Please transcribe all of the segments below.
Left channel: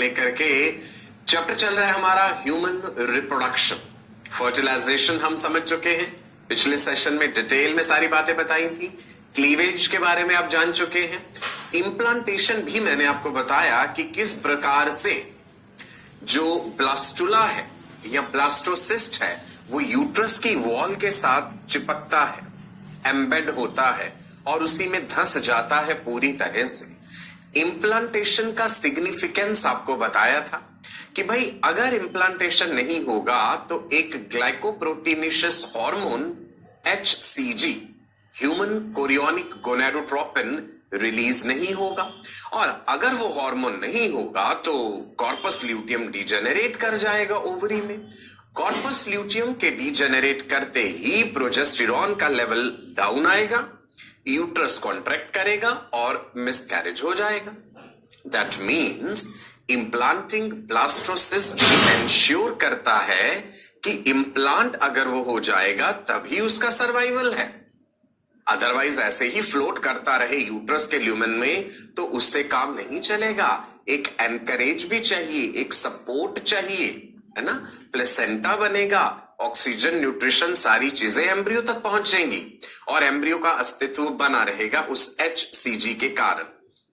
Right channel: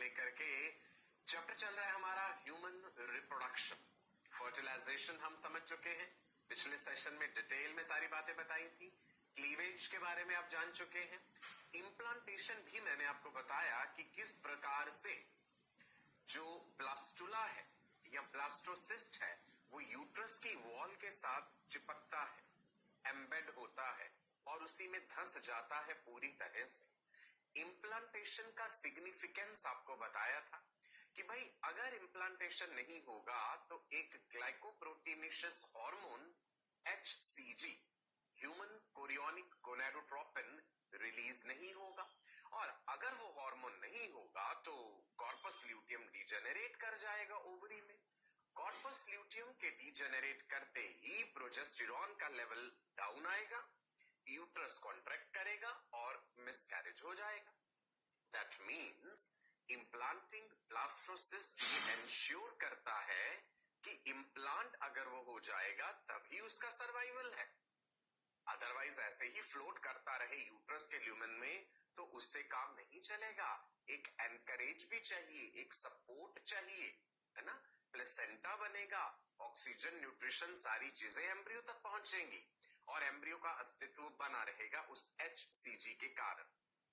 लेकर के चैप्टर चल रहा है हमारा ह्यूमन रिप्रोडक्शन। फर्टिलाइजेशन हम समझ चुके हैं, पिछले सेशन में डिटेल में सारी बातें बताई थी। क्लीवेज के बारे में आप जान चुके हैं। इम्प्लांटेशन भी मैंने आपको बताया कि किस प्रकार से जो ब्लास्टुला है या ब्लास्टोसिस्ट है वो यूट्रस की वॉल के साथ चिपकता है, एम्बेड होता है और उसी में धंस जाता है पूरी तरह से। इम्प्लांटेशन का सिग्निफिकेंस आपको बताया था कि भाई अगर इम्प्लांटेशन नहीं होगा तो एक glycoproteinaceous hormone HCG, human chorionic gonadotropin, release नहीं होगा और अगर वो हार्मोन नहीं होगा तो कॉर्पस ल्यूटियम डिजेनरेट कर जाएगा ओवरी में। कॉर्पस ल्यूटियम के डिजेनरेट करते ही प्रोजेस्टेरॉन का लेवल डाउन आएगा, यूट्रस कॉन्ट्रैक्ट करेगा और मिसकैरेज हो जाएगा। That means implanting blastocyst ensure करता है कि इम्प्लांट अगर वो हो जाएगा तभी उसका सर्वाइवल है, अदरवाइज ऐसे ही फ्लोट करता रहे यूट्रस के ल्यूमेन में तो उससे काम नहीं चलेगा। एक एनकरेज भी चाहिए, एक सपोर्ट चाहिए, है ना। प्लेसेंटा बनेगा, ऑक्सीजन, न्यूट्रिशन, सारी चीजें एम्ब्रियो तक पहुंचेंगी और एम्ब्रियो का अस्तित्व बना रहेगा उस HCG के कारण।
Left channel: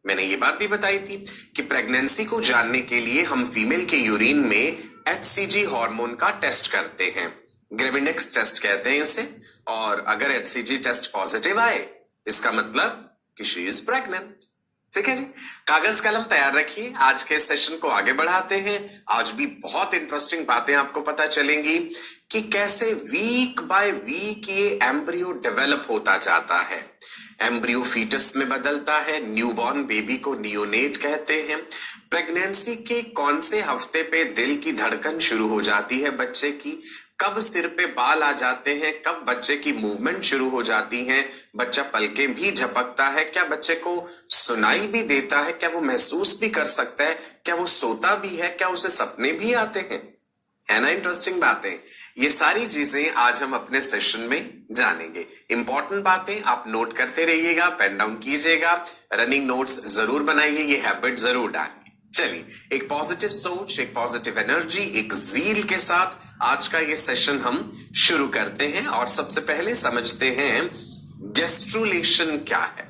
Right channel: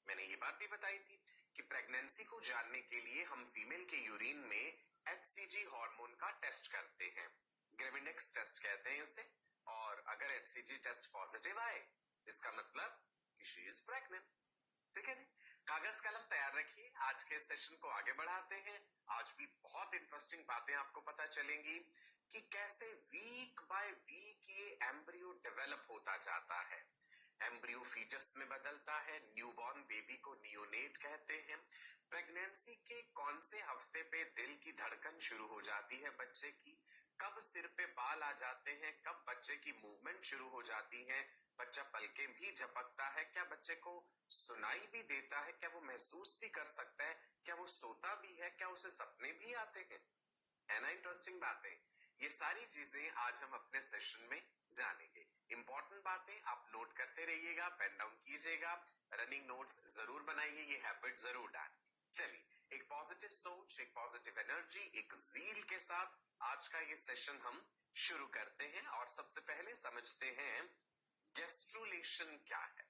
मैंने ये बात भी बताई थी कि प्रेगनेंसी को जानने के लिए हम फीमेल के यूरिन में HCG हार्मोन का टेस्ट करते हैं, ग्रेविनेक्स टेस्ट कहते हैं इसे। और अगर HCG टेस्ट पॉजिटिव आए इसका मतलब कि शी इज प्रेग्नेंट। ठीक है जी, कागज कलम तैयार रखिए, आज के सेशन को आगे बढ़ाते हैं। आज भी बहुत इंटरेस्टिंग बातें आपको पता चलेंगी कि कैसे वीक बाय वीक ये एम्ब्रियो डेवलप होता जाता है, एम्ब्रियो फीटस में बदलता है, न्यूबॉर्न बेबी को नियोनेट कहते हैं। प्रेगनेंसी के कौन से हफ्ते पे दिल की धड़कन शुरू हो जाती है बच्चे की, कब सिर पे बाल आ जाते हैं, कब बच्चे की मूवमेंट शुरू हो जाती है, बच्चा पलके भी झपकता है, क्या बच्चे को सुनाई भी देता है, क्या वो महसूस भी कर सकता है, क्या वो सोता भी है, क्या उसे सपने भी आते हैं, है ना। इंटरेस्टिंग बातें, ये सारी चीजें आज हम अपने सेशन में जानेंगे। इंपॉर्टेंट बातें आप नोट करते रहिएगा, पेन डाउन कीजिएगा, रनिंग नोट्स जरूर बनाइए, ये हैबिट जरूर डालिए। चलिए, एक पॉजिटिव सोच, एक पॉजिटिव एनर्जी, एक जील के साथ आज का ये सेशन हम शुरू करते हैं और सबसे पहले समझते हैं गैस्ट्रुलेशन क्या है।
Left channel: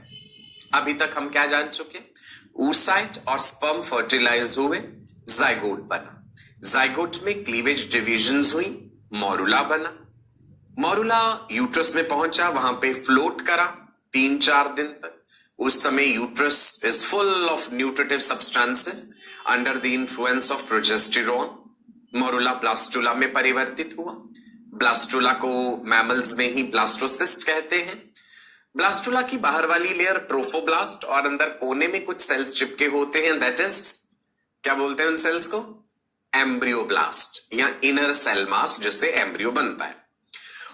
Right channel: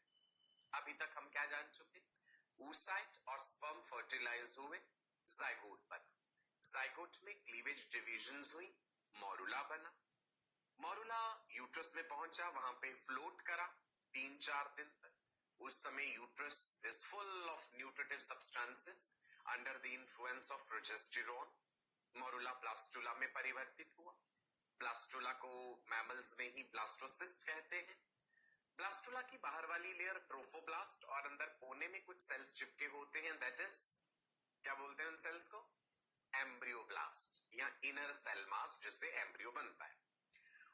अभी तक हम क्या जान चुके, oocyte और स्पर्म फर्टिलाइज हुए, जाइगोट बना, जाइगोट में क्लीवेज डिविजन्स हुई, मोरुला बना, मोरुला यूट्रस में पहुंचा, वहां पे फ्लोट करा 3-4 दिन तक। उस समय uterus is full of nutritive substances under the influence of progesterone. Morula blastula में परिवर्तित हुआ, ब्लास्टुला को मैमल्स में ही ब्लास्टोसिस्ट कहते हैं। ब्लास्टुला की बाहर वाली लेयर ट्रोफोब्लास्ट और अंदर कोने में कुछ सेल्स चिपके होते हैं, दैट इज, क्या बोलते हैं उन सेल्स को, एम्ब्रियोब्लास्ट या इनर सेल मास, जिससे एम्ब्रियो बनता है।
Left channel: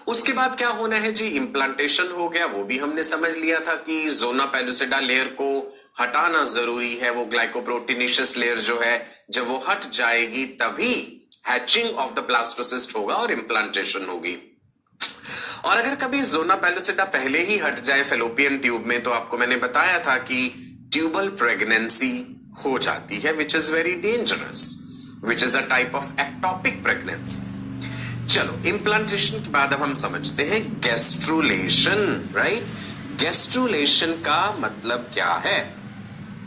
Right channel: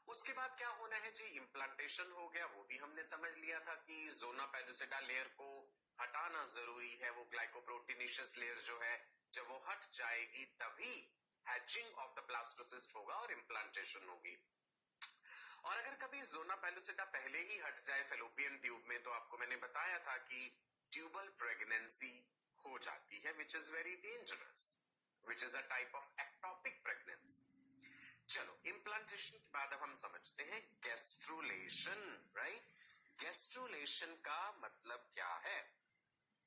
उसके बाद क्या होना है जी, इम्प्लांटेशन हो गया, वो भी हमने समझ लिया था कि जोना पेलुसिडा लेयर को हटाना जरूरी है, वो ग्लाइकोप्रोटीनेशियस लेयर जो है जब वो हट जाएगी तभी हैचिंग ऑफ द ब्लास्टोसिस्ट होगा और इम्प्लांटेशन होगी। और अगर कभी जोना पेलुसिडा पहले ही हट जाए फेलोपियन ट्यूब में तो आपको मैंने बताया था कि ट्यूबल प्रेगनेंसी हो जाती है, which is very dangerous, which is a type of ectopic pregnancy. चलो, इम्प्लांटेशन के बाद अब हम समझते हैं गैस्ट्रुलेशन, राइट। गैस्ट्रुलेशन का मतलब क्या है,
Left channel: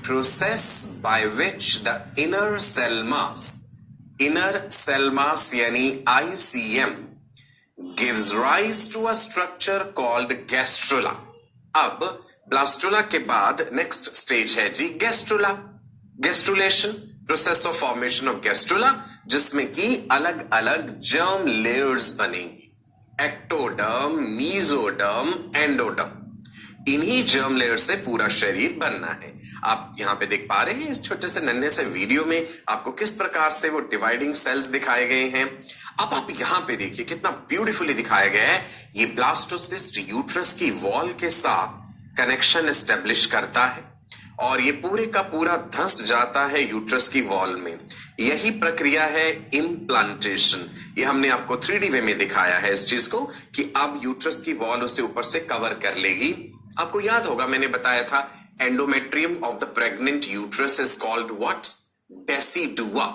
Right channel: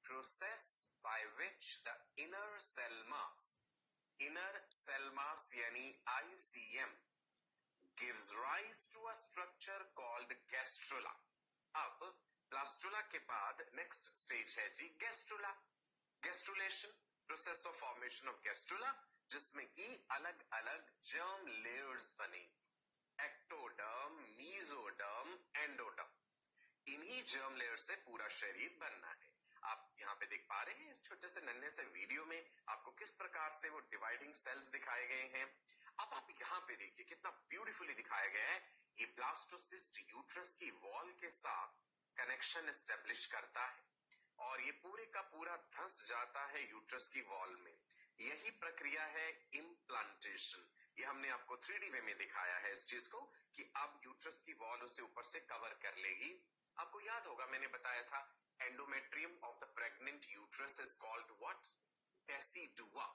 process by which the inner cell mass यानी ICM gives rise to a structure called gastrula। अब ब्लास्टुला के बाद नेक्स्ट स्टेज है जी gastrula, gastrulation, process of formation of gastrula, जिसमें कि अलग अलग जर्म लेयर्स बनेंगी, एक्टोडर्म, मीजोडर्म, एंडोडर्म। इन्हीं जर्म लेयर से पूरा शरीर बनना है। आप यहां पे देख पा रहे हैं इस छोटे से नन्हे से वीडियो में आपको किस प्रकार से वो डिवाइडिंग सेल्स दिखाए गए हैं। अब आप यहां पे देखिए कितना ब्यूटीफुली दिखाया गया है। ये ब्लास्टोसिस्ट यूट्रस की वॉल के साथ कनेक्शन एस्टेब्लिश करता है और ये पूरे का पूरा धंस जाता है यूट्रस की वॉल में। यही प्रक्रिया है इम्प्लांटेशन। ये हमने आपको 3D वे में दिखाया है इस चीज को कि अब यूट्रस की वॉल उसे ऊपर से कवर कर लेगी। आपको याद होगा मैंने बताया था endometrium of the pregnant uterus is called what, decidua,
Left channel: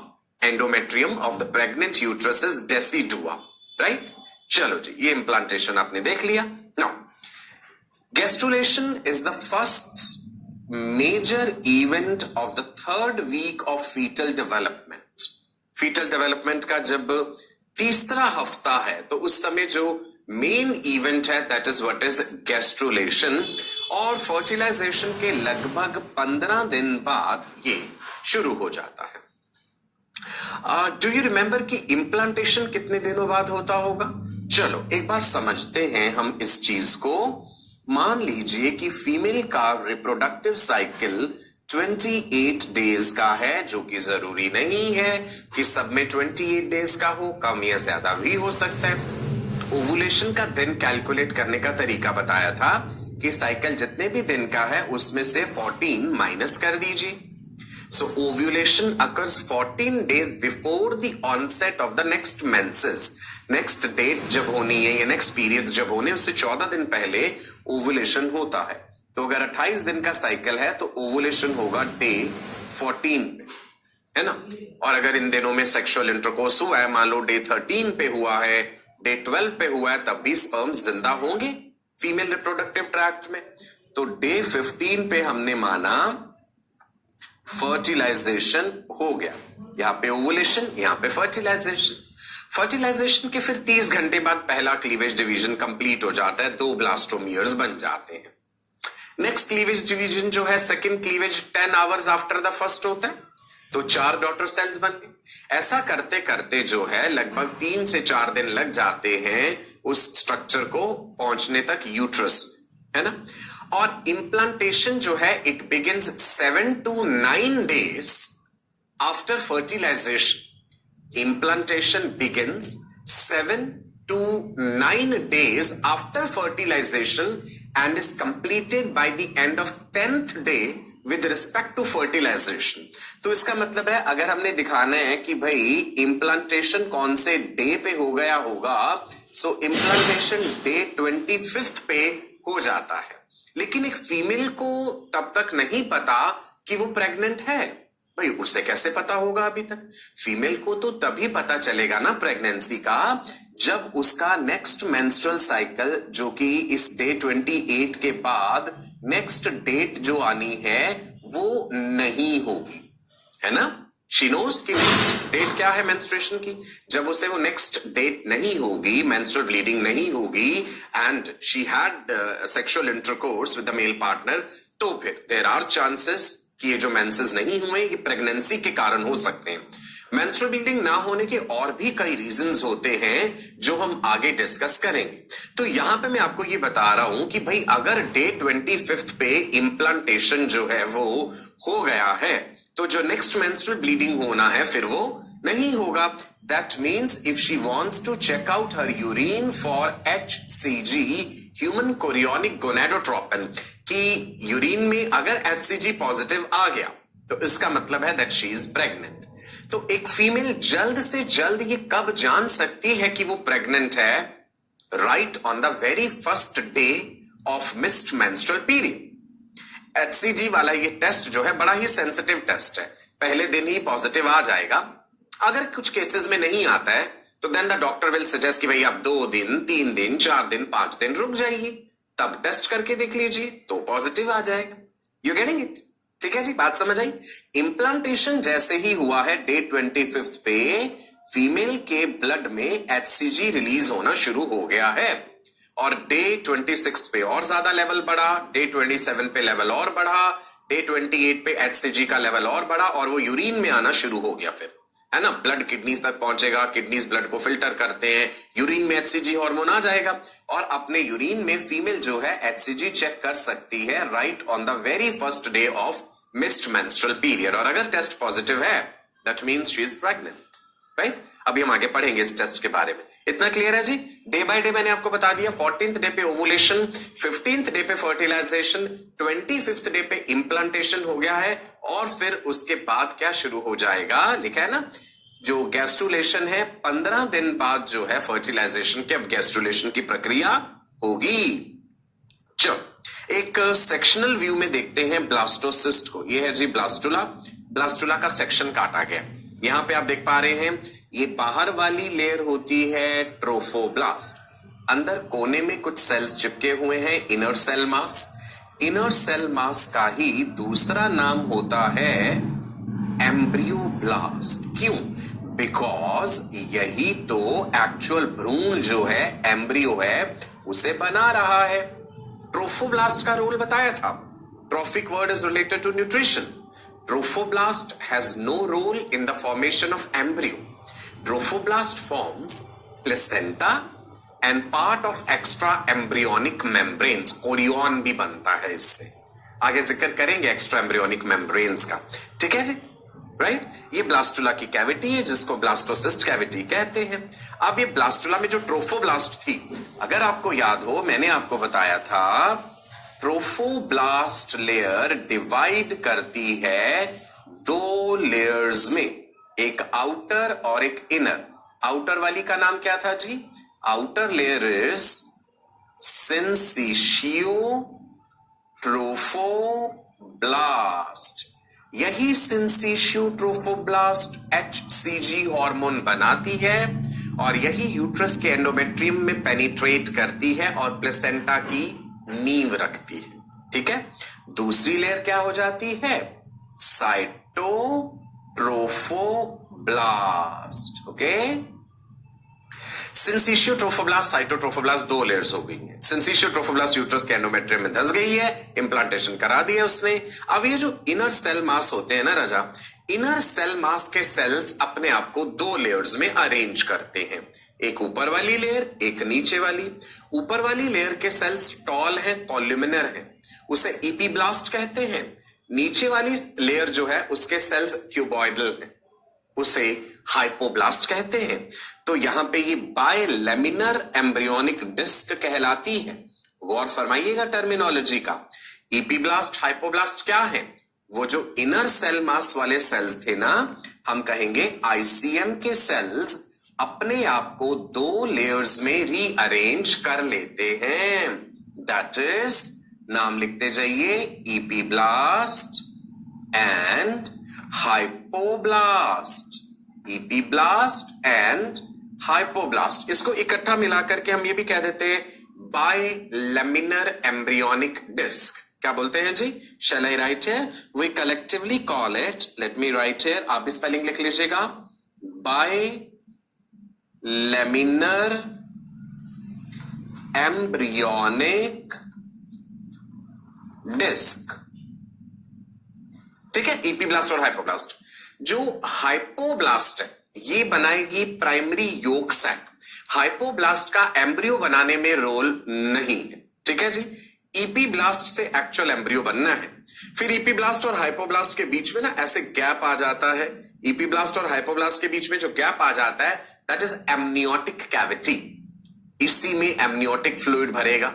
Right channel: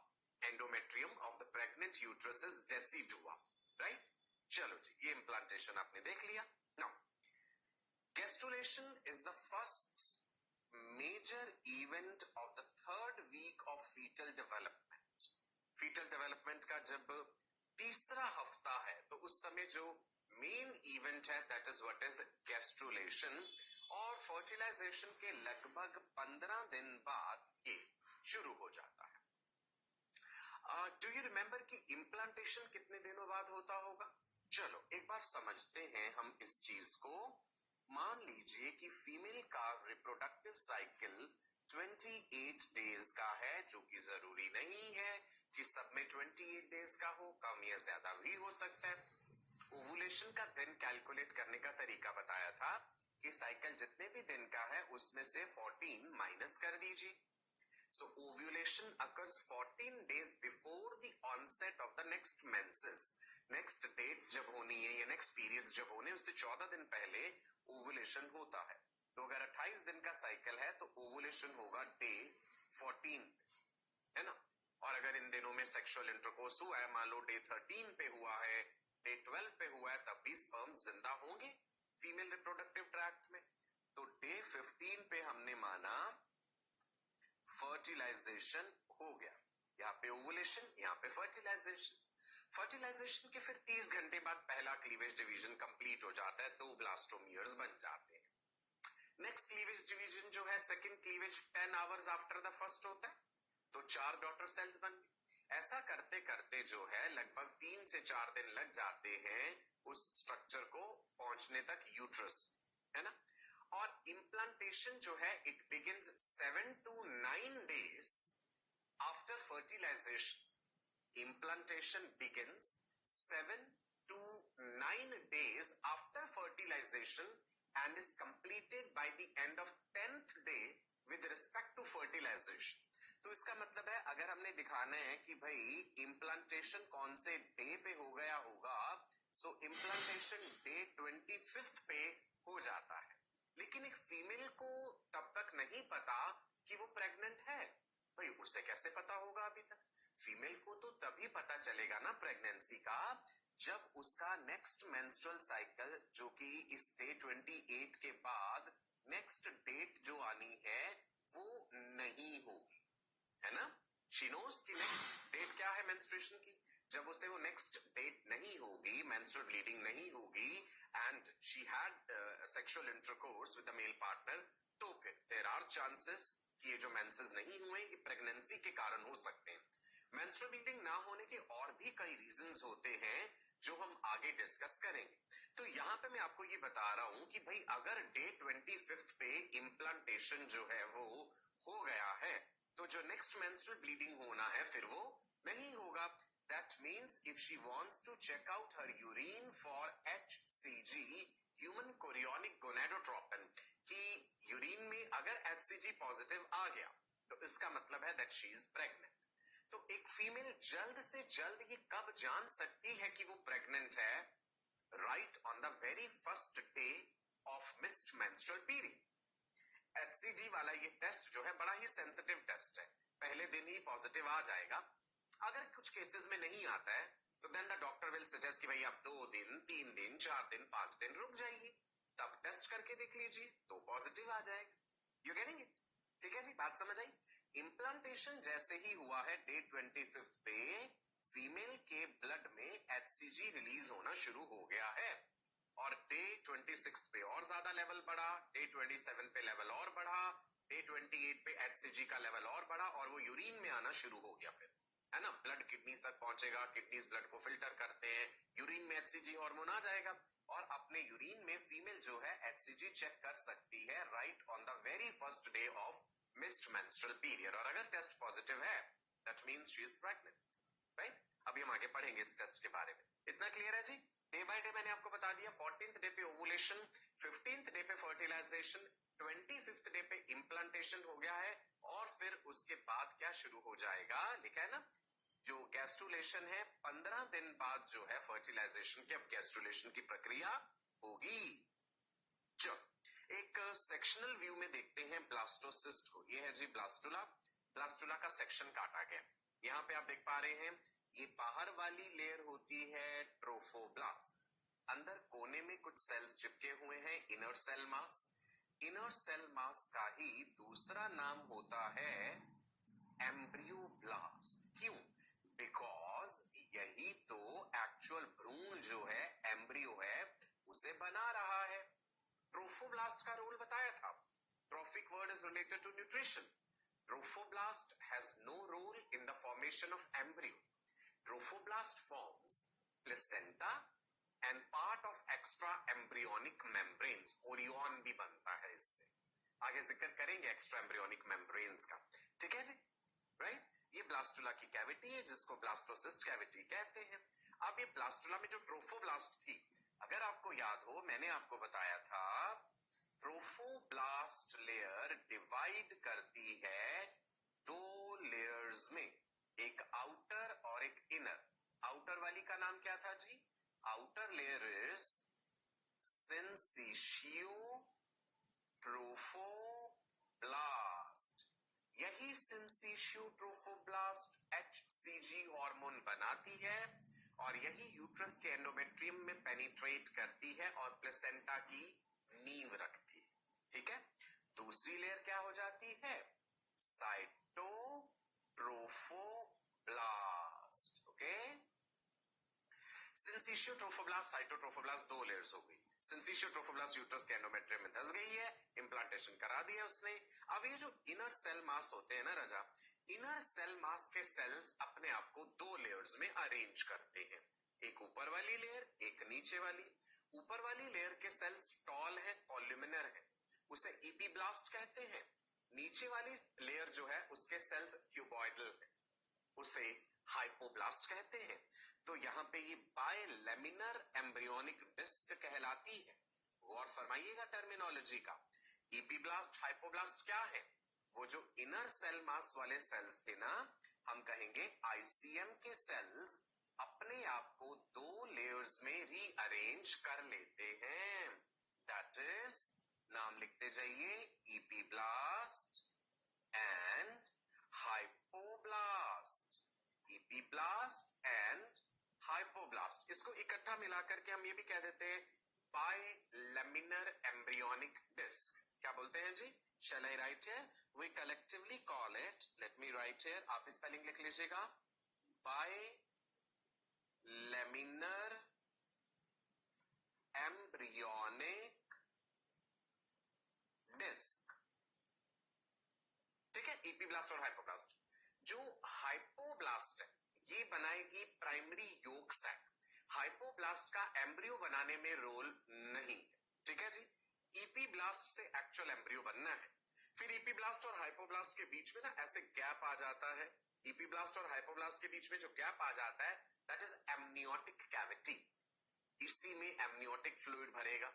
endometrium of the pregnant uterus is decidua, right. चलो जी, ये इम्प्लांटेशन आपने देख लिया। Now gastrulation is the first major event of the third week of fetal development. Fetal development का जब तीसरा हफ्ता है तो उस समय जो मेन इवेंट है that is what is gastrulation, और फर्टिलाइजेशन के लगभग 15 दिन बाद ये शुरू हो जाता है। डू यू रिमेंबर कि इम्प्लांटेशन कितने दिनों बाद होता होगा? चलो एक बार समझते हैं हम इस चीज को। मान लीजिए कि फीमेल का रिप्रोडक्टिव साइकिल 28 डेज का है, जो कि जरूरी नहीं है कि सब में 28 डेज का हो, कम या ज्यादा भी हो सकता है। ओवुलेशन का दिन कैलकुलेट करने का तरीका बताया था कि साइकिल जितने भी दिन का है उसमें से 14 माइनस कर दीजिए। So ovulation occurs 14 days before the onset of the next menses. Next date जब होनी है या next periods जब होने उससे 14 दिन पहले ovulation होता है। तो अगर 28 दिन का साइकिल है तो ovulation होगा डे 14 पे, है ना। और अगर इन दिनों में सेक्सुअल इंटरकोर्स हुआ है, मान लो डे 13 पे हुआ है, डे 12 पे हुआ है, तब भी स्पर्म्स जिंदा होंगे फीमेल रिप्रोडक्टिव ट्रैक्ट में। तो डे 15 पे हमने माना फर्टिलाइजेशन हो गया, यहां पे ओवुलेशन, यहां पे फर्टिलाइजेशन। फर्टिलाइजेशन के फिर 30 घंटे बाद पहला क्लीवेज डिवीजन कंप्लीट हो जाता है, 2 ब्लास्टोमियर्स बन जाते हैं। नेक्स्ट क्लीवेज डिवीजन जो है second cleavage 10 hours after the first होता है, तो 4 डॉटर सेल्स बन गए। ऐसा करते करते जो है लगभग 3 से 4 दिन लग जाते हैं उस स्ट्रक्चर को पहुंचने तक यूट्रस, है ना। और इम्प्लांटेशन जो है it begins 7 to 9 days after fertilization. Implantation begins 7 to 9 days after fertilization and is completed by the end of 10th day with respect to fertilization। तो इसका मतलब है अगर हमने दिखाना है कि भाई इम्प्लांटेशन कौन से डे पे हो गया होगा, सो इम्प्लांटेशन डे 25th पे हो जाता है। लेकिन एक फीमेल को तब तक नहीं पता कि वो प्रेग्नेंट है। भाई उसे कैसे पता होगा अभी तक? फीमेल को तो तभी पता चलेगा ना प्रेगनेंसी का जब उसका नेक्स्ट मेंस्ट्रुअल साइकिल, जो कि इस डे 28 के बाद नेक्स्ट डेट जो आनी है वो नहीं होगी, है ना। शी नोज कि नेक्स्ट डेट क्या है मेंस्ट्रुएशन की। जब उसे वो नेक्स्ट डेट नहीं होगी, मेंस्ट्रुअल ब्लीडिंग नहीं होगी and she had sexual intercourse with the male partner, तो फिर देयर आर चांसेस कि ये जो मेंसेस नहीं हुए ये प्रेगनेंसी के कारण हो सकते हैं। मेंस्ट्रुअल ब्लीडिंग ना होने के और भी कई रीजंस होते हैं जो हम आगे डिस्कस करेंगे। तो यहां पे मैं आपको ये बता रहा हूं कि भाई अगर डे 25th पे इम्प्लांटेशन जो है वो हो गया है तो जो नेक्स्ट मेंस्ट्रुअल ब्लीडिंग होना है फिर वो नहीं होगा। That means if she wants to check out her urine for HCG, human chorionic gonadotropin, कि यूरिन में अगर HCG पॉजिटिव आ गया तो इसका मतलब है दैट शी इज प्रेग्नेंट। तो एक फीमेल जल्द से जल्द ये कब जान सकती है कि वो प्रेग्नेंट है? Right on the very first day of missed menstrual period. HCG वाला ये टेस्ट जो है बड़ा ही सेंसिटिव टेस्ट है, पहले दिन ही पॉजिटिव आ जाएगा। अगर कुछ केसेस में नहीं आता है तो then the doctor will suggest कि भाई आप 2 दिन, 3 दिन, 4 दिन, 5 दिन रुक जाइए, तब टेस्ट करके देख लीजिए तो पॉजिटिव आ जाएगा। You getting it? ठीक है जी, बात समझ आई। इम्प्लांटेशन जैसे ही हुआ है डे 25th पे फीमेल के ब्लड में HCG रिलीज होना शुरू हो गया है और डे 26 पे और ज्यादा लेवल बढ़ा, डे 27 पे लेवल और बढ़ा, डे 28 पे HCG का लेवल और बढ़ा और वो यूरिन में आना शुरू हो गया फिर, है ना। ब्लड किडनीज तक पहुंचेगा, किडनीज ब्लड को फिल्टर करते हैं, यूरिन में HCG हार्मोन आ जाएगा और अपने यूरिन में फीमेल जो है HCG चेक कर सकती है right on the very first day of missed menstrual period. और अगर टेस्ट पॉजिटिव है that means she is pregnant, right. अभी हम आगे पढ़ेंगे इस टेस्ट के बारे में। इतना क्लियर है जी? डे बाय डे मैंने आपको बता दिया। 14th डे पे ओवुलेशन, 15th डे पे फर्टिलाइजेशन, 25th डे पे इम्प्लांटेशन हो गया है और फिर उसके बाद क्या शुरू हो जाएगा, लिखा है ना, जो गैस्ट्रुलेशन है 15 दिन बाद जो है फर्टिलाइजेशन के अब गैस्ट्रुलेशन की प्रक्रिया होगी। चलो एक सेक्शनल व्यू में देखते हैं ब्लास्टोसिस्ट को। ये है जी ब्लास्टुला, ब्लास्टुला का सेक्शन काटा गया। यहां पे आप देख पा रहे हैं ये बाहर वाली लेयर होती है ट्रोफोब्लास्ट, अंदर कोने में कुछ सेल्स चिपके हुए हैं inner cell mass. Inner cell mass का ही दूसरा नाम होता है एम्ब्रियोब्लास्ट। क्यों? बिकॉज यही तो एक्चुअल भ्रूण जो है, एम्ब्रियो है, उसे बना रहा है। ट्रोफोब्लास्ट का रोल बताया था। Trophic word is related to nutrition. Trophoblast has no role in the formation of embryo. Trophoblast forms placenta and part of extra embryonic membranes. Chorion भी बनता है इससे, आगे जिक्र करेंगे एक्स्ट्रा एम्ब्रियोनिक मेम्ब्रेन्स का। ठीक है जी, राइट। ये ब्लास्टुला की कैविटी है जिसको ब्लास्टोसिस्ट कैविटी कहते हैं। अब ये ब्लास्टुला में जो ट्रोफोब्लास्ट थी, अगर आपको याद हो, मैंने आपको बताया था ट्रोफोब्लास्ट लेयर डिवाइड करती है दो लेयर्स में, एक आउटर और एक इनर। आउटर वाली का नाम क्या था जी? Outer layer is syncytiotrophoblast. यही सिंसिशियो ट्रोफोब्लास्ट HCG हार्मोन बनाती है और यही यूट्रस के एंडोमेट्रियम में पेनिट्रेट करती है और प्लेसेंटा की नींव रखती है। ठीक है। दूसरी लेयर क्या हो जाती है? Cytotrophoblast. Okay, syncytio trophoblast, cytotrophoblast, दो लेयर्स हो गई हैं। सिंसिशियो ट्रोफोब्लास्ट यूट्रस के एंडोमेट्रियम में धस गई है, इंप्लांटेशन करा दिया उसने। अब ये जो इनर सेल मास होते हैं ना राजा, इनर सेल मास के सेल्स अपने आप को दो लेयर्स में अरेंज करते हैं, एक ऊपर वाली लेयर, एक नीचे वाली। ऊपर वाली लेयर के सेल्स टॉल हैं, कॉल्यूमिनर हैं, उसे इपीब्लास्ट कहते हैं। नीचे वाली लेयर जो है उसके सेल्स क्यूबॉइडल हैं, उसे हाइपोब्लास्ट कहते हैं। तो यहां पे ये बायलेमिनर एम्ब्रियोनिक डिस्क कहलाती है। गौर फरमाइएगा टर्मिनोलॉजी का। इपीब्लास्ट, हाइपोब्लास्ट क्या है? वो जो इनर सेल मास वाले सेल्स थे ना, हम कहेंगे ICM के सेल्स अपने आप को दो लेयर्स में रीअरेंज कर लेते हैं। दैट इज, नाम लिखते जाइए, epiblast and hypoblast. Epiblast and hypoblast, इसको इकट्ठा मिलाकर के हम ये भी कह देते हैं बायलेमिनर एम्ब्रियोनिक डिस्क। क्या बोलते हैं जी? Shall I write here? We collectively call it, let me write here, आप भी स्पेलिंग लिख लीजिएगा, बायलेमिनर एम्ब्रियोनिक डिस्क। ठीक है, इपीब्लास्ट और हाइपोब्लास्ट। जो हाइपोब्लास्ट है ये बनाएगी प्राइमरी योक सैक। हाइपोब्लास्ट का एम्ब्रियो बनाने में रोल नहीं है। ठीक है जी, इपीब्लास्ट से एक्चुअल एम्ब्रियो बनना है। फिर इपीब्लास्ट और हाइपोब्लास्ट के बीच में ना ऐसे गैप आ जाता है। इपीब्लास्ट और हाइपोब्लास्ट के बीच में जो गैप आ जाता है, दैट इज एमनियोटिक कैविटी। इसी में एमनियोटिक फ्लूइड भरेगा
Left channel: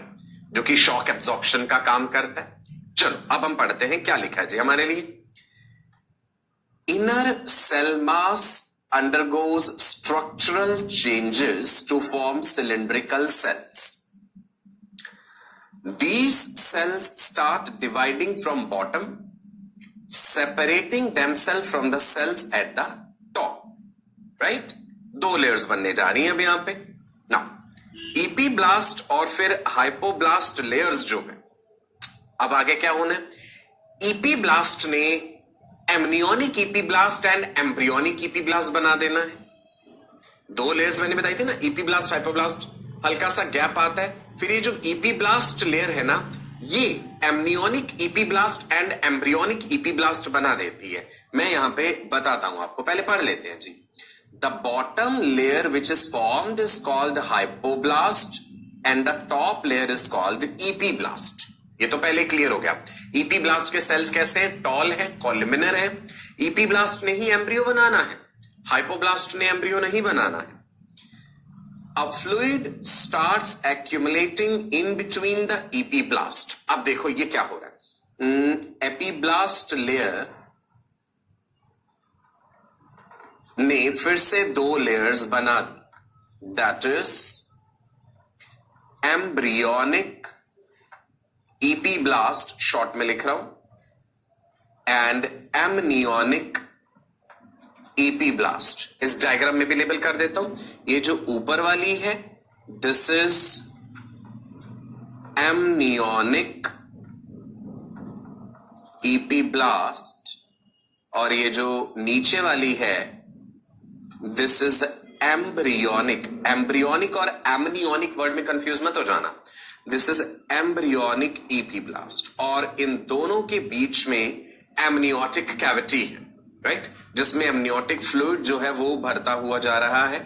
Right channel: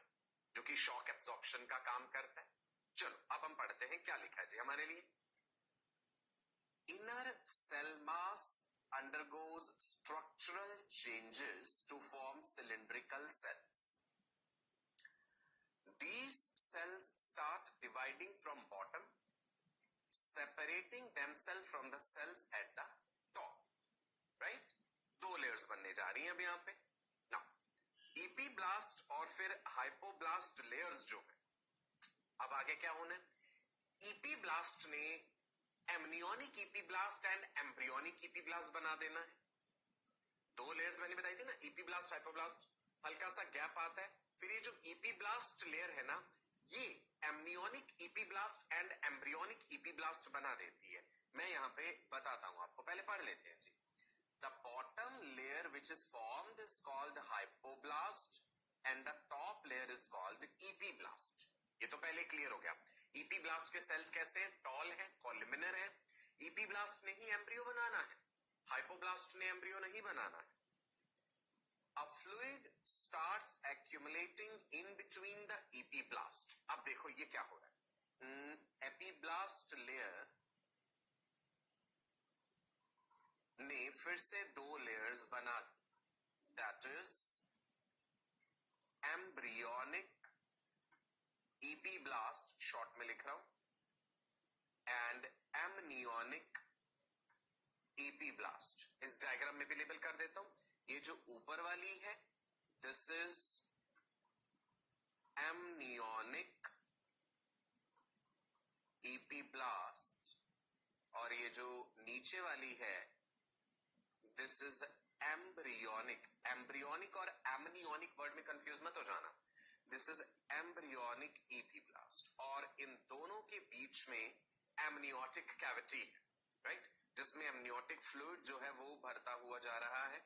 जो कि शॉक एब्जॉर्प्शन का काम करता है। चलो अब हम पढ़ते हैं क्या लिखा है जी हमारे लिए। Inner cell mass undergoes structural changes to form cylindrical cells. These cells start dividing from bottom, separating themselves from the cells at the top. Right? दो लेयर्स बनने जा रही हैं अब यहां पे। Now, इपीब्लास्ट और फिर हाइपोब्लास्ट लेयर्स जो है, अब आगे क्या होना है? इपीब्लास्ट ने एमनियोनिक इपीब्लास्ट एंड एम्ब्रियोनिक इपीब्लास्ट बना देना है। दो लेयर्स मैंने बताई थी ना, इपीब्लास्ट हाइपोब्लास्ट, हल्का सा गैप आता है। फिर ये जो इपीब्लास्ट लेयर है ना, ये एमनियोनिक इपीब्लास्ट एंड एम्ब्रियोनिक इपीब्लास्ट बना देती है। मैं यहां पे बताता हूं आपको, पहले पढ़ लेते हैं जी। The bottom layer which is formed is called hypoblast and the top layer is called epiblast. ये तो पहले क्लियर हो गया। इपीब्लास्ट के सेल्स कैसे हैं? टॉल है, कॉल्यूमिनर है। इपीब्लास्ट ने ही एम्ब्रियो बनाना है, हाइपोब्लास्ट ने एम्ब्रियो नहीं बनाना है। A fluid starts accumulating in between the epiblast. अब देखो ये क्या हो रहा है। एपीब्लास्ट लेयर ने फिर से दो लेयर्स बना दी, that is embryonic epiblast, short में लिख रहा हूं, एंड एमनियोनिक ईपीब्लास्ट। इस डायग्राम में भी लेबल कर देता हूं, ये जो ऊपर वाली है दिस इज एमनियोनिक ईपीब्लास्ट, और ये जो नीचे वाली है दिस इज एम्ब्रियोनिक। एम्ब्रियोनिक और एमनियोनिक वर्ड में कंफ्यूज मत हो जाना, दिस इज एम्ब्रियोनिक ईपीब्लास्ट। और इन दोनों के बीच में एमनियोटिक कैविटी है, राइट, जिसमें एमनियोटिक फ्लूइड जो है वो भरता हुआ जा रहा है।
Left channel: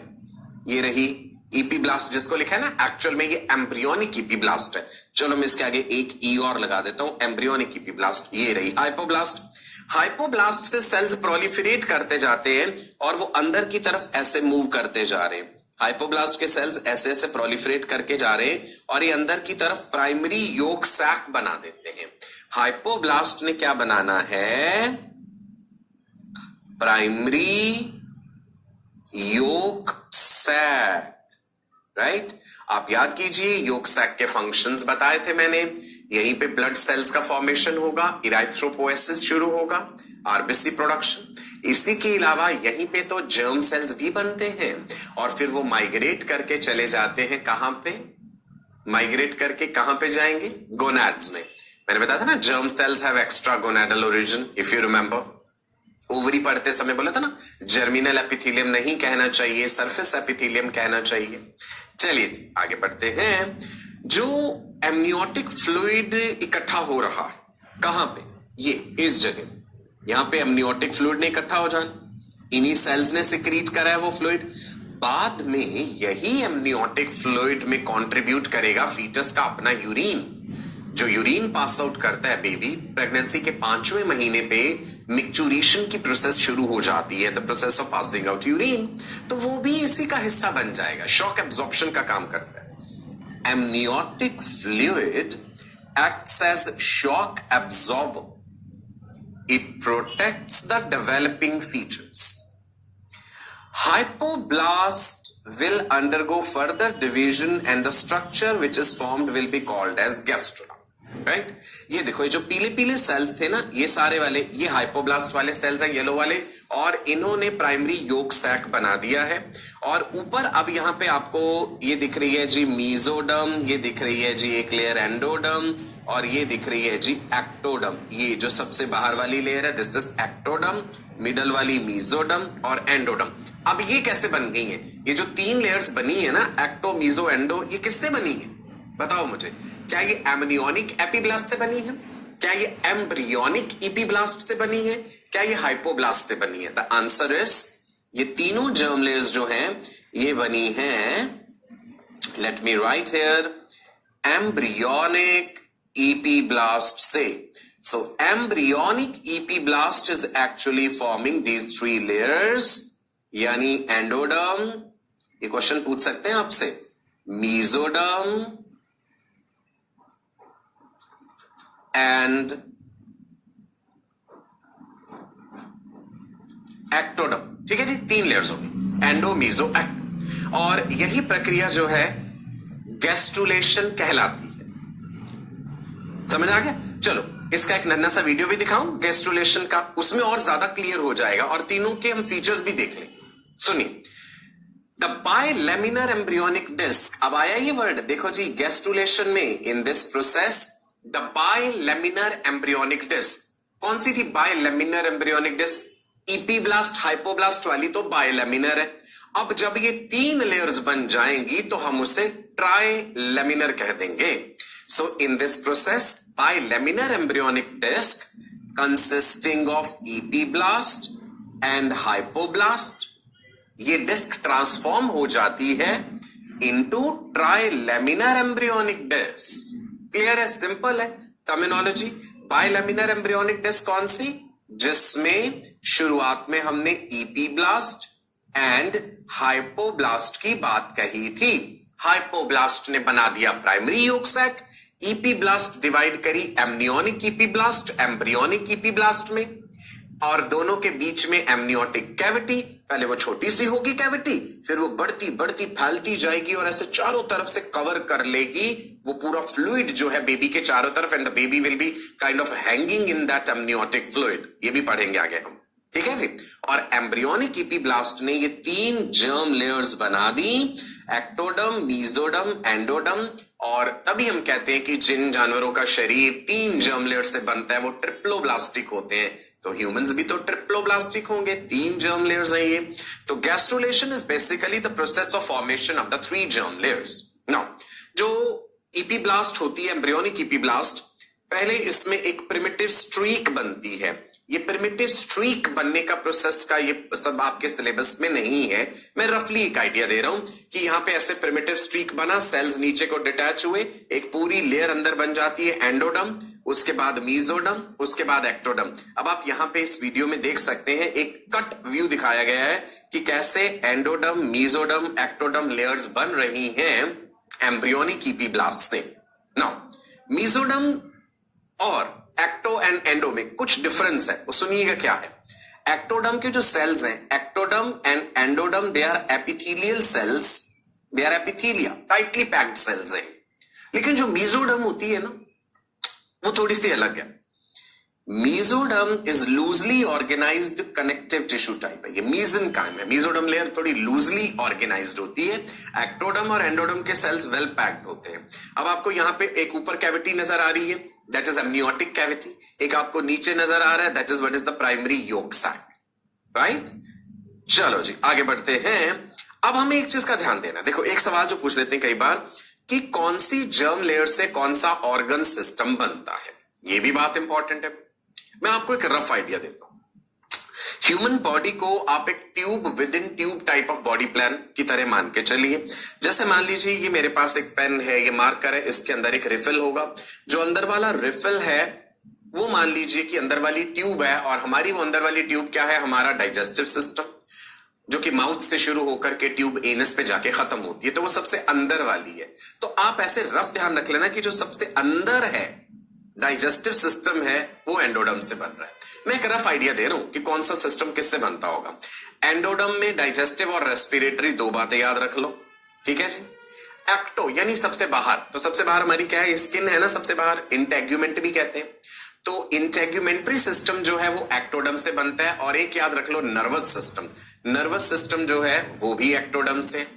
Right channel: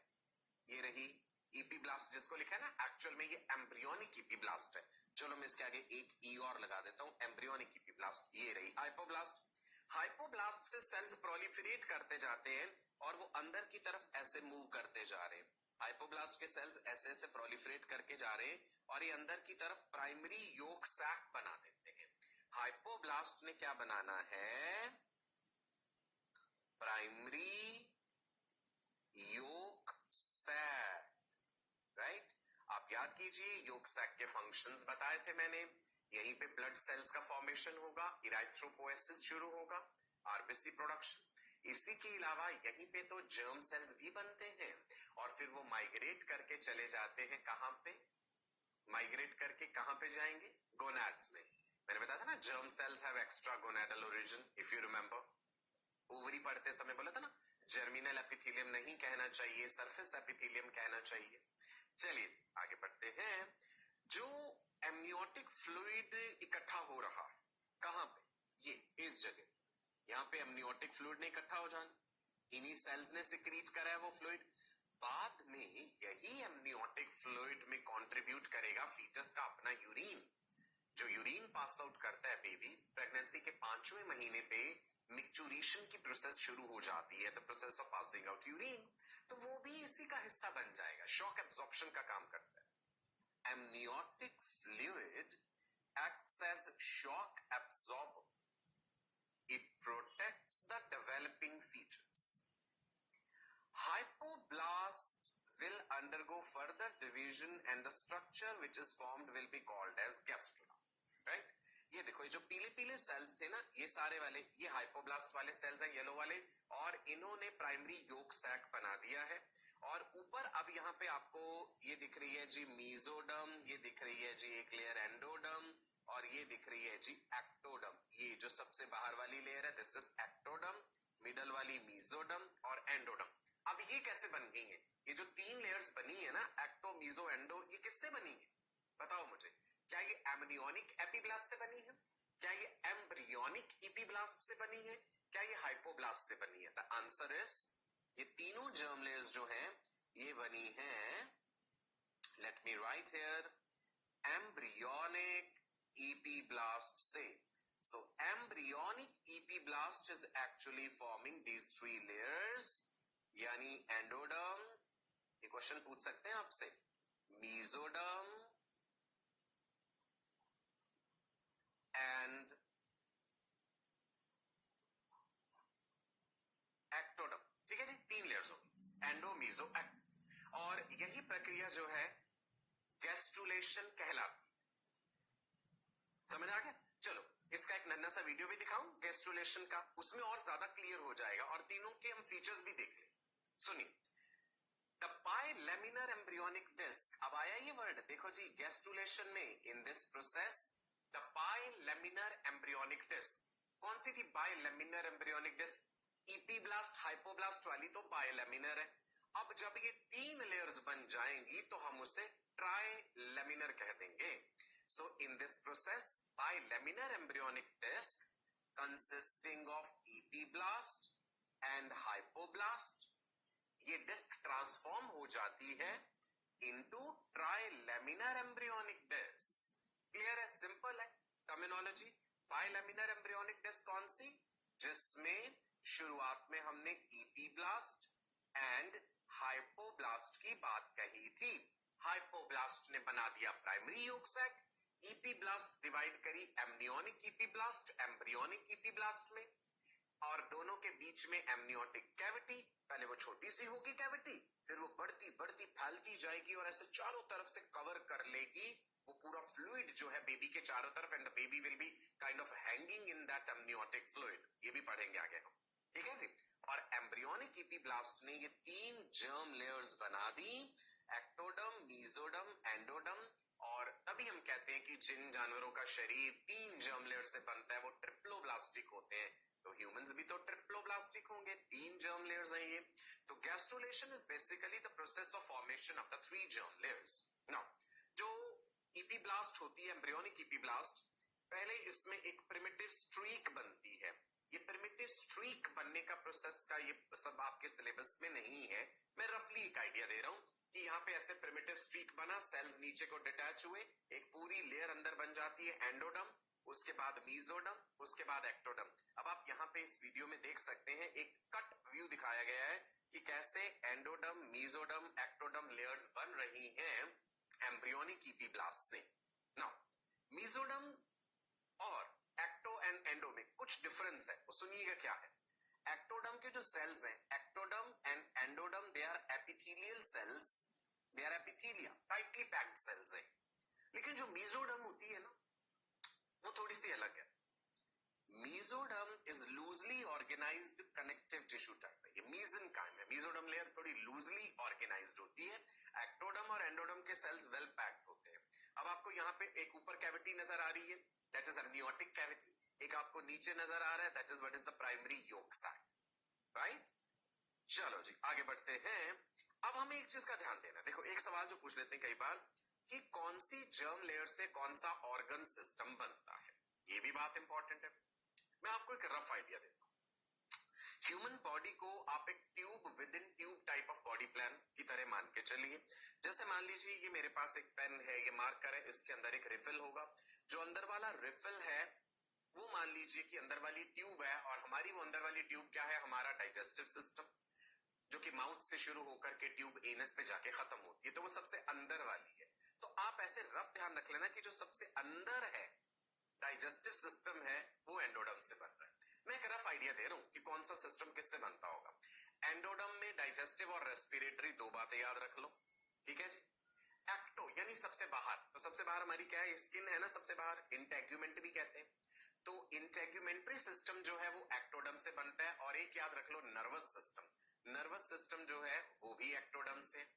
ये रही ईपीब्लास्ट जिसको लिखा है ना, एक्चुअल में ये एम्ब्रियोनिक ईपीब्लास्ट है। चलो मैं इसके आगे एक ई और लगा देता हूं, एम्ब्रियोनिक ईपीब्लास्ट। ये रही हाइपोब्लास्ट। हाइपोब्लास्ट से सेल्स प्रोलिफरेट करते जाते हैं और वो अंदर की तरफ ऐसे मूव करते जा रहे हैं। हाइपोब्लास्ट के सेल्स ऐसे ऐसे प्रोलिफरेट करके जा रहे हैं और ये अंदर की तरफ प्राइमरी योक सैक बना देते हैं। हाइपोब्लास्ट ने क्या बनाना है, प्राइमरी योक सैक, राइट। आप याद कीजिए योक सैक के फंक्शंस बताए थे मैंने। यहीं पे ब्लड सेल्स का फॉर्मेशन होगा, इराइथ्रोपोएसिस शुरू होगा, आरबीसी प्रोडक्शन। इसी के अलावा यहीं पे तो जर्म सेल्स भी बनते हैं और फिर वो माइग्रेट करके चले जाते हैं कहां पे, माइग्रेट करके कहां पे जाएंगे, गोनाड्स में। मैंने बताया था ना germ cells have extra gonadal origin, if you remember. Ovary पढ़ते समय बोला था ना जर्मिनल एपिथेलियम नहीं कहना चाहिए, सरफेस एपिथेलियम कहना चाहिए। चलिए आगे बढ़ते हैं। जो एमनियोटिक फ्लूइड इकट्ठा हो रहा है कहां पे, ये इस जगह, यहां पे एमनियोटिक फ्लूइड ने इकट्ठा हो जाना, इन्हीं सेल्स ने सिक्रीट करा है वो फ्लूइड। बाद में यही एमनियोटिक फ्लूइड में कंट्रीब्यूट करेगा फीटस का अपना यूरिन। जो यूरिन पास आउट करता है बेबी, प्रेगनेंसी के 5वें महीने पे मिक्चुरेशन की प्रोसेस शुरू हो जाती है, the process of passing out urine, तो वो भी इसी का हिस्सा बन जाएगा, शॉक एब्जॉर्प्शन का काम करता है। Amniotic fluid acts as shock absorber, it protects the developing features. Hypoblast will undergo further division and the structure which is formed will be called as gastrula, right? ये देखो ये जो पीले पीले सेल्स थे ना, ये सारे वाले ये हाइपोब्लास्ट वाले सेल्स हैं, येलो वाले, और इन्होंने प्राइमरी योक सैक बना दिया है। और ऊपर अब यहाँ पे आपको ये दिख रही है जी मीजोडर्म, ये दिख रही है जी एक लेयर एंडोडर्म, और ये दिख रही है जी एक्टोडर्म। ये जो सबसे बाहर वाली लेयर है दिस इज एक्टोडर्म, मिडल वाली मीजोडर्म और एंडोडर्म। अब ये कैसे बन गई है, ये जो 3 लेयर्स बनी है ना, एक्टो मीजो एंडो, ये किससे बनी है बताओ मुझे। क्या ये एमनियोनिक एपिब्लास्ट से बनी है, क्या ये एम्ब्रियोनिक ईपीब्लास्ट से बनी है, क्या ये हाइपोब्लास्ट से बनी है? द आंसर इज ये तीनों जर्म लेयर्स जो हैं ये बनी हैं, let me write here, embryonic epiblast से। So embryonic epiblast is actually forming these 3 layers, यानी एंडोडर्म, ये क्वेश्चन पूछ सकते हैं आपसे, मीजोडर्म एंड एक्टोडर्म। ठीक है जी, 3 लेयर्स होंगी, एंडो मीजो एक्टो। और यही प्रक्रिया जो है गैस्ट्रुलेशन कहलाती है। समझ आ गया? चलो इसका एक नन्हा सा वीडियो भी दिखाऊं गैस्ट्रुलेशन का, उसमें और ज्यादा क्लियर हो जाएगा और तीनों के हम फीचर्स भी देख लेंगे। सुनिए, द बाइलेमिनर एम्ब्रियोनिक डिस्क। अब आया ये वर्ड, देखो जी गैस्ट्रुलेशन में, in this process the bilaminar embryonic disc. कौन सी थी bilaminar embryonic disc? Epiblast hypoblast वाली तो बाइलेमिनर है। अब जब ये 3 लेयर्स बन जाएंगी तो हम उसे ट्राइलेमिनर कह देंगे। So in this process, bilaminar embryonic disc consisting of epiblast and hypoblast, ये डिस्क ट्रांसफॉर्म हो जाती है into trilaminar embryonic disc। Clear है, सिंपल है टर्मिनोलॉजी। बाइलेमिनर एम्ब्रियोनिक डिस्क कौन सी? जिसमें शुरुआत में हमने ईपीब्लास्ट एंड हाइपोब्लास्ट की बात कही थी। हाइपोब्लास्ट ने बना दिया प्राइमरी योक सैक, ईपीब्लास्ट डिवाइड करी एमनियोनिक ईपीब्लास्ट एम्ब्रियोनिक ईपीब्लास्ट में, और दोनों के बीच में एमनियोटिक कैविटी, पहले वो छोटी सी होगी कैविटी, फिर वो बढ़ती बढ़ती फैलती जाएगी और ऐसे चारों तरफ से कवर कर लेगी वो पूरा फ्लूइड जो है बेबी के चारों तरफ, and the baby will be kind of hanging in that amniotic fluid. ये भी पढ़ेंगे आगे हम, ठीक है जी। और एम्ब्रियोनिक इपीब्लास्ट ने ये 3 जर्म लेयर्स बना दी, एक्टोडम, मीजोडम, एंडोडम, और तभी हम कहते हैं कि जिन जानवरों का शरीर 3 जर्म लेयर से बनता है वो ट्रिप्लोब्लास्टिक होते हैं। तो ह्यूमंस भी तो ट्रिप्लोब्लास्टिक होंगे, 3 जर्म लेयर्स हैं ये। तो gastrulation is basically the process of formation of the 3 germ layers. Now जो इपीब्लास्ट होती है, एम्ब्रियोनिक इपीब्लास्ट, पहले इसमें एक प्रिमिटिव स्ट्रीक बनती है। ये प्रिमिटिव स्ट्रीक बनने का प्रोसेस का ये सब आपके सिलेबस में नहीं है, मैं रफली एक आइडिया दे रहा हूं कि यहां पे ऐसे प्रिमिटिव स्ट्रीक बना, सेल्स नीचे को डिटैच हुए, एक पूरी लेयर अंदर बन जाती है एंडोडम, उसके बाद मीजोडम, उसके बाद एक्टोडम। अब आप यहां पे इस वीडियो में देख सकते हैं एक कट व्यू दिखाया गया है कि कैसे एंडोडम, मीजोडम, एक्टोडम लेयर्स बन रही हैं एम्ब्रियोनिक इपीब्लास्ट से। नाउ मीजोडम और एक्टो एंड एंडो में कुछ डिफरेंस है, वो सुनिएगा क्या है। एक्टोडम के जो सेल्स हैं, ectoderm and endoderm, they are epithelial cells, they are epithelia, tightly packed cells हैं। लेकिन जो मीजोडम होती है ना, वो थोड़ी सी अलग है। Mesoderm is loosely organized connective tissue type है, ये मीजनकाइम है। मीजोडम लेयर थोड़ी लूजली ऑर्गेनाइज्ड होती है, एक्टोडम और एंडोडम के सेल्स वेल पैक्ड होते हैं। अब आपको यहां पे एक ऊपर कैविटी नजर आ रही है, दैट इज एमनियोटिक कैविटी, एक आपको नीचे नजर आ रहा है, that is what is the primary yolk sac, right. चलो जी आगे बढ़ते हैं। अब हमें एक चीज का ध्यान देना, देखो एक सवाल जो पूछ लेते हैं कई बार कि कौन सी जर्म लेयर से कौन सा ऑर्गन सिस्टम बनता है, ये भी बात इंपॉर्टेंट है। मैं आपको एक रफ आइडिया देता हूं। ह्यूमन बॉडी को आप एक tube with in tube type of body plan की तरह मान के चलिए। जैसे मान लीजिए ये मेरे पास एक पेन है, ये मार्कर है, इसके अंदर एक रिफिल होगा। जो अंदर वाला रिफिल है वो मान लीजिए कि अंदर वाली ट्यूब है, और हमारी वो अंदर वाली ट्यूब क्या है, हमारा डाइजेस्टिव सिस्टम, जो कि माउथ से शुरू होकर के ट्यूब एनस पे जाके खत्म होती है, तो वो सबसे अंदर वाली है। तो आप ऐसे रफ ध्यान रख लेना कि जो सबसे अंदर है डाइजेस्टिव सिस्टम है वो एंडोडम से बन रहा है। मैं एक रफ आइडिया दे रहा हूं कि कौन सा सिस्टम किससे बनता होगा। एंडोडम में डाइजेस्टिव और रेस्पिरेटरी 2 बातें याद रख लो, ठीक है जी। एक्टो यानी सबसे बाहर, तो सबसे बाहर हमारी क्या है, स्किन है ना, सबसे बाहर इंटेग्यूमेंट भी कहते हैं। तो इंटेग्यूमेंट्री सिस्टम जो है वो एक्टोडम से बनता है। और एक याद रख लो, नर्वस सिस्टम, नर्वस सिस्टम जो है वो भी एक्टोडम से।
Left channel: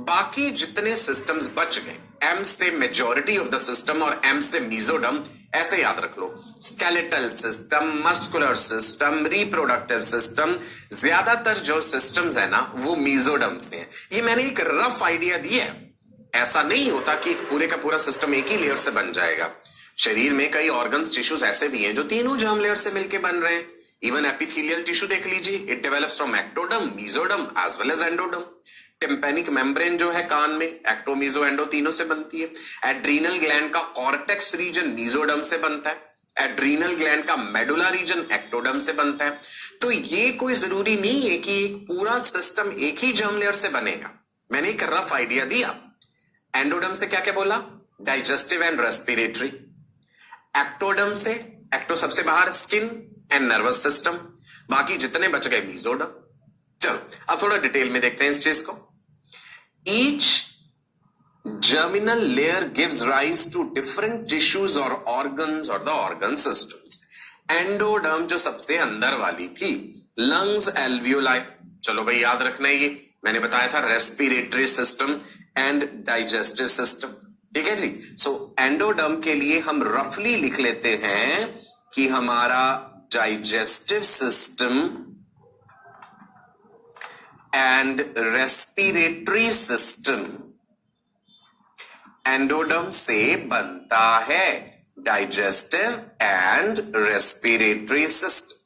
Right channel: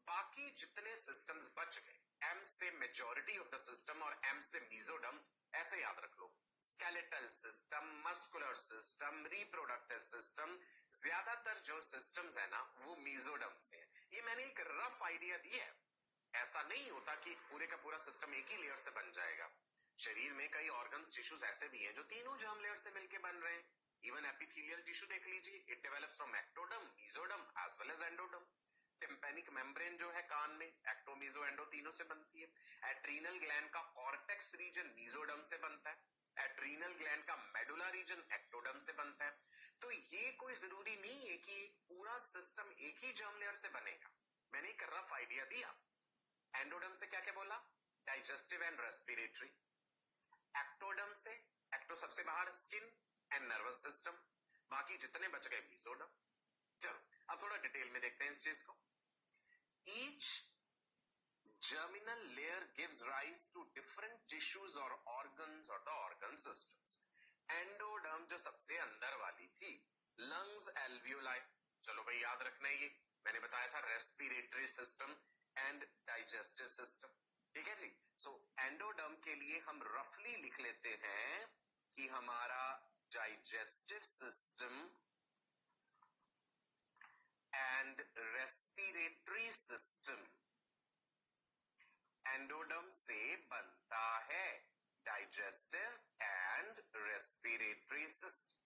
बाकी जितने सिस्टम्स बच गए, एम से मेजॉरिटी ऑफ द सिस्टम और एम से मीजोडम, ऐसे याद रख लो। Skeletal system, muscular system, reproductive system, ज्यादातर जो सिस्टम्स है ना वो मीजोडम से है। ये मैंने एक रफ आइडिया दिया है, ऐसा नहीं होता कि पूरे का पूरा सिस्टम एक ही लेयर से बन जाएगा। शरीर में कई ऑर्गन्स, टिश्यूज ऐसे भी हैं जो तीनों जर्म लेयर से मिलकर बन रहे हैं। इवन एपिथेलियल टिश्यू देख लीजिए, it develops from ectoderm, mesoderm as well as endoderm. Tympanic membrane जो है कान में, एक्टो, मीजो, एंडो तीनों से बनती है। एड्रीनल ग्लैंड का कॉर्टेक्स रीजन मीजोडम से बनता है। एड्रीनल ग्लैंड का मेडुला रीजन एक्टोडम से बनता है। तो ये कोई जरूरी नहीं है कि एक पूरा सिस्टम एक ही जर्म लेयर से बनेगा। मैंने एक रफ आइडिया दिया। एंडोडम से क्या क्या बोला, डाइजेस्टिव एंड रेस्पिरेटरी। एक्टोडम से, एक्टो सबसे बाहर, स्किन एंड नर्वस सिस्टम, बाकी जितने बच गए मीजोडम। चलो अब थोड़ा डिटेल में देखते हैं इस चीज को। Each germinal layer gives rise to different tissues or organs or the organ systems. Endoderm जो सबसे अंदर वाली थी, लंग्स, एल्वियोलाई, चलो भाई याद रखना है, ये मैंने बताया था, respiratory system and digestive system, ठीक है जी। सो एंडोडर्म के लिए हम रफली लिख लेते हैं कि हमारा digestive system and respiratory system endoderm से बनता है, डाइजेस्टिव एंड रेस्पिरेटरी सिस्टम,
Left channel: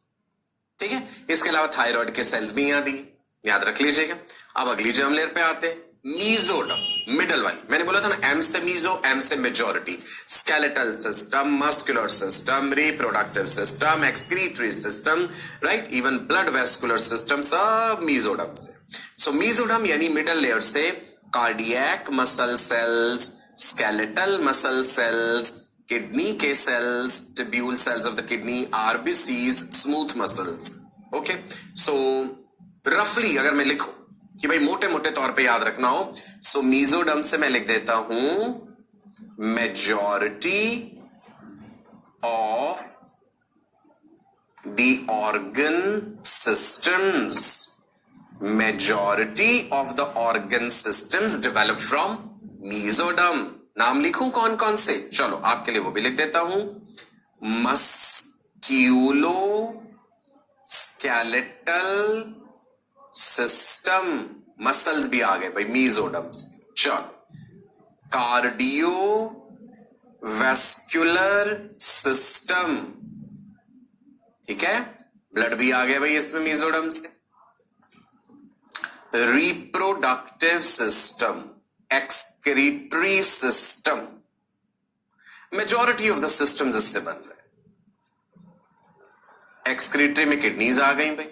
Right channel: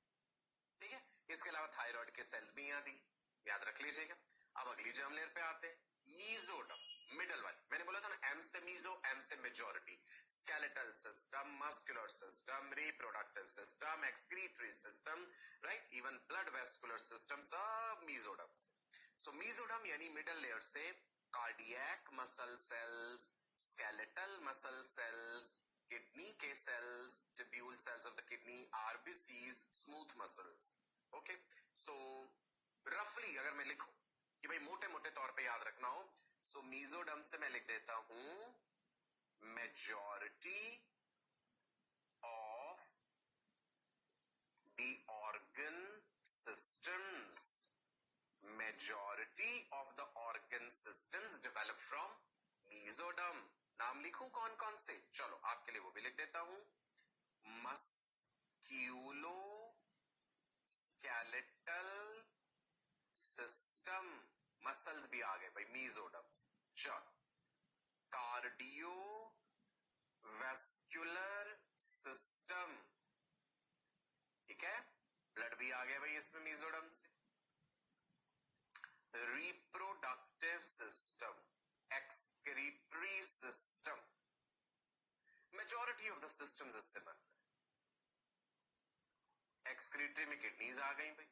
ठीक है। इसके अलावा थायराइड के सेल्स भी यहां दिए, याद रख लीजिएगा। अब अगली जर्म लेयर पे आते हैं, मीजोडर्म, मिडल वाली। मैंने बोला था ना, एम से मीजो, एम से majority. Skeletal system, muscular system, reproductive system, excretory system, right, even blood vascular system, सब मीजोडर्म से। सो मीजोडर्म यानी मिडल लेयर से cardiac muscle cells, skeletal muscle cells, kidney के cells, tubule cells of the kidney, RBCs, smooth muscles. Okay, so रफली अगर मैं लिखूं कि भाई मोटे मोटे तौर पे याद रखना हो, सो मीजोडर्म से मैं लिख देता हूं majority of the organ systems, majority of the organ systems develop from mesoderm. नाम लिखूं कौन कौन से, चलो आपके लिए वो भी लिख देता हूं, मस्क्यूलो स्केलेटल सिस्टम, मसल्स भी आ गए भाई मीजोडर्म से। चलो कार्डियो वेस्कुलर सिस्टम, ठीक है, ब्लड भी आ गया भाई इसमें मीजोडर्म से। Reproductive system, excretory system, majority of the systems इससे बन रहे हैं। एक्सक्रीटरी में किडनीज आ गई भाई।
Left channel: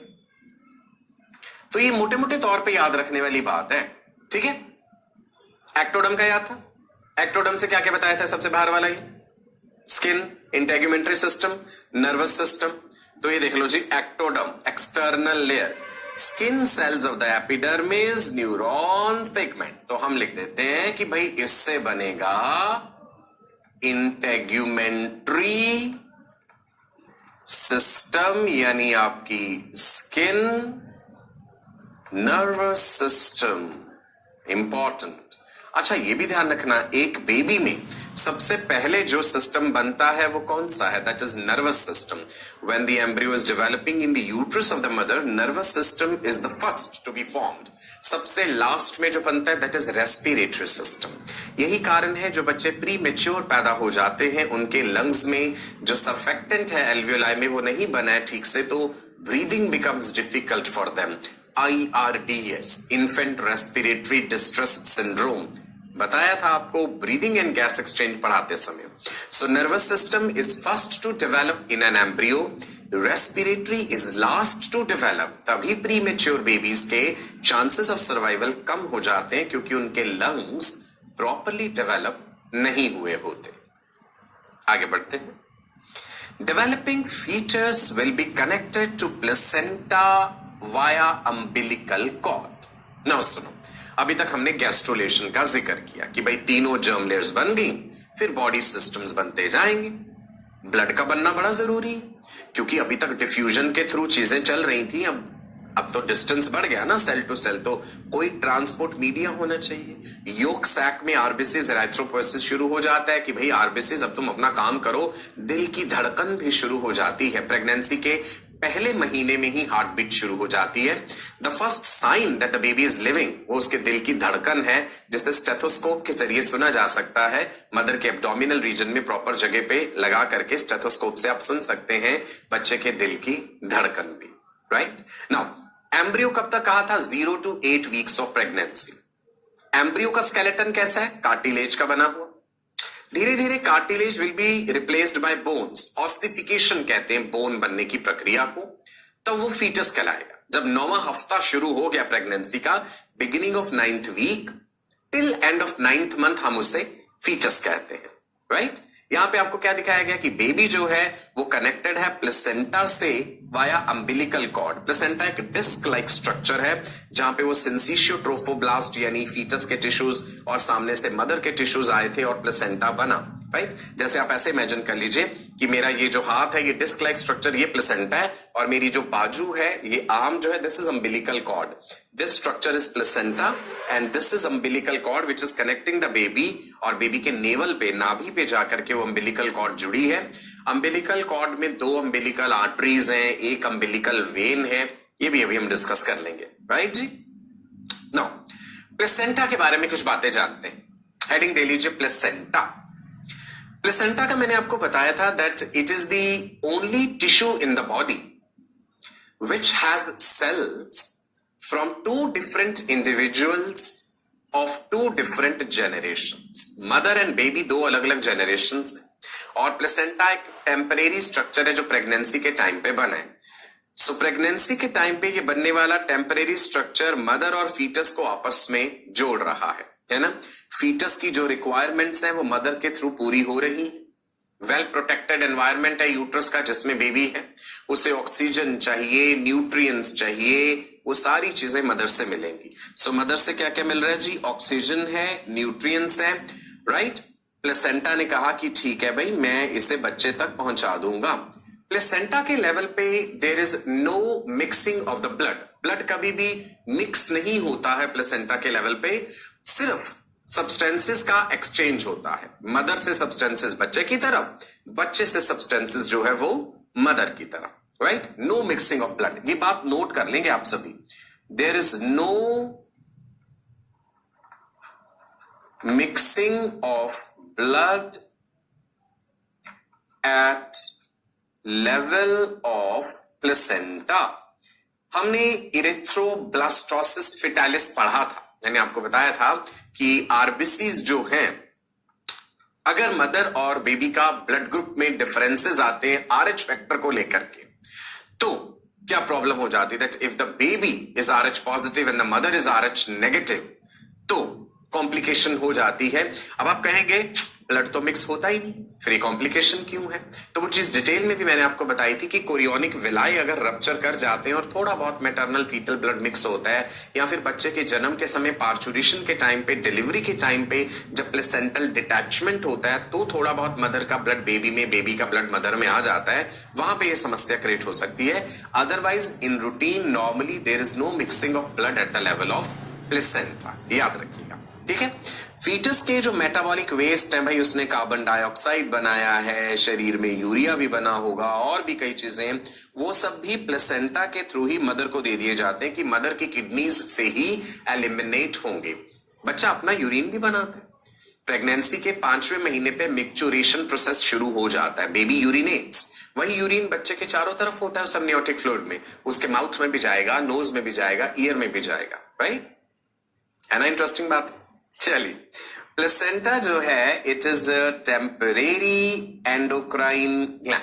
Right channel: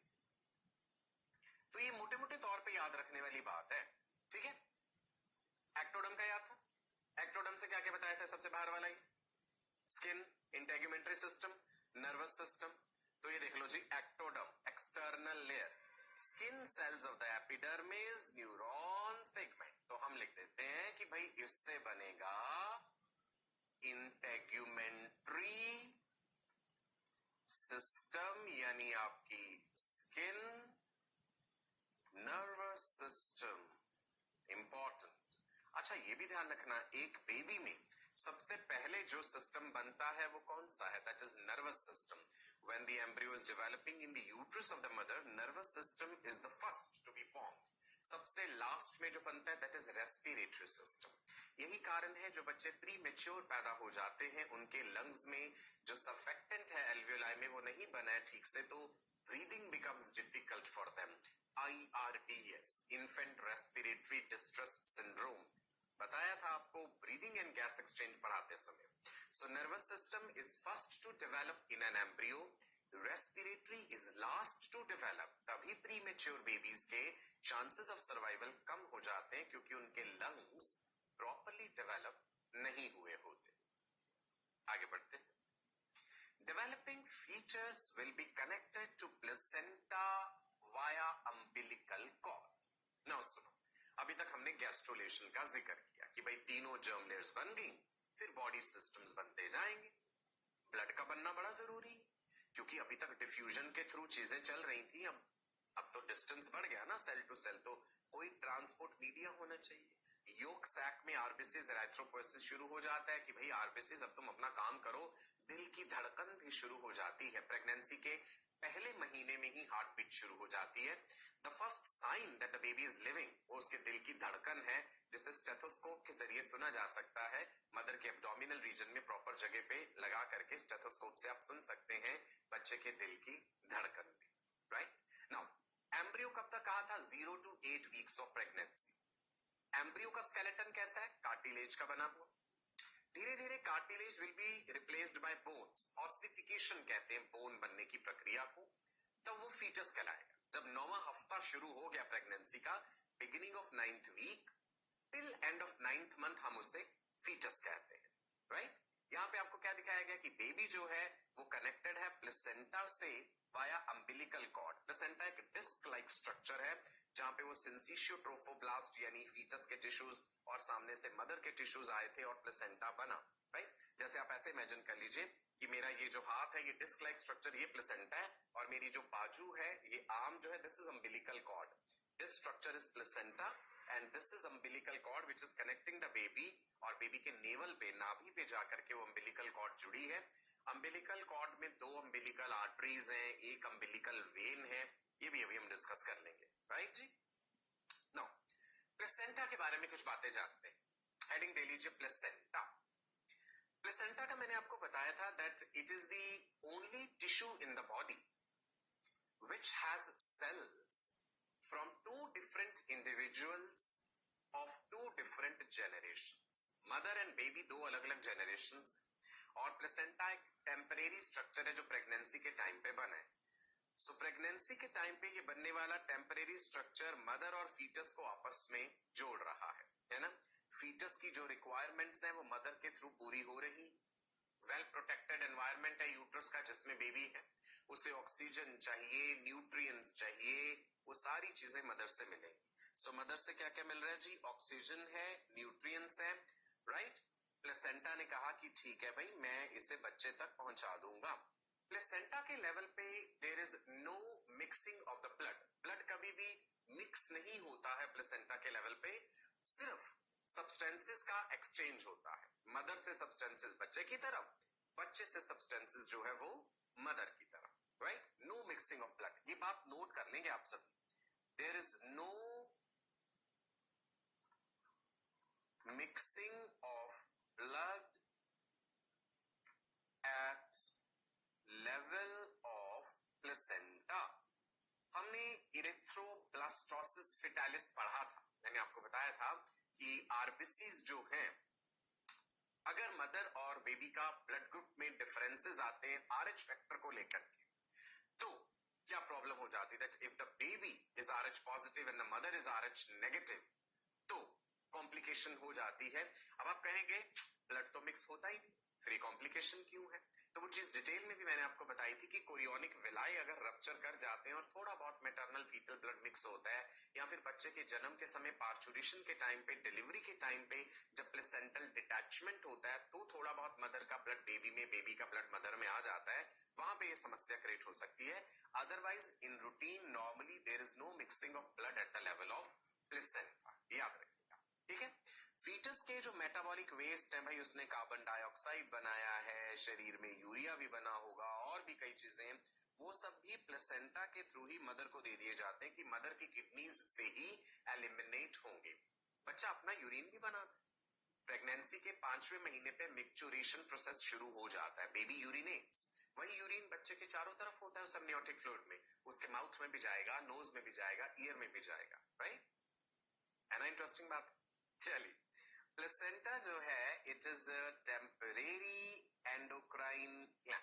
तो ये मोटे मोटे तौर पे याद रखने वाली बात है, ठीक है। एक्टोडर्म का याद था, एक्टोडर्म से क्या क्या बताया था, सबसे बाहर वाला ये skin, integumentary system, nervous system. तो ये देख लो जी, ectoderm external layer, skin cells of the epidermis, neurons, pigment. तो हम लिख देते हैं कि भाई इससे बनेगा इंटेग्यूमेंट्री सिस्टम, यानी आपकी स्किन, नर्वस सिस्टम, इंपॉर्टेंट। अच्छा ये भी ध्यान रखना, एक बेबी में सबसे पहले जो सिस्टम बनता है वो कौन सा है, that is nervous system. When the embryo is developing in the uterus of the mother, nervous system is the first to be formed. सबसे लास्ट में जो बनता है दैट इज रेस्पिरेटरी सिस्टम। यही कारण है जो बच्चे प्री मेच्योर पैदा हो जाते हैं, उनके लंग्स में जो सर्फेक्टेंट है एल्वियोलाई में वो नहीं बना है ठीक से, तो breathing becomes difficult for them. IRDS, infant respiratory distress syndrome, बताया था आपको ब्रीदिंग एंड गैस एक्सचेंज पढ़ाते समय। So nervous system is first to develop in an embryo, respiratory is last to develop. तभी प्री मेच्योर बेबीज के chances of survival कम हो जाते हैं क्योंकि उनके लंग्स प्रॉपरली डेवलप नहीं हुए होते। आगे बढ़ते हैं। Developing features will be connected to placenta via umbilical cord. Now सुनो, अभी तक हमने गैस्ट्रोलेशन का जिक्र किया कि भाई तीनों जर्म लेयर्स बन गई, फिर बॉडी सिस्टम्स बनते जाएंगे। ब्लड का बनना बड़ा जरूरी है क्योंकि अभी तक डिफ्यूजन के थ्रू चीजें चल रही थी, अब तो डिस्टेंस बढ़ गया ना सेल टू सेल, तो कोई ट्रांसपोर्ट मीडिया होना चाहिए। योक सैक में आरबीसीज, एरिथ्रोपोएसिस शुरू हो जाता है कि भाई आरबीसीज अब तुम अपना काम करो, दिल की धड़कन भी शुरू हो जाती है। प्रेगनेंसी के पहले महीने में ही हार्ट बीट शुरू हो जाती है। The first sign that the baby is living वो उसके दिल की धड़कन है, जिसे स्टेथोस्कोप के जरिए सुना जा सकता है। मदर के एब्डोमिनल रीजन में प्रॉपर जगह पे लगा करके स्टेथोस्कोप से आप सुन सकते हैं बच्चे के दिल की धड़कन भी, राइट। नाउ एम्ब्रियो कब तक कहा था, 0 to 8 weeks of pregnancy. Embryo का स्केलेटन कैसा है, कार्टिलेज का बना हुआ। धीरे धीरे cartilage will be replaced by bones, ossification कहते हैं बोन बनने की प्रक्रिया को। तब वो फीटस कहलाएगा। जब 9वां हफ्ता शुरू हो गया प्रेगनेंसी का, beginning of 9th week till end of 9th month, हम उसे फीटस कहते हैं, राइट। यहां पे आपको क्या दिखाया गया कि बेबी जो है वो कनेक्टेड है प्लेसेंटा से वाया अम्बिलिकल कॉर्ड। प्लेसेंटा एक डिस्क लाइक स्ट्रक्चर है जहां पे वो सिंसिशियो ट्रोफोब्लास्ट यानी फीटस के टिश्यूज और सामने से मदर के टिश्यूज आए थे और प्लेसेंटा बना, राइट। जैसे आप ऐसे इमेजिन कर लीजिए कि मेरा ये जो हाथ है ये डिस्क लाइक स्ट्रक्चर, ये प्लेसेंटा है, और मेरी जो बाजू है ये आर्म जो है this is umbilical cord. This structure is placenta and this is umbilical cord which is connecting the baby, और बेबी के नेवल पे, नाभि पे जाकर के वो अम्बिलिकल कॉर्ड जुड़ी है। अम्बिलिकल कॉर्ड में 2 अम्बिलिकल आर्टरीज हैं, एक अम्बिलिकल वेन है, ये भी अभी हम डिस्कस कर लेंगे, राइट जी। नाउ प्लेसेंटा के बारे में कुछ बातें जानते हैं। हेडिंग दे लीजिए प्लेसेंटा। प्लेसेंटा का मैंने आपको बताया था that it is the only tissue in the body which has cells from 2 different individuals of 2 different generations. Mother and baby 2 अलग अलग generations हैं, और प्लेसेंटा एक टेम्परेरी स्ट्रक्चर है जो प्रेगनेंसी के टाइम पे बना है। सो प्रेगनेंसी के टाइम पे ये बनने वाला टेम्परेरी स्ट्रक्चर मदर और फीटस को आपस में जोड़ रहा है ना। फीटस की जो रिक्वायरमेंट्स हैं वो मदर के थ्रू पूरी हो रही है। वेल प्रोटेक्टेड एनवायरनमेंट है यूट्रस का जिसमें बेबी है, उसे ऑक्सीजन चाहिए, न्यूट्रिएंट्स चाहिए, वो सारी चीजें मदर से मिलेंगी। सो मदर से क्या क्या मिल रहा है जी? ऑक्सीजन है, न्यूट्रिएंट्स है, राइट। प्लेसेंटा ने कहा कि ठीक है भाई, मैं इसे बच्चे तक पहुंचा दूंगा। प्लेसेंटा के लेवल पे there is no mixing of the blood. Blood कभी भी मिक्स नहीं होता है प्लेसेंटा के लेवल पे, सिर्फ सब्सटेंसेस का एक्सचेंज होता है। मदर से सब्सटेंसेस बच्चे की तरफ, बच्चे से सब्सटेंसेस जो है वो मदर की तरफ, right. No mixing of blood, ये बात नोट कर लेंगे आप सभी। There is no mixing of blood at level of placenta. हमने इरेथ्रोब्लास्टोसिस फिटालिस पढ़ा था, मैंने आपको बताया था कि आरबीसीज जो हैं, अगर मदर और बेबी का ब्लड ग्रुप में डिफरेंसेस आते हैं आरएच फैक्टर को लेकर के, तो क्या प्रॉब्लम हो जाती है? That if the baby is RH positive and the mother is RH negative, तो कॉम्प्लिकेशन हो जाती है। अब आप कहेंगे ब्लड तो मिक्स होता ही नहीं, फिर ये कॉम्प्लिकेशन क्यों है? तो वो चीज डिटेल में भी मैंने आपको बताई थी कि कोरियोनिक विलाई अगर रप्चर कर जाते हैं और थोड़ा बहुत मैटरनल फीटल ब्लड मिक्स होता है, या फिर बच्चे के जन्म के समय पार्चुरेशन के टाइम पे, डिलीवरी के टाइम पे जब प्लेसेंटल डिटैचमेंट होता है, तो थोड़ा बहुत मदर का ब्लड बेबी में, बेबी का ब्लड मदर में आ जाता है, वहां पे ये समस्या क्रिएट हो सकती है। Otherwise in routine normally there is no mixing of blood at the level of placenta, याद रखिएगा, ठीक है। फीटस के जो मेटाबॉलिक वेस्ट है भाई, उसने कार्बन डाइऑक्साइड बनाया है, शरीर में यूरिया भी बना होगा, और भी कई चीजें, वो सब भी प्लेसेंटा के थ्रू ही मदर को दे दिए जाते हैं कि मदर की किडनीज से ही एलिमिनेट होंगे। बच्चा अपना यूरिन भी बनाता है। प्रेगनेंसी के 5वें महीने पे मिक्चुरेशन प्रोसेस शुरू हो जाता है, बेबी यूरिनेट्स। वही यूरिन बच्चे के चारों तरफ होता है सबनियोटिक फ्लूइड में, उसके माउथ में भी जाएगा, नोज में भी जाएगा, ईयर में भी जाएगा, राइट। है ना इंटरेस्टिंग बात? चलिए, प्लेसेंटा जो है it is a temporary endocrine gland.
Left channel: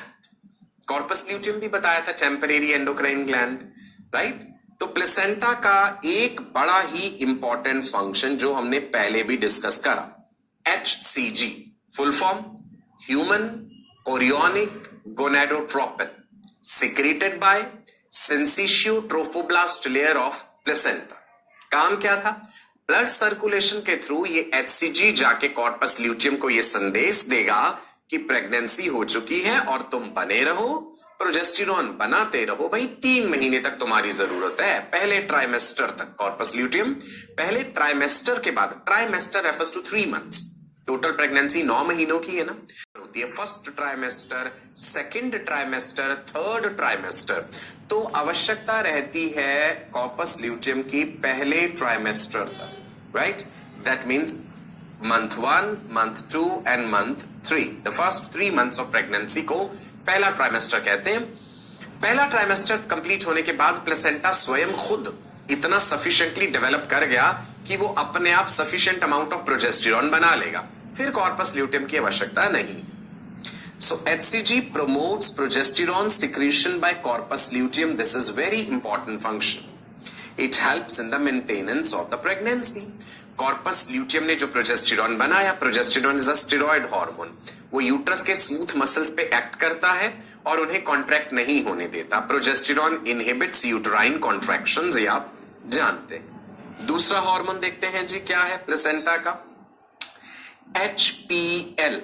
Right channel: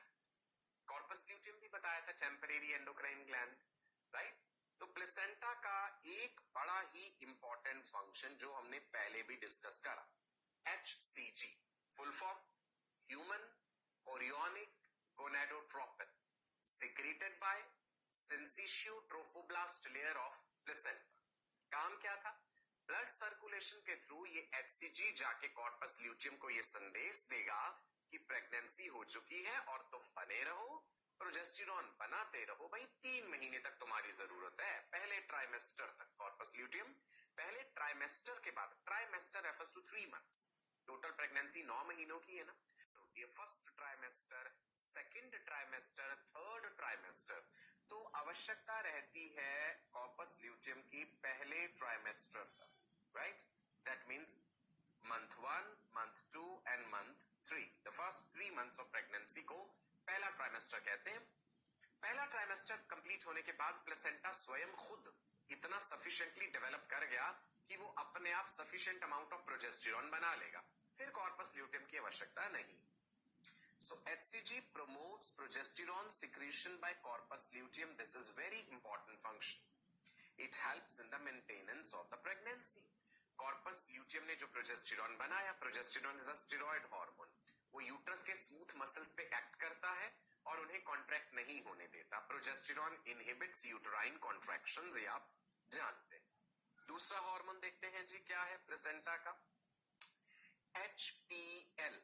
Corpus luteum भी बताया था टेम्परेरी एंडोक्राइन ग्लैंड, राइट। तो प्लेसेंटा का एक बड़ा ही इंपॉर्टेंट फंक्शन जो हमने पहले भी डिस्कस करा, HCG, full form human chorionic gonadotropin, secreted by syncytio trophoblast layer of placenta. काम क्या था? ब्लड सर्कुलेशन के थ्रू ये HCG जाके कॉर्पस ल्यूटियम को ये संदेश देगा कि प्रेगनेंसी हो चुकी है और तुम बने रहो, प्रोजेस्टेरॉन बनाते रहो भाई, 3 महीने तक तुम्हारी जरूरत है, पहले ट्राइमेस्टर तक। कॉर्पस ल्यूटियम पहले ट्राइमेस्टर के बाद, trimester refers to 3 months, total pregnancy 9 महीनों की है ना, होती है first trimester, second trimester, third trimester. तो आवश्यकता रहती है कॉर्पस ल्यूटियम की पहले ट्राइमेस्टर तक, right. That means month 1, month 2 and month 3, the first 3 months of pregnancy को पहला ट्राइमेस्टर कहते हैं। पहला ट्राइमेस्टर कंप्लीट होने के बाद प्लेसेंटा स्वयं खुद इतना सफिशिएंटली डेवलप कर गया कि वो अपने आप सफिशिएंट अमाउंट ऑफ प्रोजेस्टेरॉन बना लेगा, फिर कॉर्पस ल्यूटियम की आवश्यकता नहीं। So HCG promotes progesterone secretion by corpus luteum. This is very important function. It helps in the maintenance of the pregnancy. Corpus luteum ने जो प्रोजेस्टेरॉन बनाया, progesterone is a steroid hormone, वो uterus के smooth muscles पे act करता है और उन्हें कॉन्ट्रैक्ट नहीं होने देता। प्रोजेस्टेरॉन इनहिबिट्स यूट्राइन कॉन्ट्रैक्शंस, ये आप जानते हैं। दूसरा हार्मोन देखते हैं जी, क्या है प्लेसेंटा का? HPL।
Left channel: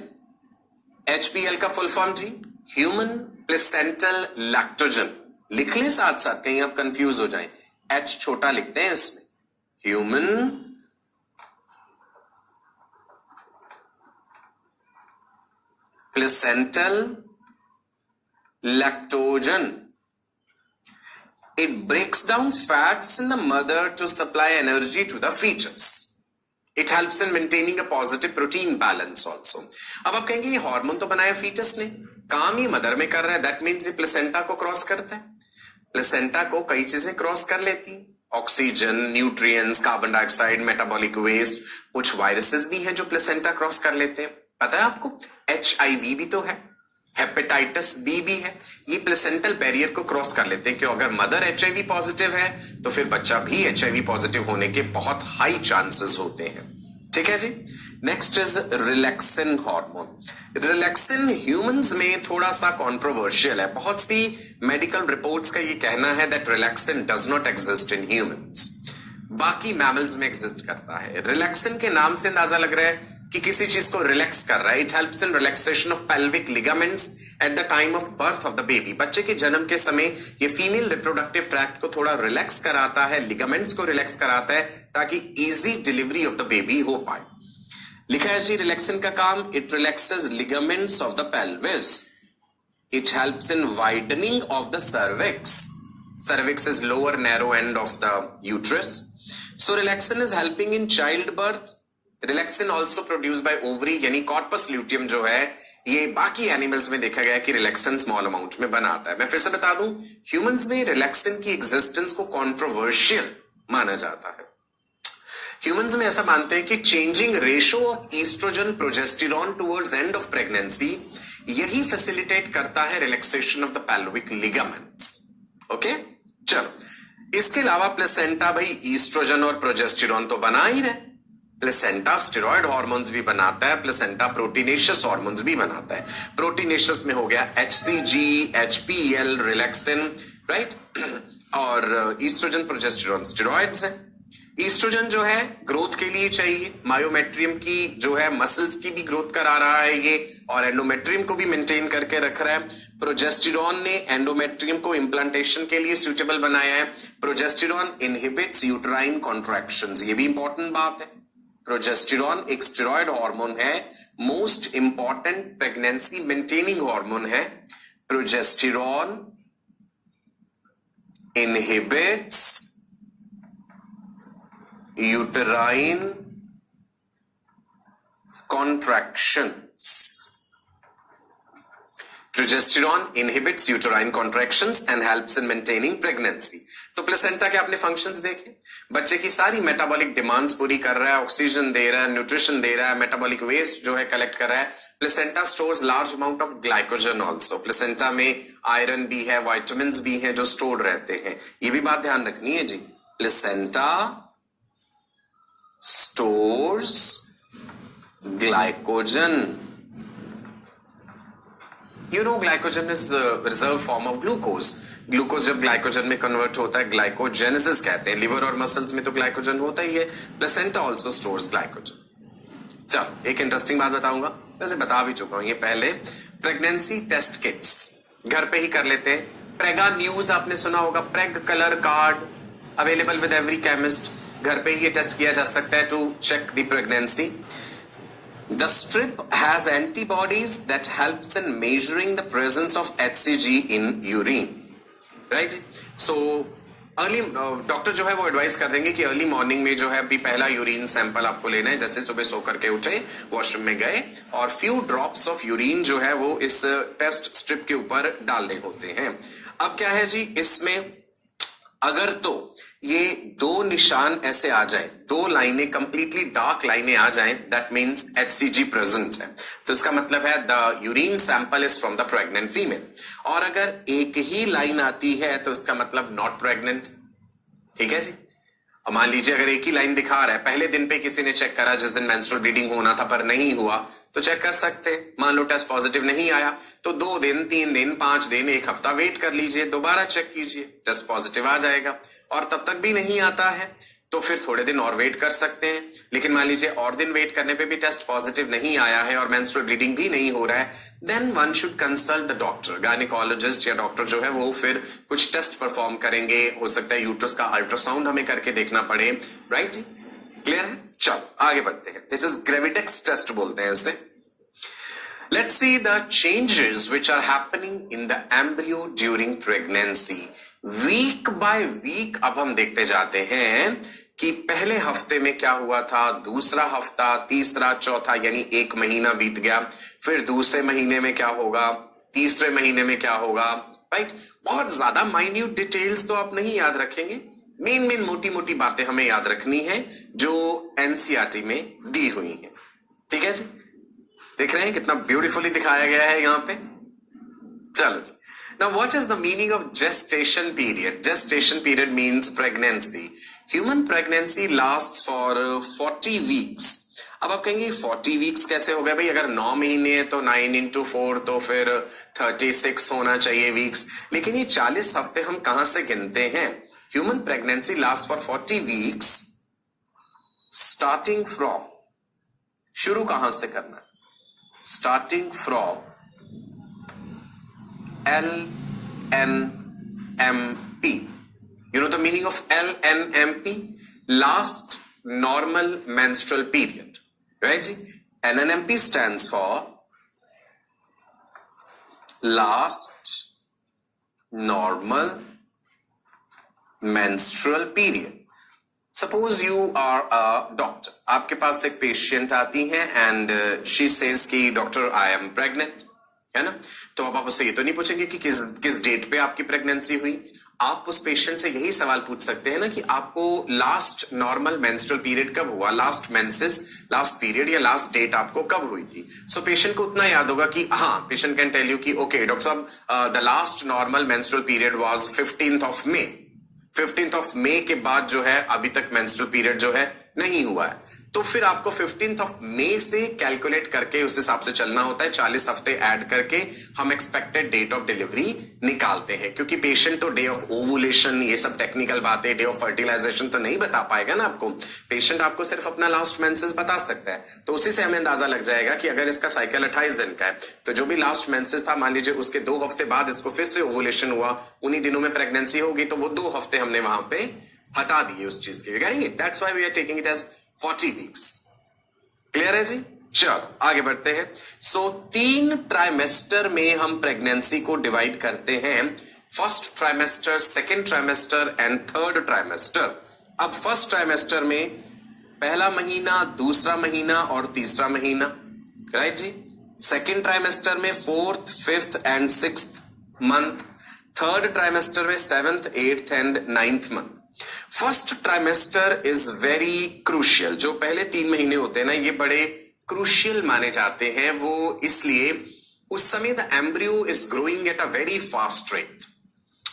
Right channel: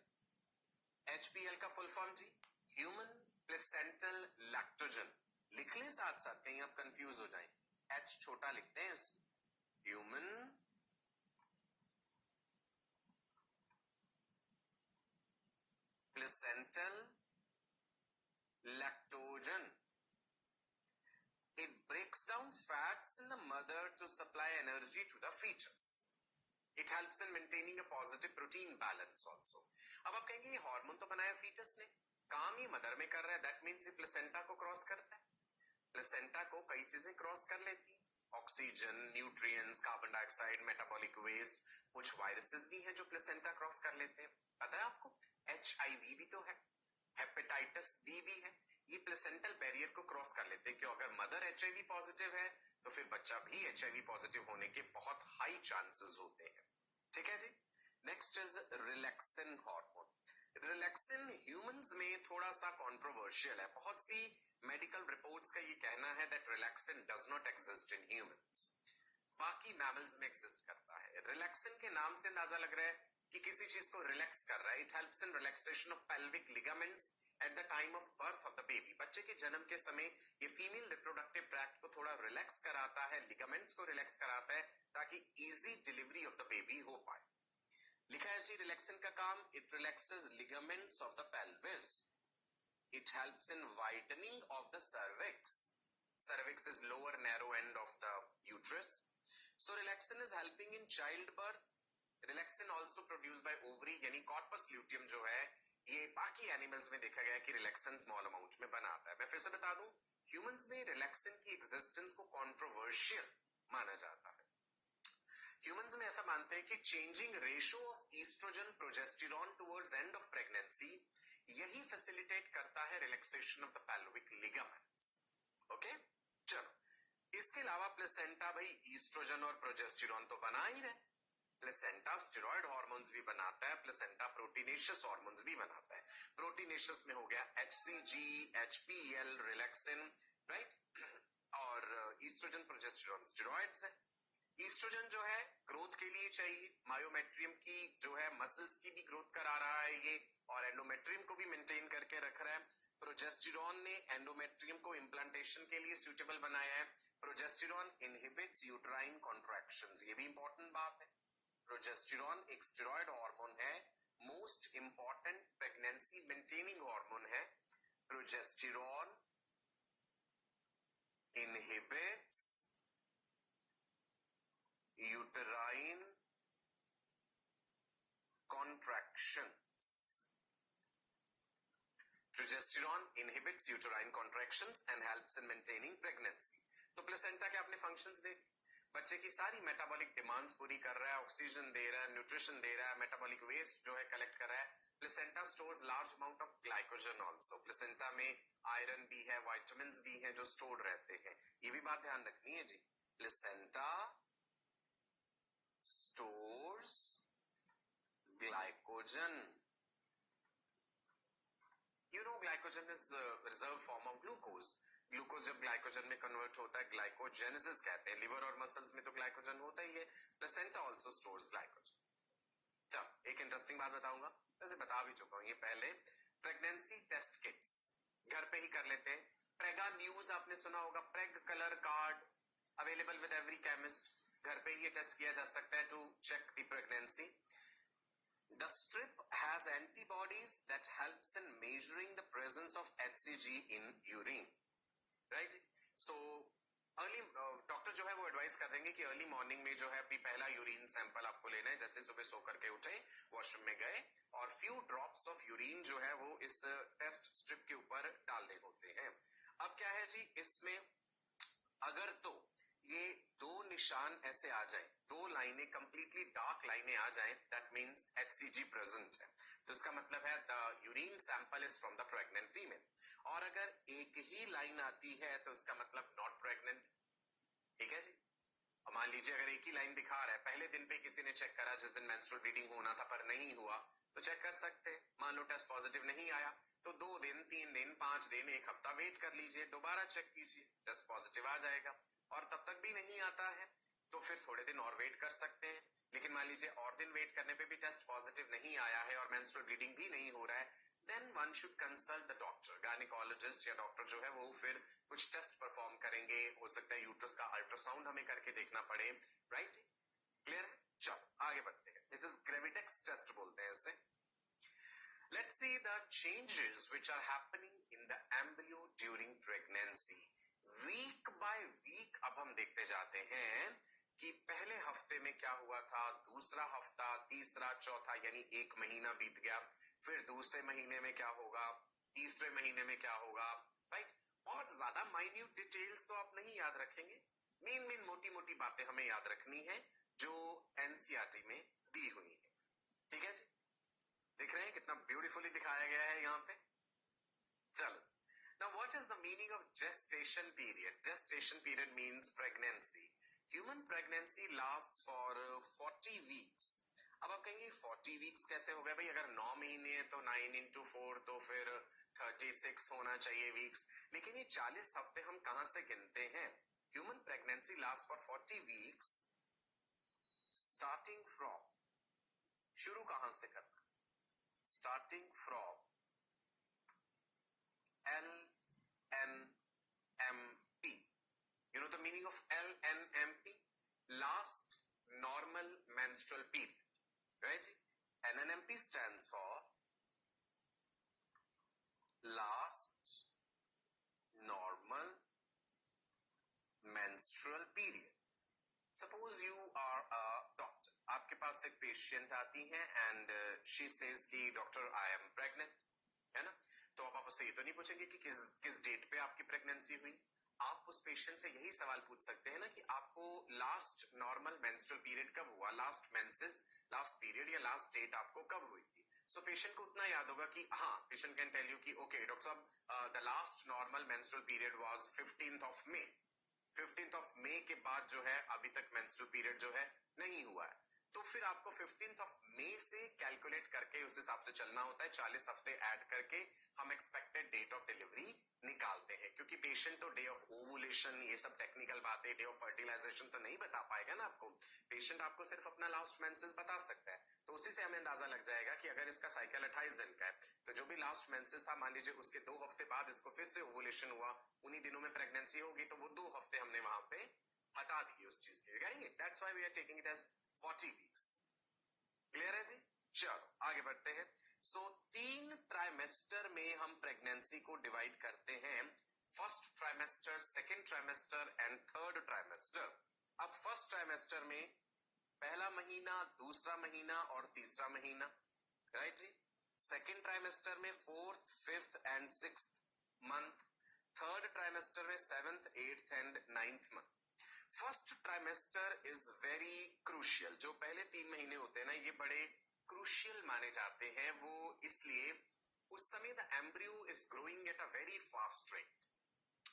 HPL का फुल फॉर्म जी ह्यूमन प्लेसेंटल लैक्टोजन। लिख ले साथ साथ, कहीं आप कंफ्यूज हो जाएं, H छोटा लिखते हैं इसमें, human placental lactogen. It breaks down fats in the mother to supply energy to the fetus. It helps in maintaining a positive protein balance also. अब आप कहेंगे ये हार्मोन तो बनाया फीटस ने, काम ही मदर में कर रहा है, दैट मीन्स ये प्लेसेंटा को क्रॉस करता है। प्लेसेंटा को कई चीजें क्रॉस कर लेती, oxygen, nutrients, carbon dioxide, metabolic waste, कुछ वायरसेस भी हैं जो प्लेसेंटा क्रॉस कर लेते हैं। पता है आपको HIV भी तो है, हेपेटाइटिस बी भी है, ये प्लेसेंटल बैरियर को क्रॉस कर लेते हैं। क्यों? अगर मदर HIV पॉजिटिव है तो फिर बच्चा भी HIV पॉजिटिव होने के बहुत हाई चांसेस होते हैं। ठीक है जी। Next is relaxin hormone. Relaxin humans में थोड़ा सा कंट्रोवर्शियल है। बहुत सी मेडिकल रिपोर्ट्स का ये कहना है that relaxin does not exist in humans, बाकी मैमल्स में एग्जिस्ट करता है। रिलैक्सिन के नाम से अंदाजा लग रहा है कि किसी चीज को रिलैक्स कर रहा है। It helps in relaxation of pelvic ligaments at the time of birth of the baby. बच्चे के जन्म के समय ये फीमेल रिप्रोडक्टिव ट्रैक्ट को थोड़ा रिलैक्स कराता है, लिगामेंट्स को रिलैक्स कराता है ताकि easy delivery of the baby हो पाए। लिखा है जी रिलैक्सिन का काम, it relaxes ligaments of the pelvis, it helps in widening of the cervix. Cervix is lower narrow end of the uterus. So relaxin is helping in childbirth. Relaxin also produced by ovary, यानी corpus luteum जो है ये बाकी animals में देखा गया कि relaxin small amount में बनाता है। मैं फिर से बता दूं, ह्यूमंस में रिलैक्सिन की एग्जिस्टेंस को कंट्रोवर्शियल माना जाता है। ह्यूमंस में ऐसा मानते हैं कि changing ratio of estrogen progesterone towards end of pregnancy यही फैसिलिटेट करता है relaxation of the pelvic ligaments. Okay चलो, इसके अलावा प्लेसेंटा भाई ईस्ट्रोजन और प्रोजेस्टेरॉन तो बना ही रहे। प्लेसेंटा स्टेरॉयड हार्मोन्स भी बनाता है, प्लेसेंटा प्रोटीनेशियस हार्मोन्स भी बनाता है। प्रोटीनेशियस में हो गया HCG, HPL, रिलैक्सिन, राइट। और ईस्ट्रोजन प्रोजेस्टेरॉन स्टेरॉइड्स है। ईस्ट्रोजन जो है ग्रोथ के लिए चाहिए, मायोमेट्रियम की जो है मसल्स की भी ग्रोथ करा रहा है ये, और एंडोमेट्रियम को भी मेंटेन करके रख रहा है। प्रोजेस्टेरॉन ने एंडोमेट्रियम को इम्प्लांटेशन के लिए सुटेबल बनाया है। प्रोजेस्टेरॉन इनहिबिट्स यूट्राइन कॉन्ट्रैक्शंस, ये भी इंपॉर्टेंट बात है। प्रोजेस्टेरॉन एक स्टेरॉयड हार्मोन है, most important pregnancy maintaining hormone है। Progesterone inhibits uterine contractions. Progesterone inhibits uterine contractions and helps in maintaining pregnancy. तो प्लेसेंटा के आपने फंक्शंस देखे, बच्चे की सारी मेटाबॉलिक डिमांड्स पूरी कर रहा है, ऑक्सीजन दे रहा है, न्यूट्रिशन दे रहा है, मेटाबॉलिक वेस्ट जो है कलेक्ट कर रहा है। Placenta stores large amount of glycogen also. Placenta में आयरन भी है, वाइटामिन भी हैं जो स्टोर्ड रहते हैं। ये भी बात ध्यान रखनी है जी। Placenta stores glycogen. You know glycogen is a reserve form of glucose. Glucose जब ग्लाइकोजन में कन्वर्ट होता है ग्लाइकोजेनेसिस कहते हैं। लिवर और मसल्स में तो ग्लाइकोजन होता ही है। Placenta also stores glycogen. चलो एक इंटरेस्टिंग बात बताऊंगा, वैसे बता भी चुका हूं ये पहले। प्रेगनेंसी टेस्ट किट्स घर पे ही कर लेते हैं। प्रेगा न्यूज आपने सुना होगा, preg colour card available with every chemist. घर पे ही ये टेस्ट किया जा सकता है to check the pregnancy. The strip has antibodies that helps in measuring the presence of HCG in urine, right. So early doctor जो है वो एडवाइस कर देंगे कि अर्ली मॉर्निंग में जो है अभी पहला यूरिन सैंपल आपको लेना है। जैसे सुबह सो करके उठे, वॉशरूम में गए और फ्यू ड्रॉप्स ऑफ यूरिन जो है वो इस टेस्ट स्ट्रिप के ऊपर डालने होते हैं। अब क्या है जी, इसमें अगर तो ये दो निशान ऐसे आ जाए, दो लाइनें कंप्लीटली डार्क लाइनें आ जाएं, दैट मींस HCG प्रेजेंट है। तो इसका मतलब है the urine sample is from the pregnant female. और अगर एक ही लाइन आती है तो इसका मतलब नॉट प्रेग्नेंट। ठीक है जी। अब मान लीजिए अगर एक ही लाइन दिखा रहा है, पहले दिन पे किसी ने चेक करा जिस दिन मेंस्ट्रुअल ब्लीडिंग होना था पर नहीं हुआ, तो चेक कर सकते। मान लो टेस्ट पॉजिटिव नहीं आया तो 2 दिन, 3 दिन, 5 दिन, 1 हफ्ता वेट कर लीजिए, दोबारा चेक कीजिए, टेस्ट पॉजिटिव आ जाएगा। और तब तक भी नहीं आता है तो फिर थोड़े दिन और वेट कर सकते हैं। लेकिन मान लीजिए और दिन वेट करने पे भी टेस्ट पॉजिटिव नहीं आया है और मेंस्ट्रुअल ब्लीडिंग भी नहीं हो रहा है, then one should consult the doctor. Gynaecologist या डॉक्टर जो है वो फिर कुछ टेस्ट परफॉर्म करेंगे। हो सकता है यूट्रस का अल्ट्रासाउंड हमें करके देखना पड़े, राइट। क्लियर है? चलो आगे बढ़ते हैं। दिस इज ग्रेविडेक्स टेस्ट बोलते हैं इसे। Let's see the changes which are happening in the embryo during pregnancy. Week by week अब हम देखते जाते हैं कि पहले हफ्ते में क्या हुआ था, दूसरा हफ्ता, तीसरा, चौथा, यानी 1 महीना बीत गया। फिर दूसरे महीने में क्या होगा, तीसरे महीने में क्या होगा, राइट। बहुत ज्यादा माइन्यूट डिटेल्स तो आप नहीं याद रखेंगे, मेन मोटी मोटी बातें हमें याद रखनी है जो NCERT में दी हुई है। ठीक है जी, देख रहे हैं कितना ब्यूटीफुली दिखाया गया है यहाँ पे। चलो जी, now what is the meaning of gestation period? Gestation period means pregnancy. Human pregnancy lasts for 40 weeks. अब आप कहेंगे 40 वीक्स कैसे हो गए भाई, अगर 9 महीने है तो 9 into 4 तो फिर 36 होना चाहिए वीक्स। लेकिन ये 40 हफ्ते हम कहां से गिनते हैं? Human pregnancy last for 40 weeks starting from, शुरू कहां से करना है? Starting from LNMP. You know the meaning of LNMP? Last normal menstrual period. Right? LNMP stands for last normal menstrual period. Suppose you are a doctor. आपके पास एक patient आती है and she says कि डॉक्टर I am pregnant, है ना? तो अब आप उससे ये तो नहीं पूछेंगे कि किस डेट पे आपकी प्रेगनेंसी हुई। आप उस पेशेंट से यही सवाल पूछ सकते हैं ना कि आपको लास्ट नॉर्मल मेंस्ट्रुअल पीरियड कब हुआ, लास्ट मेंसेस, लास्ट पीरियड या लास्ट डेट आपको कब हुई थी। सो पेशेंट को उतना याद होगा कि हाँ, पेशेंट कैन टेल यू कि ओके डॉक्टर साहब the last normal menstrual period was 15th of May। 15th of May के बाद जो है अभी तक मेंस्ट्रुअल पीरियड जो है नहीं हुआ है। तो फिर आपको 15th of May से कैलकुलेट करके उस हिसाब से चलना होता है। 40 हफ्ते ऐड करके हम एक्सपेक्टेड डेट ऑफ डिलीवरी निकालते हैं, क्योंकि पेशेंट तो डे ऑफ ओवुलेशन, ये सब टेक्निकल बातें, डे ऑफ फर्टिलाइजेशन तो नहीं बता पाएगा ना आपको। पेशेंट आपको सिर्फ अपना लास्ट मेंसेस बता सकता है, तो उसी से हमें अंदाजा लग जाएगा कि अगर इसका साइकिल 28 दिन का है तो जो भी लास्ट मेंसेस था, मान लीजिए उसके 2 हफ्ते बाद इसको फिर से ओवुलेशन हुआ, उन्हीं दिनों में प्रेगनेंसी होगी, तो वो 2 हफ्ते हमने वहां पे हटा दिए उस चीज के। Getting it? That's why we are taking it as 40 weeks. Clear है जी? चलो आगे बढ़ते हैं। सो 3 ट्राइमेस्टर में हम प्रेगनेंसी को डिवाइड करते हैं, first trimester, second trimester and third trimester. अब फर्स्ट ट्राइमेस्टर में पहला महीना, दूसरा महीना और तीसरा महीना, राइट जी। सेकेंड ट्राइमेस्टर में 4th, 5th and 6th month. Third trimester में 7th, 8th and 9th month. First trimester is very crucial. जो पहले 3 महीने होते हैं ना, ये बड़े क्रूशियल माने जाते हैं। वो इसलिए उस समय the embryo is growing at a very fast rate.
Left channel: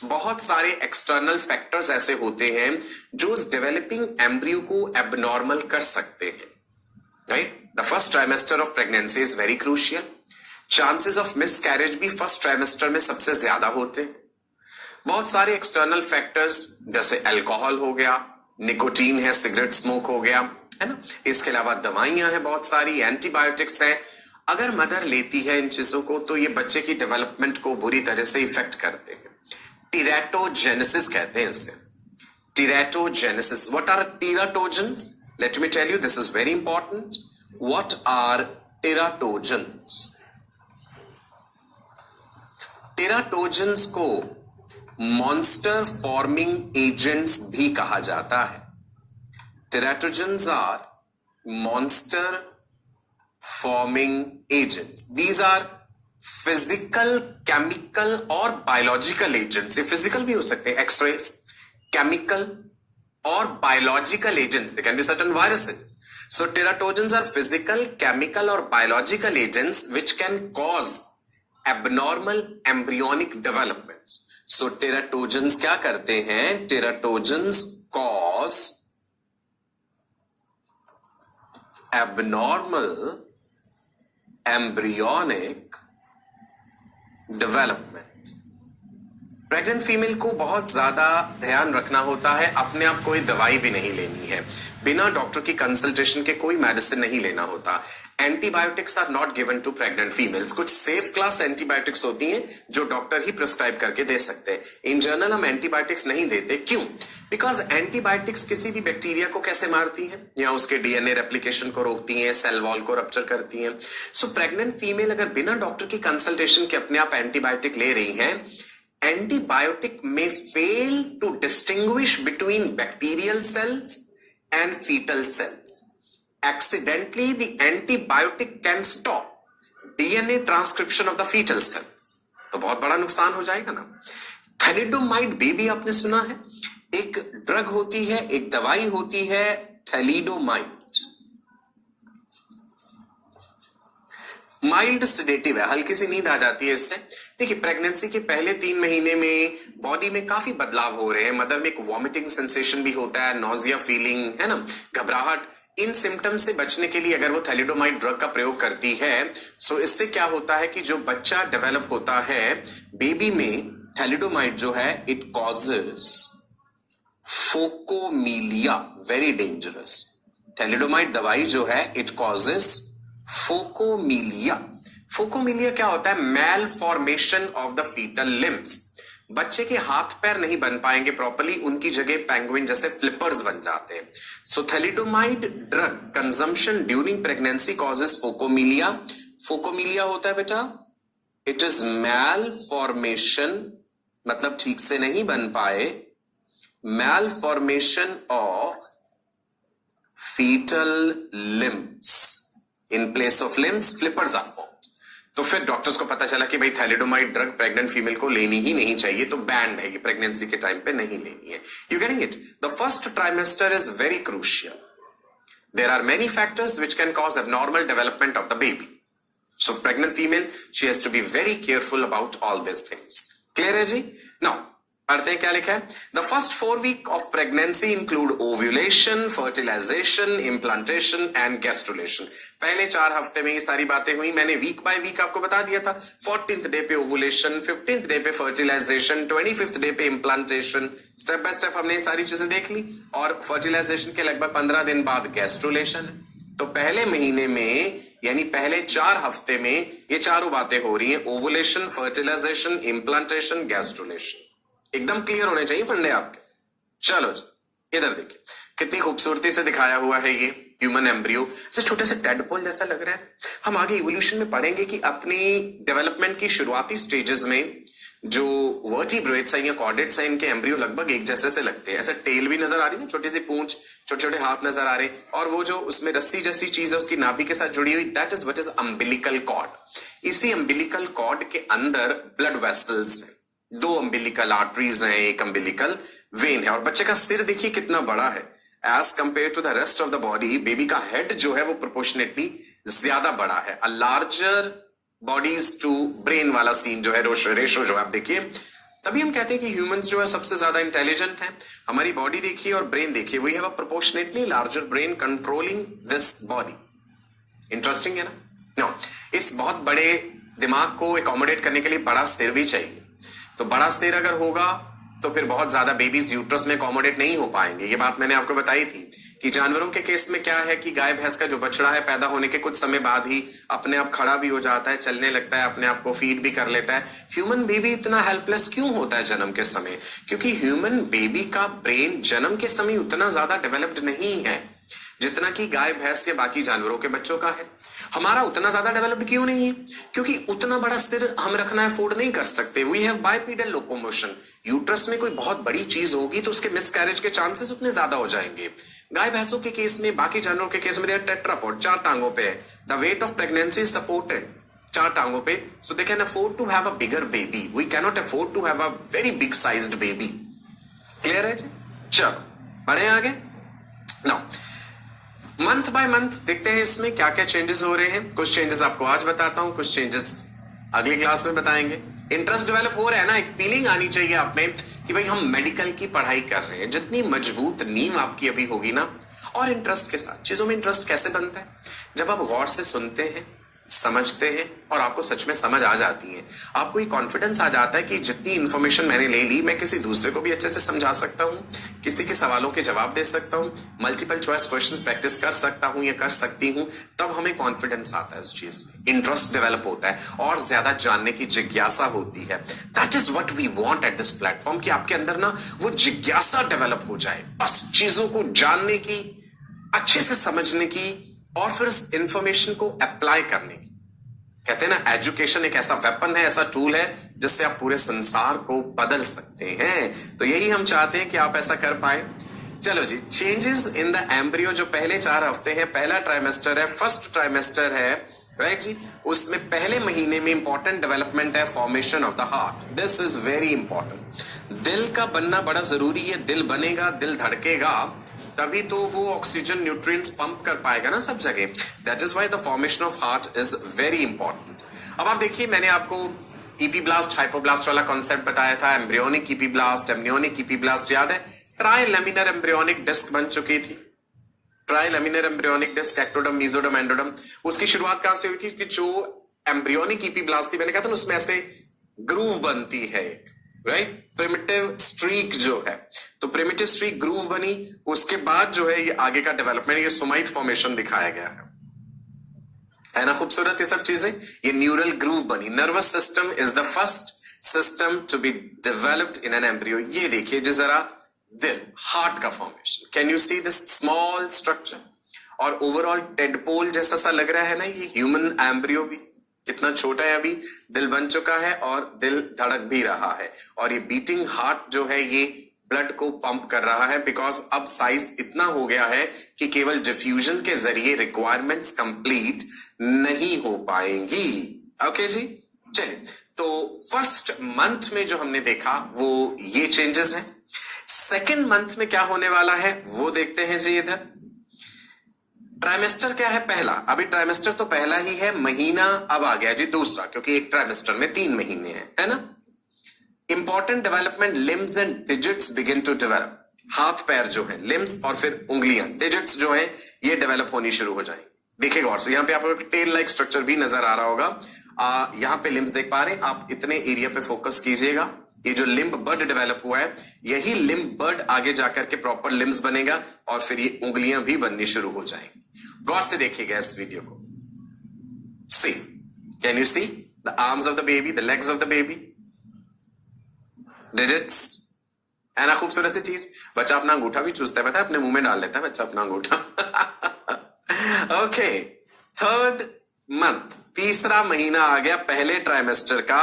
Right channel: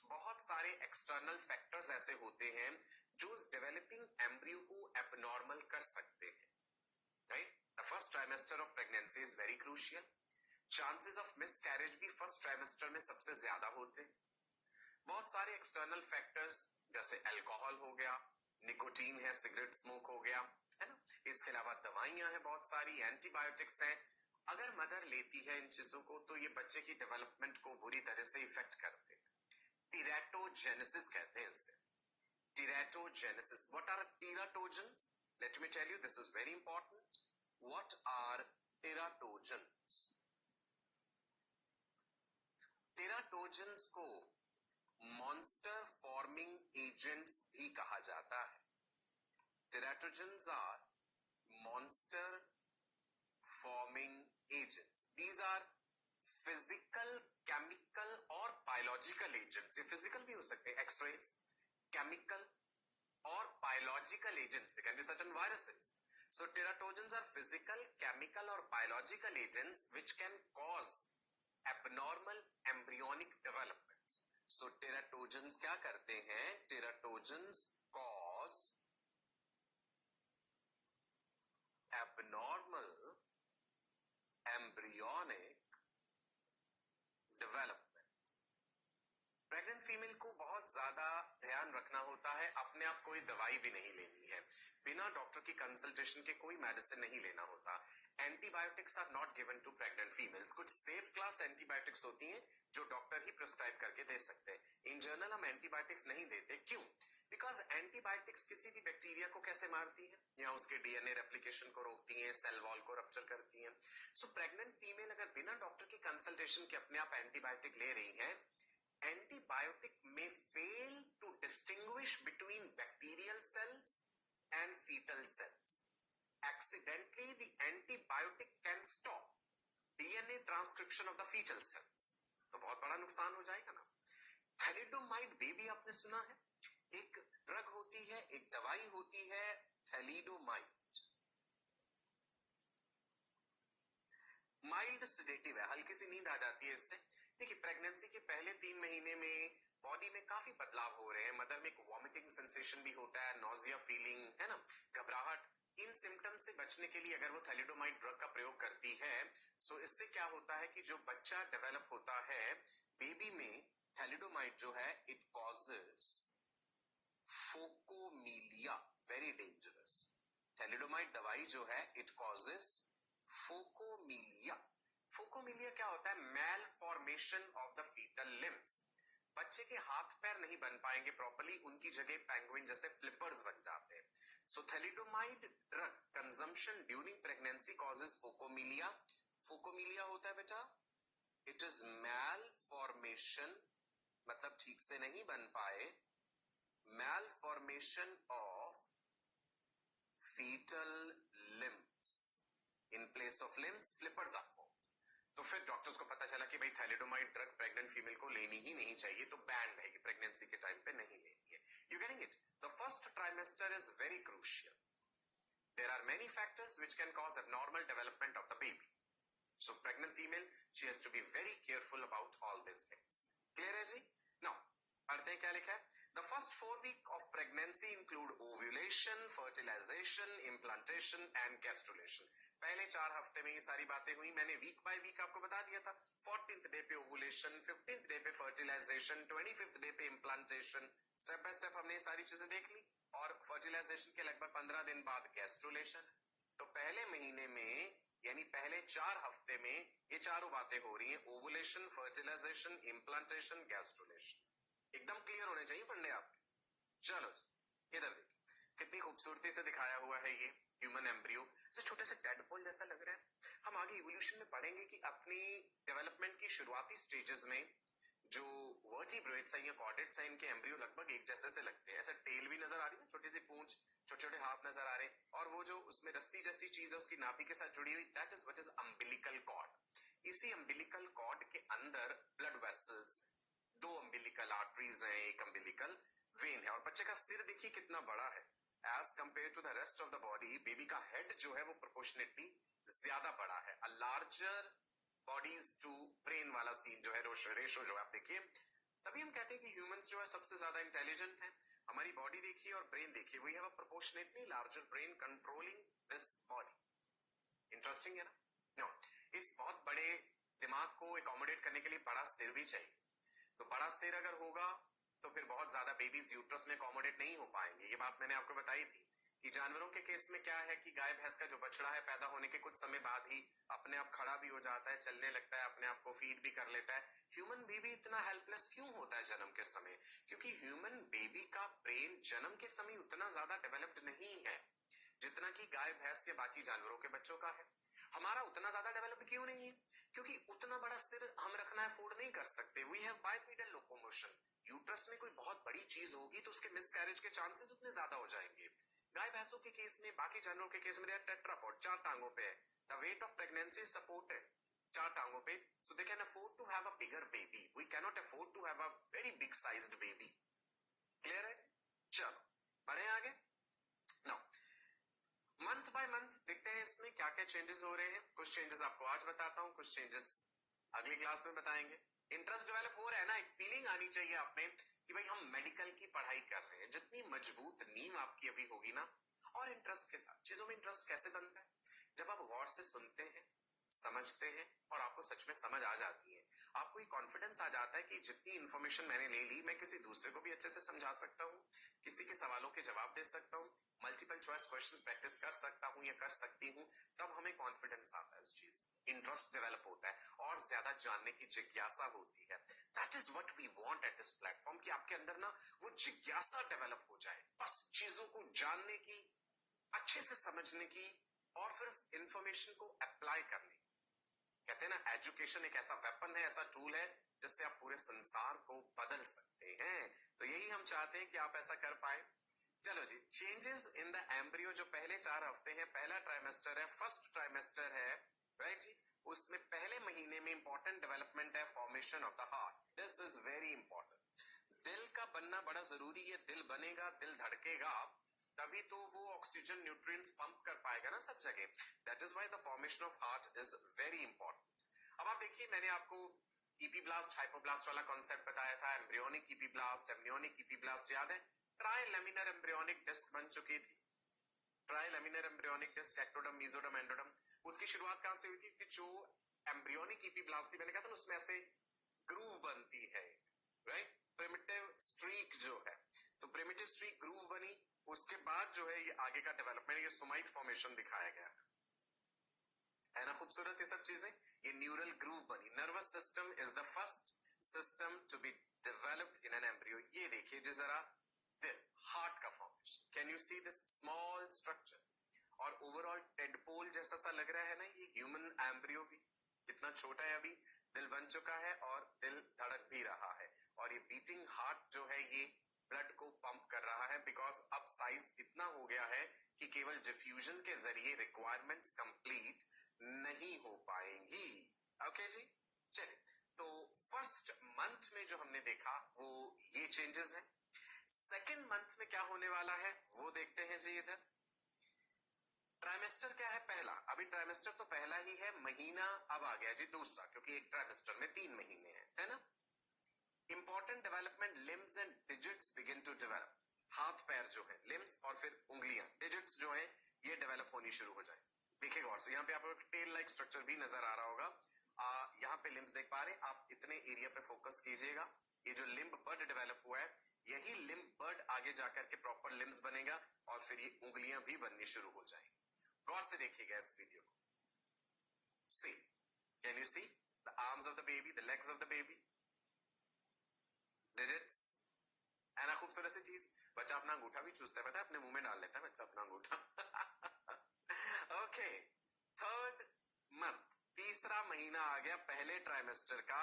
बहुत सारे एक्सटर्नल फैक्टर्स ऐसे होते हैं जो उस डेवलपिंग एम्ब्रियो को एबनॉर्मल कर सकते हैं, right. The first trimester of pregnancy is very crucial. Chances of miscarriage भी फर्स्ट ट्राइमेस्टर में सबसे ज्यादा होते हैं। बहुत सारे एक्सटर्नल फैक्टर्स जैसे अल्कोहल हो गया, निकोटीन है, सिगरेट स्मोक हो गया, है ना। इसके अलावा दवाइयां हैं, बहुत सारी एंटीबायोटिक्स हैं। अगर मदर लेती है इन चीजों को तो ये बच्चे की डेवलपमेंट को बुरी तरह से इफेक्ट करते हैं। टीरेटोजेनेसिस कहते हैं इसे, teratogenesis. What are teratogens? Let me tell you, this is very important. What are teratogens? Teratogens को मॉन्स्टर फॉर्मिंग एजेंट्स भी कहा जाता है। Teratogens are monster forming agents. These are physical, chemical और बायोलॉजिकल एजेंट्स। ये फिजिकल भी हो सकते हैं, एक्सरेज, केमिकल और biological agents. They can be certain viruses. So teratogens are physical, chemical और biological agents which can cause abnormal embryonic developments. So teratogens क्या करते हैं? Teratogens cause abnormal embryonic development. Pregnant female को बहुत ज्यादा ध्यान रखना होता है, अपने आप कोई दवाई भी नहीं लेनी है, बिना डॉक्टर की कंसल्टेशन के कोई मेडिसिन नहीं लेना होता। Antibiotics are not given to pregnant females. कुछ सेफ क्लास एंटीबायोटिक्स होती हैं जो डॉक्टर ही प्रिस्क्राइब करके दे सकते हैं। इन जनरल हम एंटीबायोटिक्स नहीं देते। क्यों? बिकॉज एंटीबायोटिक्स किसी भी बैक्टीरिया को कैसे मारती है, या उसके डीएनए रेप्लिकेशन को रोकती है, सेल वॉल को रप्चर करती है। सो प्रेग्नेंट फीमेल अगर बिना डॉक्टर की कंसल्टेशन के अपने आप एंटीबायोटिक ले रही है, antibiotic may fail to distinguish between bacterial cells and fetal cells. Accidentally, the antibiotic can stop DNA transcription of the fetal cells. तो बहुत बड़ा नुकसान हो जाएगा ना। थैलिडोमाइड बेबी आपने सुना है? एक ड्रग होती है, एक दवाई होती है थैलिडोमाइड। माइल्ड सिडेटिव है, हल्की सी नींद आ जाती है इससे। देखिए प्रेगनेंसी के पहले 3 महीने में बॉडी में काफी बदलाव हो रहे हैं। मदर में एक वॉमिटिंग सेंसेशन भी होता है, नोजिया फीलिंग, है ना, घबराहट। इन सिम्टम्स से बचने के लिए अगर वो थैलिडोमाइड ड्रग का प्रयोग करती है, सो इससे क्या होता है कि जो बच्चा डेवलप होता है बेबी में, थैलिडोमाइड जो है it causes phocomelia, very dangerous. Thalidomide दवाई जो है इट कॉजेस फोकोमीलिया। फोकोमीलिया क्या होता है? Malformation of the fetal limbs. बच्चे के हाथ पैर नहीं बन पाएंगे प्रॉपर्ली, उनकी जगह पेंगुइन जैसे फ्लिपर्स बन जाते हैं। So thalidomide drug consumption during pregnancy causes phocomelia. Phocomelia होता है बेटा, इट इज मैल फॉर्मेशन, मतलब ठीक से नहीं बन पाए, malformation of fetal limbs. In place of limbs flippers are formed. तो फिर डॉक्टर्स को पता चला कि भाई थैलिडोमाइड ड्रग प्रेग्नेंट फीमेल को लेनी ही नहीं चाहिए, तो बैंड है, ये प्रेगनेंसी के टाइम पे नहीं लेनी है। You getting it? The first trimester is very crucial. There are many factors which can cause abnormal development of the baby. So pregnant female, she has to be very careful about all these things. Clear है जी? Now, पढ़ते हैं क्या लिखा है? The first 4 weeks of pregnancy include ovulation, fertilization, implantation and gastrulation. पहले 4 हफ्ते में ये सारी बातें हुई। मैंने वीक बाय वीक आपको बता दिया था। 14th डे पे ओवुलेशन, 15th डे पे फर्टिलाइजेशन, 25th डे पे इम्प्लांटेशन। स्टेप बाय स्टेप हमने ये सारी चीजें देख ली। और फर्टिलाइजेशन के लगभग 15 दिन बाद गैस्ट्रुलेशन। तो पहले महीने में यानी पहले 4 हफ्ते में ये चारों बातें हो रही हैं, ओवुलेशन, फर्टिलाइजेशन, इम्प्लांटेशन, गैस्ट्रुलेशन। एकदम क्लियर होने चाहिए फंडे आपके। चलो जी, इधर देखिए कितनी खूबसूरती से दिखाया हुआ है ये ह्यूमन एम्ब्रियो। से छोटे से टेडपोल जैसा लग रहा है। हम आगे इवोल्यूशन में पढ़ेंगे कि अपनी डेवलपमेंट की शुरुआती स्टेजेस में जो वर्टिब्रेट्स हैं या कॉर्डेट्स हैं, इनके एम्ब्रियो लगभग एक जैसे से लगते हैं। ऐसे टेल भी नजर आ रही है, छोटी सी पूंछ, छोटे छोटे हाथ नजर आ रहे, और वो जो उसमें रस्सी जैसी चीज है उसकी नाभि के साथ जुड़ी हुई, that is what is umbilical cord. इसी अम्बिलिकल कॉर्ड के अंदर ब्लड वेसल्स हैं, 2 अम्बिलिकल आर्टरीज हैं, एक अम्बिलिकल वेन है। और बच्चे का सिर देखिए कितना बड़ा है as compared to the rest of the body. Baby का हेड जो है वो प्रोपोर्शनेटली ज्यादा बड़ा है। A larger bodies to brain वाला सीन जो है, रेशो जो है आप देखिए। तभी हम कहते हैं कि ह्यूमंस जो है सबसे ज्यादा इंटेलिजेंट हैं। हमारी बॉडी देखिए और ब्रेन देखिए, we have a proportionately larger brain controlling this body. Interesting है ना? इस बहुत बड़े दिमाग को एकोमोडेट करने के लिए बड़ा सिर भी चाहिए। तो बड़ा सिर अगर होगा तो फिर बहुत ज्यादा बेबीज यूट्रस में अकोमोडेट नहीं हो पाएंगे। ये बात मैंने आपको बताई थी कि जानवरों के केस में क्या है कि गाय भैंस का जो बछड़ा है पैदा होने के कुछ समय बाद ही अपने आप खड़ा भी हो जाता है, चलने लगता है, अपने आप को फीड भी कर लेता है। ह्यूमन बेबी इतना हेल्पलेस क्यों होता है जन्म के समय? क्योंकि ह्यूमन बेबी का ब्रेन जन्म के समय उतना ज्यादा डेवलप्ड नहीं है जितना कि गाय भैंस या बाकी जानवरों के बच्चों का है। हमारा उतना ज्यादा डेवलप्ड क्यों नहीं है? क्योंकि उतना बड़ा सिर हम रखना अफोर्ड नहीं कर सकते। We have bipedal locomotion. Uterus में कोई बहुत बड़ी चीज होगी तो उसके मिसकैरेज के चांसेस उतने ज्यादा हो जाएंगे। गाय भैंसों के केस में, बाकी जानवरों के केस में दे टेट्रापॉड, 4 टांगों पे है। The weight of pregnancy is supported 4 टांगों पे, so they can afford to have a bigger baby. We can not afford to have a very big sized baby. Clear है जी? चलो बढ़े आगे। नाउ मंथ बाय मंथ देखते हैं इसमें क्या क्या चेंजेस हो रहे हैं। कुछ चेंजेस आपको आज बताता हूं, कुछ चेंजेस अगली क्लास में बताएंगे। इंटरेस्ट डेवलप हो रहा है ना, एक फीलिंग आनी चाहिए आप में कि भाई हम मेडिकल की पढ़ाई कर रहे हैं। जितनी मजबूत नींव आपकी अभी होगी ना, और इंटरेस्ट के साथ चीजों में इंटरेस्ट कैसे बनता है? जब आप गौर से सुनते हैं, समझते हैं और आपको सच में समझ आ जाती है, आपको ये कॉन्फिडेंस आ जाता है कि जितनी इंफॉर्मेशन मैंने ले ली, मैं किसी दूसरे को भी अच्छे से समझा सकता हूँ, किसी के सवालों के जवाब दे सकता हूँ, मल्टीपल चॉइस क्वेश्चंस प्रैक्टिस कर सकता हूँ या कर सकती हूँ। तब हमें कॉन्फिडेंस आता है उस चीज में, इंटरेस्ट डेवलप होता है और ज्यादा जानने की जिज्ञासा होती है। That is what we want at this platform, कि आपके अंदर ना वो जिज्ञासा डेवलप हो जाए, बस चीजों को जानने की, अच्छे से समझने की और फिर उस इंफॉर्मेशन को अप्लाई करने की। कहते हैं ना, एजुकेशन एक ऐसा वेपन है, ऐसा टूल है जिससे आप पूरे संसार को बदल सकते हैं। तो यही हम चाहते हैं कि आप ऐसा कर पाए। चलो जी, चेंजेस इन द एम्ब्रियो जो पहले 4 हफ्ते हैं, पहला ट्राइमेस्टर है, फर्स्ट ट्राइमेस्टर है, राइट जी। उसमें पहले महीने में इंपॉर्टेंट डेवलपमेंट है formation of the heart. This is very important. दिल का बनना बड़ा जरूरी है। दिल बनेगा, दिल धड़केगा, तभी तो वो ऑक्सीजन न्यूट्रिएंट्स पंप कर पाएगा ना सब जगह। That is why the formation of heart is very important. अब आप देखिए, मैंने आपको ईपीब्लास्ट हाइपोब्लास्ट वाला कॉन्सेप्ट बताया था, एम्ब्रियोनिक ईपीब्लास्ट, एमनियोनिक ईपीब्लास्ट याद है, ट्राइलेमिनर एम्ब्रियोनिक डिस्क बन चुकी थी, trilaminar embryonic disc, ectoderm, mesoderm, endoderm. उसकी शुरुआत कहां से हुई थी कि जो एम्ब्रियोनिक ईपीब्लास्ट थी, मैंने कहा था ना उसमें ऐसे ग्रूव बनती है, राइट, प्रिमिटिव स्ट्रीक जो है, तो प्रिमिटिव स्ट्रीक ग्रूव बनी, उसके बाद जो है ये आगे का डेवलपमेंट, ये सोमाइट फॉर्मेशन दिखाया गया है ना, खूबसूरत ये सब चीजें, ये न्यूरल ग्रूव बनी। Nervous system is the first system to be developed in an embryo. ये देखिए जी जरा, दिल, हार्ट का formation, can you see this small structure, और ओवरऑल टेडपोल जैसा सा लग रहा है ना, ये ह्यूमन एम्ब्रियो भी कितना छोटा है, अभी दिल बन चुका है और दिल धड़क भी रहा है, और ये बीटिंग हार्ट जो है ये ब्लड को पंप कर रहा है, बिकॉज अब साइज इतना हो गया है कि केवल डिफ्यूजन के जरिए रिक्वायरमेंट्स कंप्लीट नहीं हो पाएंगी। ओके जी, चलिए, तो फर्स्ट मंथ में जो हमने देखा वो ये चेंजेस हैं। सेकेंड मंथ में क्या होने वाला है वो देखते हैं जी। इधर ट्राइमेस्टर क्या है, पहला, अभी ट्राइमेस्टर तो पहला ही है, महीना अब आ गया जी दूसरा, क्योंकि एक ट्राइमेस्टर में 3 महीने हैं, है ना। Important development, limbs and digits begin to develop, हाथ पैर जो है, लिम्स और फिर उंगलियां, डिजिट्स जो है ये डेवलप होनी शुरू हो जाएंगी। देखिए गौर से, यहाँ पे आपको टेल लाइक स्ट्रक्चर भी नजर आ रहा होगा। यहाँ पे लिम्स देख पा रहे हैं आप, इतने एरिया पे फोकस कीजिएगा। ये जो लिम्ब बर्ड डेवलप हुआ है, यही लिम्ब बर्ड आगे जाकर के प्रॉपर लिम्स बनेगा और फिर ये उंगलियां भी बननी शुरू हो जाएंगी। गौर से देखिएगा इस वीडियो को। See, can you see the arms of the baby, the legs of the baby, digits, है ना, खूबसूरत सी चीज। बच्चा अपना अंगूठा भी चूसता है, पता है, अपने मुंह में डाल लेता है बच्चा अपना अंगूठा। ओके, थर्ड मंथ, तीसरा महीना आ गया पहले ट्राइमेस्टर का।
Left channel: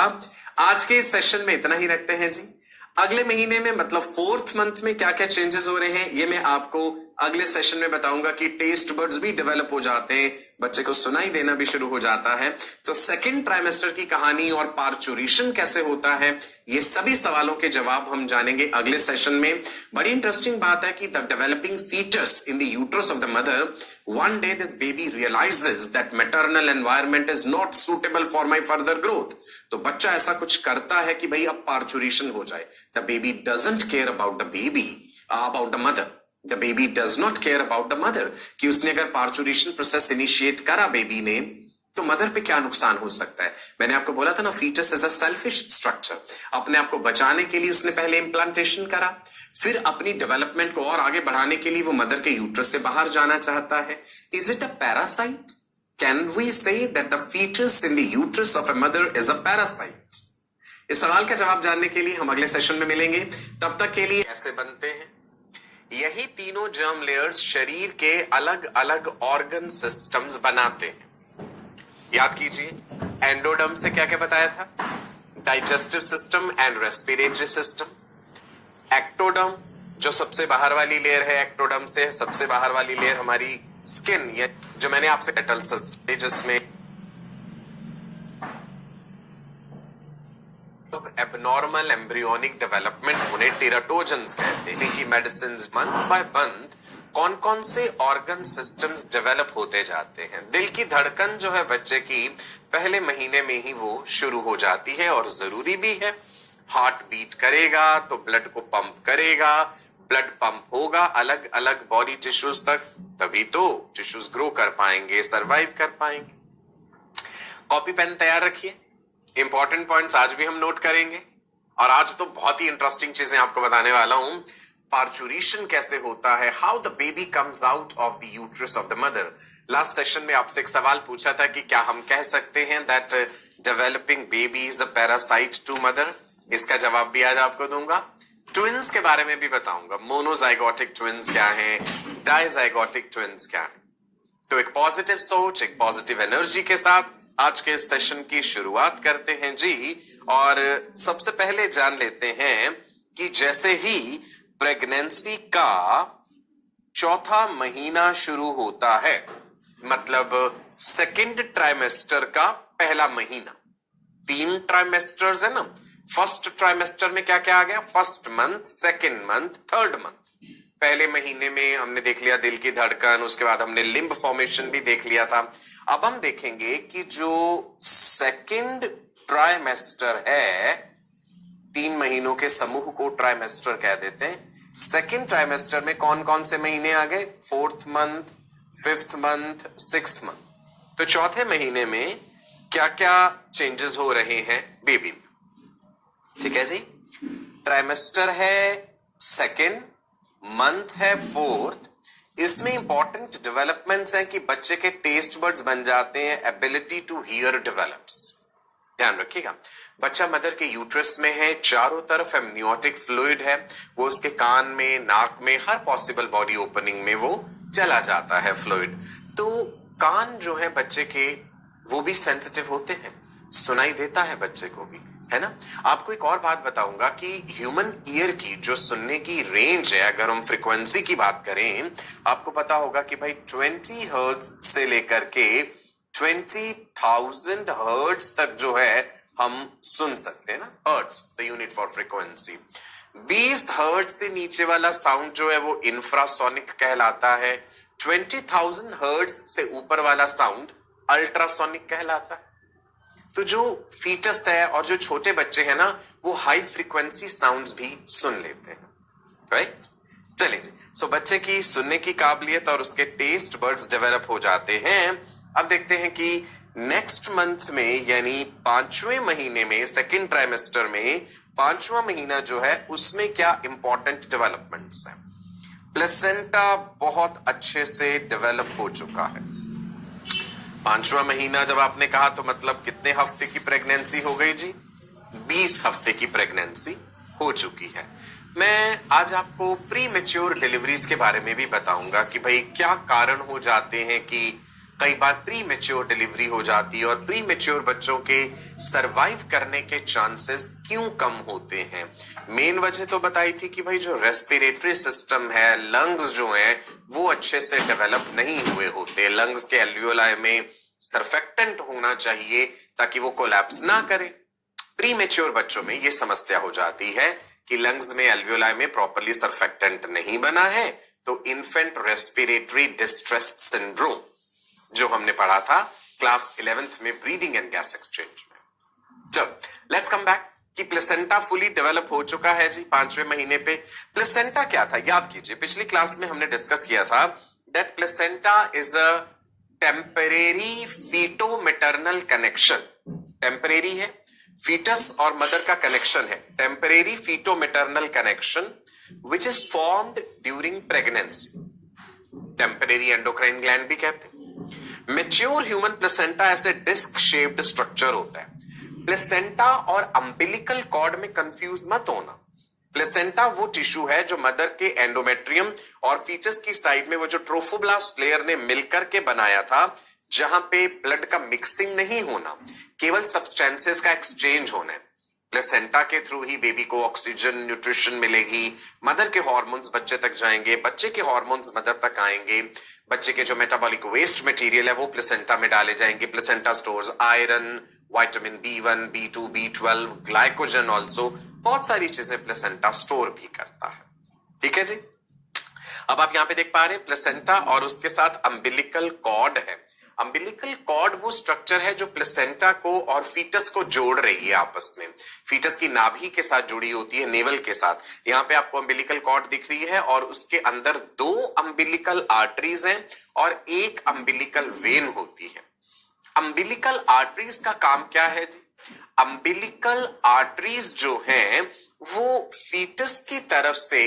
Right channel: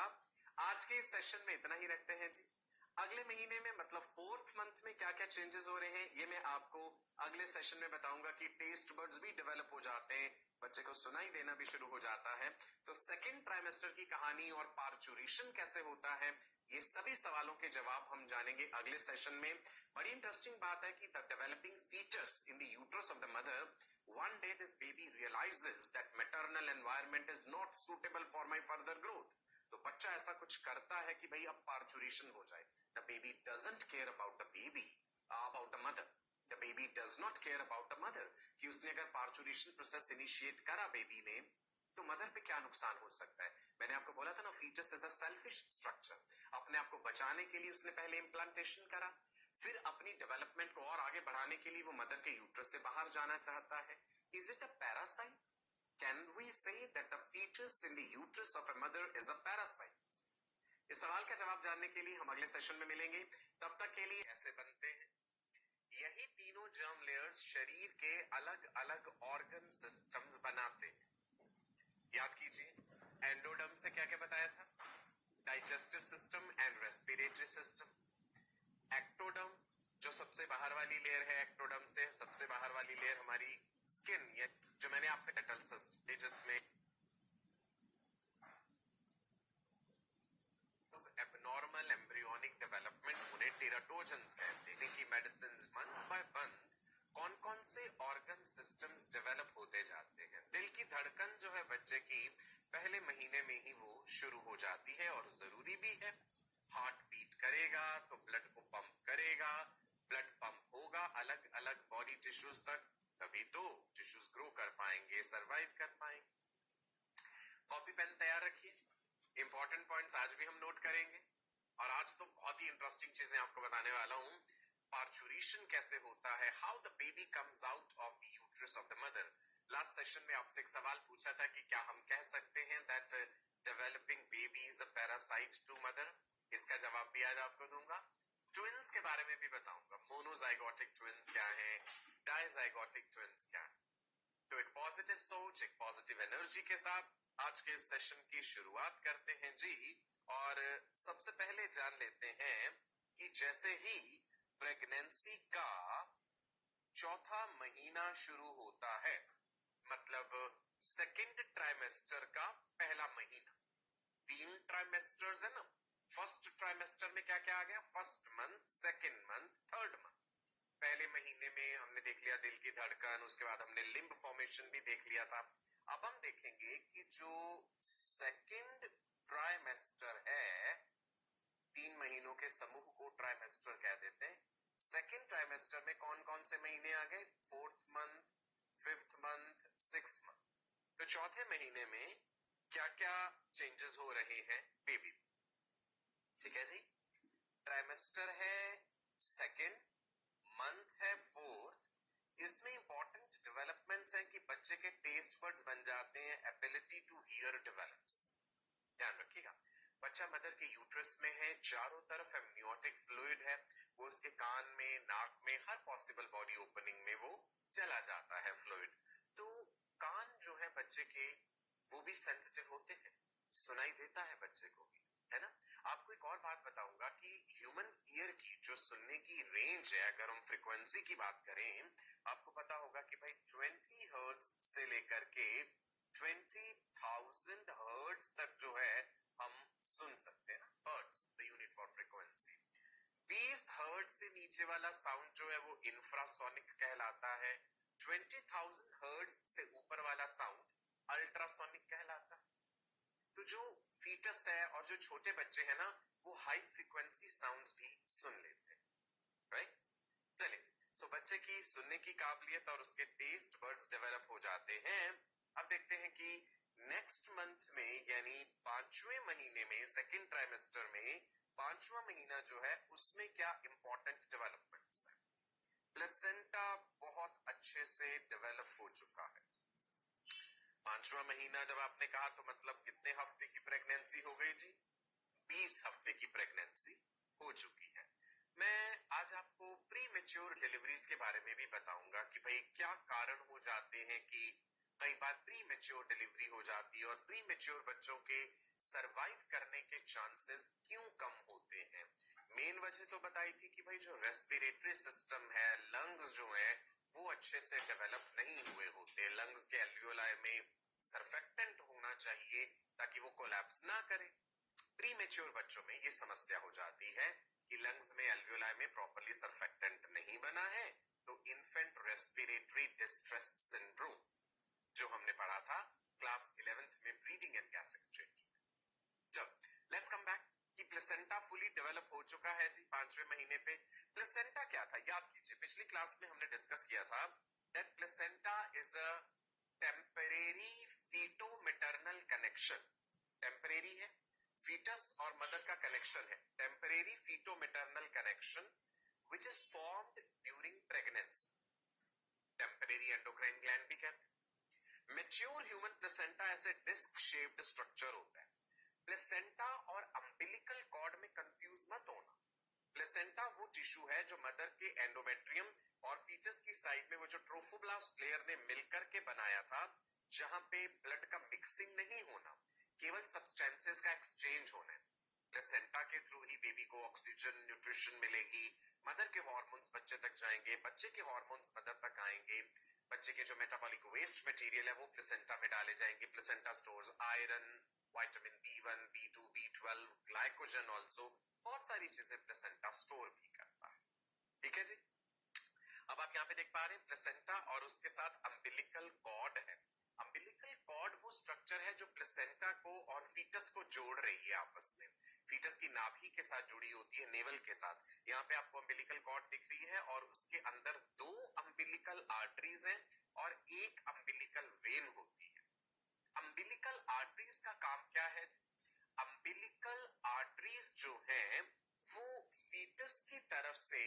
आज के इस सेशन में इतना ही रखते हैं जी। अगले महीने में मतलब फोर्थ मंथ में क्या क्या चेंजेस हो रहे हैं ये मैं आपको अगले सेशन में बताऊंगा कि टेस्ट बर्ड्स भी डेवलप हो जाते हैं, बच्चे को सुनाई देना भी शुरू हो जाता है। तो सेकंड ट्राइमेस्टर की कहानी और पार्चुरेशन कैसे होता है, ये सभी सवालों के जवाब हम जानेंगे अगले सेशन में। बड़ी इंटरेस्टिंग बात है कि the developing foetus in the uterus of the mother, one day this baby realises that maternal environment is not suitable for my further growth. तो बच्चा ऐसा कुछ करता है कि भाई अब पार्चुरेशन हो जाए। The baby doesn't care about the baby, about the mother, the baby does not care about the mother, कि उसने अगर पार्चुरेशन प्रोसेस इनिशिएट करा बेबी ने, तो मदर पे क्या नुकसान हो सकता है। मैंने आपको बोला था ना, foetus is a selfish structure, अपने आप को बचाने के लिए उसने पहले इम्प्लांटेशन करा, फिर अपनी डेवलपमेंट को और आगे बढ़ाने के लिए वो मदर के यूट्रस से बाहर जाना चाहता है। Is it a parasite? Can we say that the foetus in the uterus of a mother is a parasite? इस सवाल का जवाब जानने के लिए हम अगले सेशन में मिलेंगे। तब तक के लिए कैसे बनते हैं, यही तीनों जर्म लेयर्स शरीर के अलग अलग ऑर्गन सिस्टम्स बनाते हैं। याद कीजिए, एंडोडर्म से क्या क्या बताया था, digestive system and respiratory system. Ectoderm जो सबसे बाहर वाली लेयर है, एक्टोडर्म से सबसे बाहर वाली लेयर हमारी स्किन, ये जो मैंने आपसे पेटल सिस्टम, जिसमें एबनॉर्मल एम्ब्रियोनिक डेवलपमेंट होने टेराटोजेंस कहते हैं। कि मेडिसिन मंथ बाय मंथ कौन कौन से ऑर्गन सिस्टम्स डेवलप होते जाते हैं। दिल की धड़कन जो है बच्चे की पहले महीने में ही वो शुरू हो जाती है, और जरूरी भी है। हार्ट बीट करेगा तो ब्लड को पंप करेगा, ब्लड पंप होगा अलग अलग बॉडी टिश्यूज तक, तभी तो टिश्यूज ग्रो कर पाएंगे, सरवाइव कर पाएंगे। कॉपी पेन तैयार रखिए, इंपॉर्टेंट पॉइंट्स आज भी हम नोट करेंगे, और आज तो बहुत ही इंटरेस्टिंग चीजें आपको बताने वाला हूं। पार्चुरेशन कैसे होता है, how the baby comes out of the uterus of the mother. Last session में आपसे एक सवाल पूछा था कि क्या हम कह सकते हैं that developing baby is a parasite to mother. इसका जवाब भी आज आपको दूंगा। ट्विंस के बारे में भी बताऊंगा, मोनोजाइगोटिक ट्विंस क्या है, डाइजाइगोटिक ट्विंस क्या है। तो एक पॉजिटिव सोच, एक पॉजिटिव एनर्जी के साथ आज के सेशन की शुरुआत करते हैं जी। और सबसे पहले जान लेते हैं कि जैसे ही प्रेगनेंसी का चौथा महीना शुरू होता है, मतलब सेकेंड ट्राइमेस्टर का पहला महीना, 3 ट्राइमेस्टर्स है ना। फर्स्ट ट्राइमेस्टर में क्या क्या आ गया, first month, second month, third month. पहले महीने में हमने देख लिया दिल की धड़कन, उसके बाद हमने लिम्ब फॉर्मेशन भी देख लिया था। अब हम देखेंगे कि जो सेकंड ट्राइमेस्टर है, 3 महीनों के समूह को ट्राइमेस्टर कह देते हैं। सेकेंड ट्राइमेस्टर में कौन कौन से महीने आ गए? 4th month, 5th month, 6th month. तो चौथे महीने में क्या क्या चेंजेस हो रहे हैं बेबी में? ठीक है जी। ट्राइमेस्टर है सेकेंड, मंथ है 4th। इसमें इंपॉर्टेंट डेवलपमेंट्स हैं कि बच्चे के टेस्ट बड्स बन जाते हैं, एबिलिटी टू हियर डेवलप्स। ध्यान रखिएगा, बच्चा मदर के यूट्रस में है, चारों तरफ एमनियोटिक फ्लूइड है, वो उसके कान में, नाक में, हर पॉसिबल बॉडी ओपनिंग में वो चला जाता है फ्लूइड। तो कान जो है बच्चे के वो भी सेंसिटिव होते हैं, सुनाई देता है बच्चे को भी, है ना। आपको एक और बात बताऊंगा कि ह्यूमन ईयर की जो सुनने की रेंज है, अगर हम फ्रीक्वेंसी की बात करें, आपको पता होगा कि भाई 20 हर्ट्ज से लेकर के 20,000 हर्ट्ज तक जो है हम सुन सकते हैं ना। Hertz the unit for frequency. 20 hertz से नीचे वाला साउंड जो है वो इंफ्रासोनिक कहलाता है। 20,000 हर्ट्ज से ऊपर वाला साउंड अल्ट्रासोनिक कहलाता है। तो जो फीटस है और जो छोटे बच्चे हैं ना, वो हाई फ्रीक्वेंसी साउंड्स भी सुन लेते हैं, राइट। चलिए, सो बच्चे की सुनने की काबिलियत और उसके टेस्ट बड्स डेवलप हो जाते हैं। अब देखते हैं कि नेक्स्ट मंथ में, यानी 5वें महीने में, सेकेंड ट्राइमेस्टर में 5वां महीना जो है उसमें क्या इंपॉर्टेंट डेवलपमेंट्स हैं। प्लेसेंटा बहुत अच्छे से डेवलप हो चुका है। 5वां महीना जब आपने कहा तो मतलब कितने हफ्ते की प्रेगनेंसी हो गई जी? 20 हफ्ते की प्रेगनेंसी हो चुकी है। मैं आज आपको प्री मैच्योर डिलीवरीज के बारे में भी बताऊंगा कि भाई क्या कारण हो जाते हैं कि कई बार प्री मैच्योर डिलीवरी हो जाती है और प्री मैच्योर बच्चों के सरवाइव करने के चांसेस क्यों कम होते हैं। मेन वजह तो बताई थी कि भाई जो रेस्पिरेटरी सिस्टम है, लंग्स जो हैं वो अच्छे से डेवलप नहीं हुए होते। लंग्स के एल्वियोलाई में सरफेक्टेंट होना चाहिए ताकि वो कोलैप्स ना करे। प्री मैच्योर बच्चों में ये समस्या हो जाती है कि लंग्स में, एल्वियोलाई में प्रॉपर्ली सरफेक्टेंट नहीं बना है, तो इन्फेंट रेस्पिरेटरी डिस्ट्रेस सिंड्रोम जो हमने पढ़ा था क्लास 11th में ब्रीदिंग एंड गैस एक्सचेंज में। जब लेट्स कम बैक कि प्लेसेंटा फुली डेवलप हो चुका है जी 5वें महीने पे। प्लेसेंटा क्या था याद कीजिए, पिछली क्लास में हमने डिस्कस किया था that placenta is a temporary feto maternal connection. Temporary है, फीटस और मदर का कनेक्शन है, temporary feto maternal connection which is formed during pregnancy. Temporary endocrine gland भी कहते हैं। मैच्योर ह्यूमन प्लेसेंटा ऐसे डिस्क शेप्ड स्ट्रक्चर होता है। प्लेसेंटा और अम्बिलिकल कॉर्ड में कंफ्यूज मत होना। प्लेसेंटा वो टिश्यू है जो मदर के एंडोमेट्रियम और फीटस की साइड में वो जो ट्रोफोब्लास्ट लेयर ने मिलकर के बनाया था, जहां पे ब्लड का मिक्सिंग नहीं होना, केवल सब्सटेंसेस का एक्सचेंज होना है। प्लेसेंटा के थ्रू ही बेबी को ऑक्सीजन, न्यूट्रिशन मिलेगी, मदर के हार्मोन्स बच्चे तक जाएंगे, बच्चे के हार्मोन्स मदर तक आएंगे, बच्चे के जो मेटाबॉलिक वेस्ट मटेरियल है वो प्लेसेंटा में डाले जाएंगे। Placenta stores iron, vitamin B1, B2, B12, glycogen also, बहुत सारी चीजें प्लेसेंटा स्टोर भी करता है। ठीक है जी। अब आप यहां पे देख पा रहे हैं प्लेसेंटा और उसके साथ अम्बिलिकल कॉर्ड है। अम्बिलिकल कॉर्ड वो स्ट्रक्चर है जो प्लेसेंटा को और फीटस को जोड़ रही है आपस में। फीटस की नाभि के साथ जुड़ी होती है, नेवल के साथ। यहां पे आपको अम्बिलिकल कॉर्ड दिख रही है और उसके अंदर 2 अम्बिलिकल आर्टरीज हैं और 1 अम्बिलिकल वेन होती है। अम्बिलिकल आर्टरीज का काम क्या है जी? अम्बिलिकल आर्टरीज जो हैं वो फीटस की तरफ से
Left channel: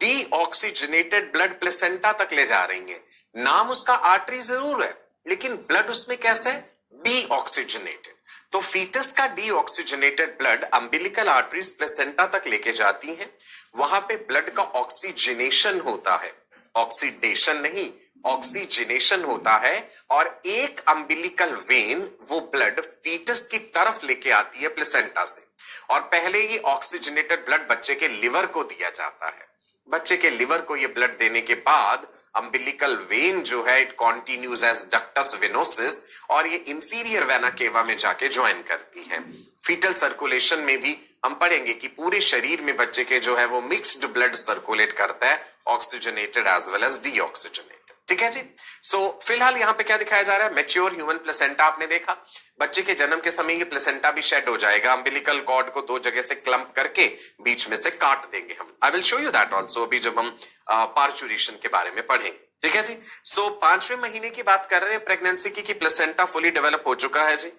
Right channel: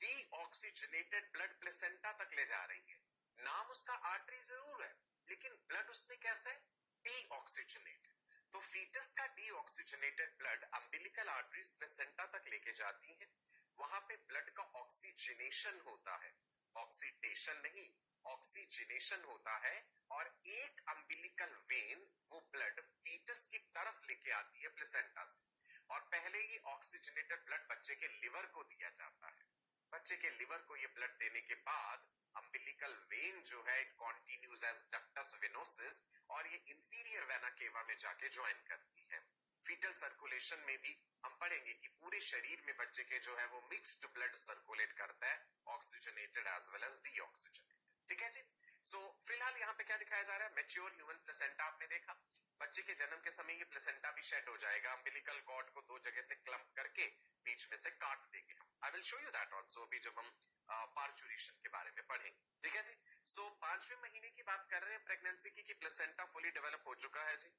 डीऑक्सीजनेटेड ब्लड प्लेसेंटा तक ले जा रही है। नाम उसका आर्टरी जरूर है, लेकिन ब्लड उसमें कैसे है? डीऑक्सीजनेटेड। तो फीटस का deoxygenated blood umbilical arteries placenta तक लेके जाती हैं। वहां पे ब्लड का ऑक्सीजनेशन होता है, ऑक्सीडेशन नहीं, ऑक्सीजनेशन होता है। और 1 अम्बिलिकल वेन वो ब्लड फीटस की तरफ लेके आती है प्लेसेंटा से, और पहले ये ऑक्सीजनेटेड ब्लड बच्चे के लिवर को दिया जाता है। बच्चे के लिवर को ये ब्लड देने के बाद अम्बिलिकल वेन जो है it continues as ductus venosus और ये इंफीरियर वेना केवा में जाके ज्वाइन करती है। फीटल सर्कुलेशन में भी हम पढ़ेंगे कि पूरे शरीर में बच्चे के जो है वो मिक्स्ड ब्लड सर्कुलेट करता है, oxygenated as well as deoxygenated. ठीक है जी। सो फिलहाल यहाँ पे क्या दिखाया जा रहा है, मैच्योर ह्यूमन प्लेसेंटा आपने देखा, बच्चे के जन्म के समय ये प्लेसेंटा भी शेड हो जाएगा, अम्बिलिकल कॉर्ड को दो जगह से क्लम्प करके बीच में से काट देंगे हम। I will show you that also अभी जब हम पार्चुरेशन के बारे में पढ़ेंगे, ठीक है जी। सो 5वें महीने की बात कर रहे हैं प्रेगनेंसी की प्लेसेंटा फुली डेवलप हो चुका है जी।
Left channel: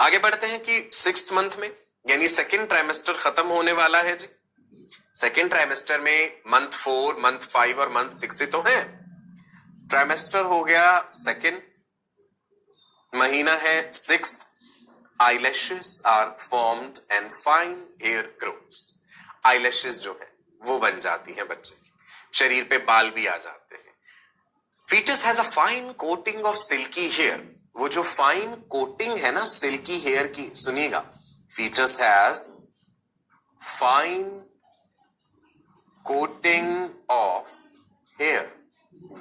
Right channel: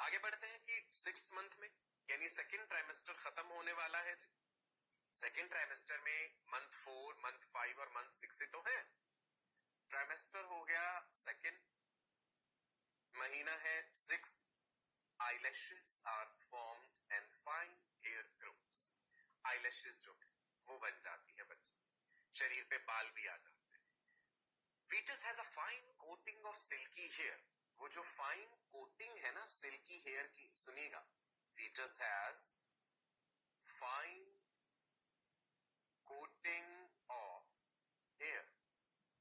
आगे बढ़ते हैं कि 6th मंथ में यानी सेकेंड ट्राइमेस्टर खत्म होने वाला है जी। सेकेंड ट्राइमेस्टर में मंथ 4, मंथ 5 और मंथ 6 ही तो है। ट्राइमेस्टर हो गया सेकेंड, महीना है 6th, eyelashes are formed and fine hair grows. Eyelashes जो है वो बन जाती हैं बच्चे की, शरीर पे बाल भी आ जाते हैं। Foetus has a fine coating of silky hair, वो जो फाइन कोटिंग है ना सिल्की हेयर की, सुनिएगा, foetus has fine coating of hair,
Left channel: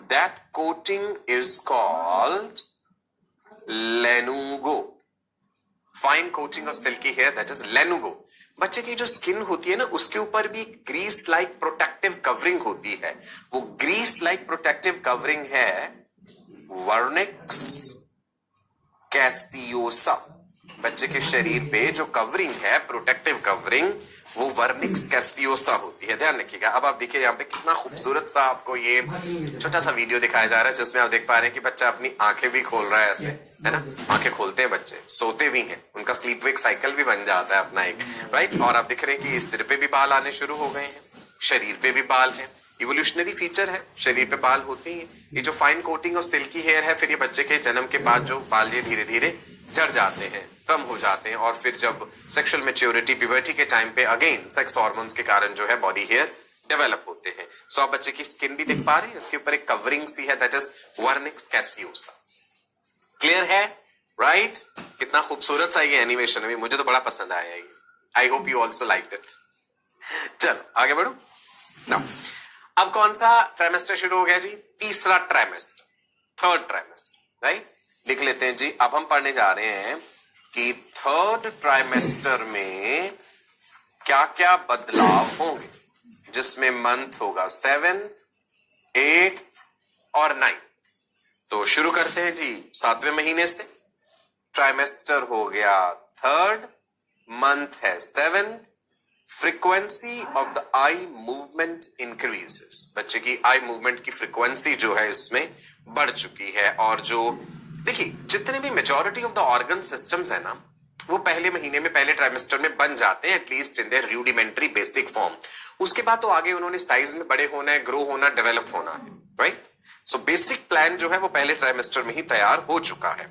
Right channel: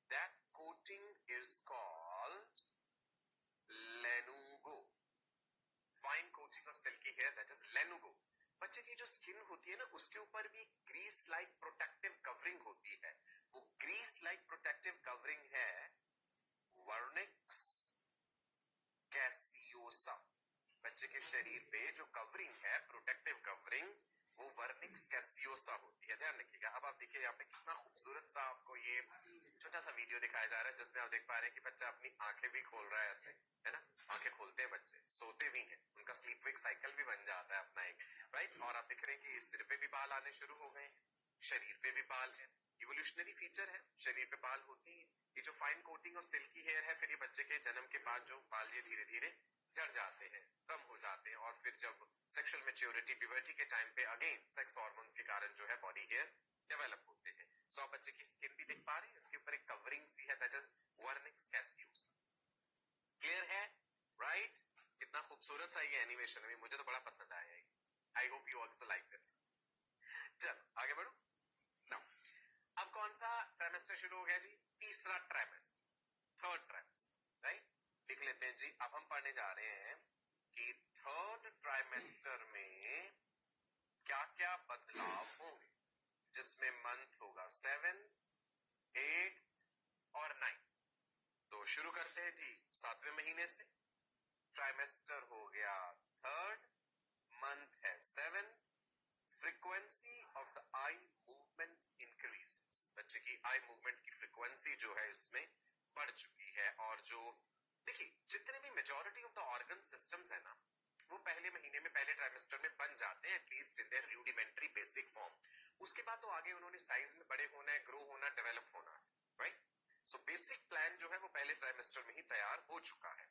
that coating is called lanugo. Fine coating of silky hair, that is lanugo. बच्चे की जो skin होती है ना उसके ऊपर भी ग्रीस लाइक प्रोटेक्टिव कवरिंग होती है, वो ग्रीस लाइक प्रोटेक्टिव कवरिंग है वर्निक्स कैसियोसा। बच्चे के शरीर पे जो कवरिंग है प्रोटेक्टिव कवरिंग वो वर्निक्स कैसियोसा होती है, ध्यान रखिएगा। अब आप देखिए यहाँ पे कितना खूबसूरत सा आपको ये छोटा सा वीडियो दिखाया जा रहा है जिसमें आप देख पा रहे हैं कि बच्चा अपनी आंखें भी खोल रहा है ऐसे, है ना, आंखें खोलते हैं बच्चे, सोते भी हैं, उनका स्लीप वेक साइकिल भी बन जाता है अपना एक, राइट। और आप देख रहे हैं कि सिर पे भी बाल आने शुरू हो गए हैं, शरीर पे भी बाल है, इवोल्यूशनरी फीचर है, शरीर पे बाल होते हैं। ये जो fine coating of silky hair है, फिर ये बच्चे के जन्म के बाद जो बाल ये धीरे धीरे झड़ जाते हैं, कम हो जाते हैं, और फिर जब सेक्सुअल मैच्योरिटी प्यूबर्टी के टाइम पे अगेन सेक्स हार्मोन्स के कारण जो है बॉडी हेयर डेवलप होते हैं। सो आप बच्चे की स्किन भी देख पा रहे हैं, इसके ऊपर एक कवरिंग सी है, दैट इज वर्निक्स कैसियोसा। क्लियर है, राइट? कितना खूबसूरत सा ये एनिमेशन है, मुझे तो बड़ा पसंद आया ये। I hope you also liked it. चलो आगे बढ़ो नाउ। अब कौन सा ट्राइमेस्टर शुरू हो गया जी? तीसरा ट्राइमेस्टर, थर्ड ट्राइमेस्टर, राइट। लिख लेते हैं जी। अब हम पढ़ने जा रहे हैं कि थर्ड ट्राइमेस्टर में क्या क्या बदलाव होंगे, जिसमें मंथ होगा 7th, 8th और 9th। तो शुरू करते हैं जी 7वें महीने से। ट्राइमेस्टर हो गया थर्ड, मंथ है 7th, frequency of the eye movement increases. बच्चे की आई मूवमेंट की फ्रीक्वेंसी जो है इसमें बढ़ चुकी है, और जो देखिए जितने भी majority of the organ systems है ना वो पहले महीने में, पहले ट्राइमेस्टर में बन जाते हैं, at least in their rudimentary basic form. उसके बाद तो आगे उन्होंने साइज में बड़े होना है, ग्रो होना, डेवलप होना है, राइट। सो बेसिक प्लान जो है वो पहले ट्राइमेस्टर में ही तैयार हो चुका है।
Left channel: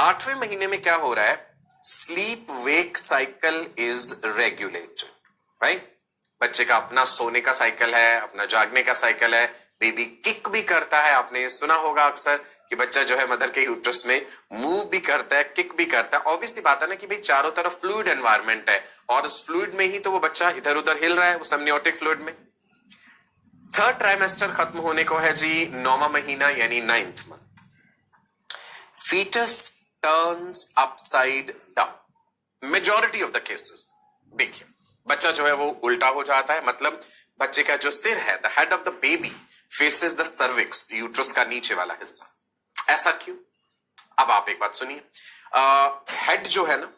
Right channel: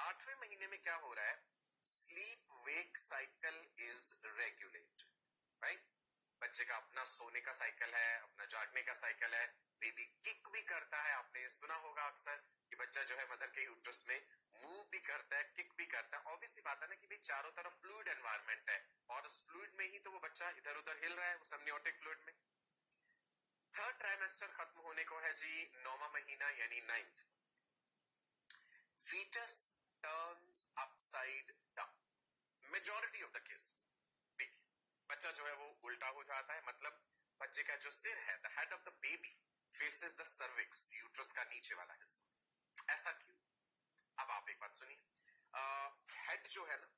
8वें महीने में क्या हो रहा है? Sleep wake cycle is regulated, right. बच्चे का अपना सोने का साइकिल है, अपना जागने का साइकिल है, बेबी किक भी करता है। आपने सुना होगा अक्सर कि बच्चा जो है मदर के यूट्रस में मूव भी करता है, किक भी करता है। ऑब्वियसली बात है ना कि भाई चारों तरफ फ्लूइड एनवायरनमेंट है, और उस फ्लूइड में ही तो वो बच्चा इधर उधर हिल रहा है, उस एमनियोटिक फ्लूइड में। थर्ड ट्राइमेस्टर खत्म होने को है जी 9वां महीना यानी 9th month. Foetus turns upside down. Majority of the cases देखिए बच्चा जो है वो उल्टा हो जाता है, मतलब बच्चे का जो सिर है, the head of the baby faces the cervix, uterus का नीचे वाला हिस्सा। ऐसा क्यों? अब आप एक बात सुनिए, हेड जो है ना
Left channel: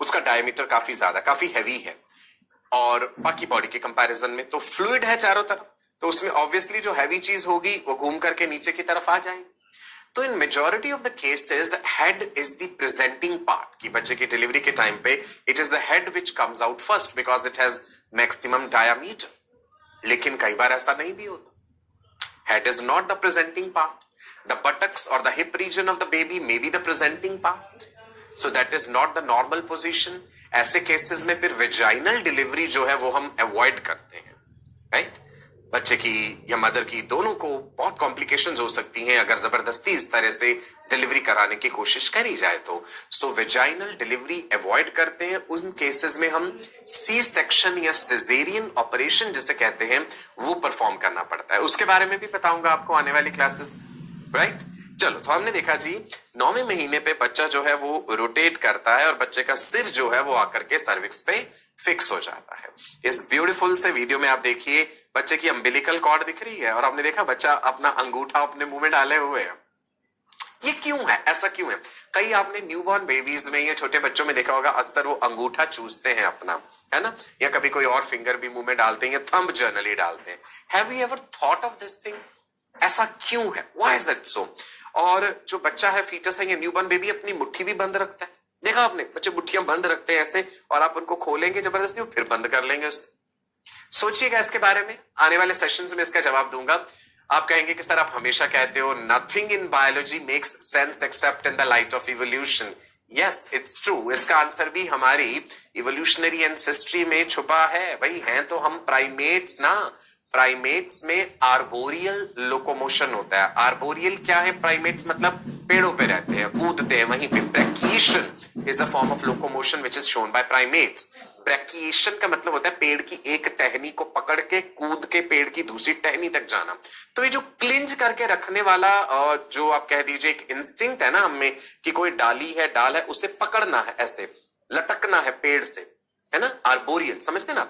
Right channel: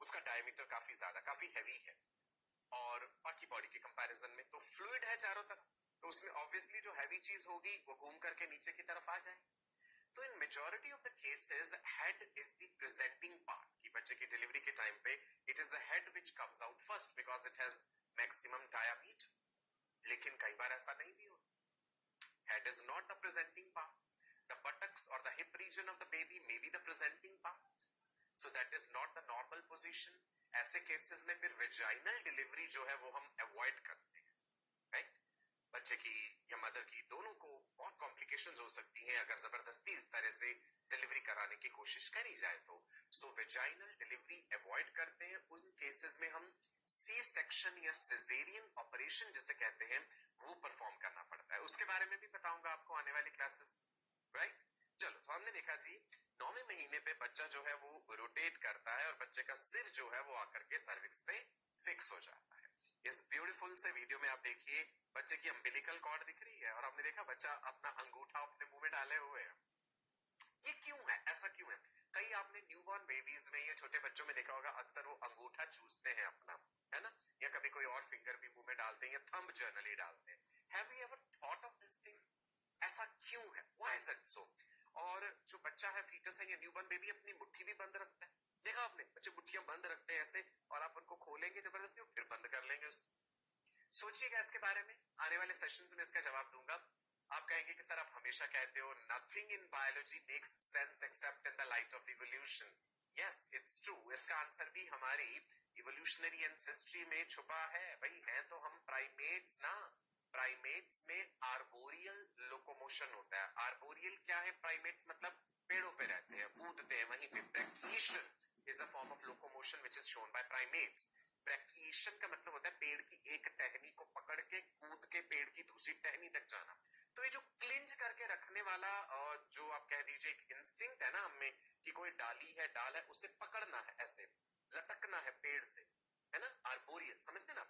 उसका डायमीटर काफी ज्यादा, काफी हैवी है, और बाकी बॉडी के कंपैरिजन में तो फ्लूइड है चारों तरफ, तो उसमें ऑब्वियसली जो हैवी चीज होगी वो घूम करके नीचे की तरफ आ जाएगी। तो इन majority of the cases head is the presenting part, कि बच्चे की डिलीवरी के टाइम पे it is the head which comes out first because it has maximum diameter. लेकिन कई बार ऐसा नहीं भी होता। Head is not the presenting part, the buttocks or the hip region of the baby may be the presenting part, so that is not the normal position. ऐसे cases में फिर vaginal delivery जो है वो हम अवॉइड करते हैं, right. बच्चे की या मदर की दोनों को बहुत कॉम्प्लिकेशंस हो सकती हैं अगर जबरदस्ती इस तरह से डिलीवरी कराने की कोशिश करी जाए तो। सो वेजाइनल डिलीवरी अवॉइड करते हैं। उन केसेस में हम सी सेक्शन या सिजेरियन ऑपरेशन जिसे कहते हैं वो परफॉर्म करना पड़ता है। उसके बारे में भी बताऊंगा आपको आने वाली क्लासेस, राइट। चलो तो हमने देखा जी 9वें महीने पे बच्चा जो है वो रोटेट करता है और बच्चे का सिर जो है वो आकर के सर्विक्स पे फिक्स हो जाता है। इस ब्यूटीफुल से वीडियो में आप देखिए बच्चे की अम्बिलिकल कॉर्ड दिख रही है और आपने देखा बच्चा अपना अंगूठा अपने मुंह में डाले हुए है। ये क्यों है, ऐसा क्यों है? कई आपने न्यूबॉर्न बेबीज में या छोटे बच्चों में देखा होगा, अक्सर वो अंगूठा चूसते हैं अपना, है ना, या कभी कोई और फिंगर भी मुंह में डालते हैं या थंब जर्नली डालते हैं। Have you ever thought of this thing? ऐसा क्यों है? Why is it so? और जो बच्चा है, फीटस है या न्यूबॉर्न बेबी, अपनी मुट्ठी भी बंद रखता है। देखा आपने, बच्चे मुट्ठियां बंद रखते हैं ऐसे, और आप उनको खोलेंगे जबरदस्ती फिर बंद कर लेंगे उससे। सोचिएगा इसके बारे में, आने वाले सेशंस में इसका जवाब दूंगा। आप कहेंगे कि सर आप हमेशा कहते हो nothing in biology makes sense except in the light of evolution. Yes, it's true. इसका आंसर भी हमारी इवोल्यूशनरी एंसेस्ट्री में छुपा है। भाई हैं तो हम प्राइमेट्स ना। प्राइमेट्स में आर्बोरियल लोकोमोशन होता है। आर्बोरियल क्या है? प्राइमेट्स मतलब पेड़ों पे रहते हैं, कूदते हैं। वहीं पे brachiation is a form of locomotion which is shown by primates. Brachiation का मतलब होता है पेड़ की एक टहनी को पकड़ के कूद के पेड़ की दूसरी टहनी तक जाना। तो ये जो क्लिंज करके रखने वाला जो आप कह दीजिए एक इंस्टिंक्ट है ना हमें, कि कोई डाली है, डाल है, उसे पकड़ना है, ऐसे लटकना है पेड़ से, है ना, आर्बोरियल। समझते ना?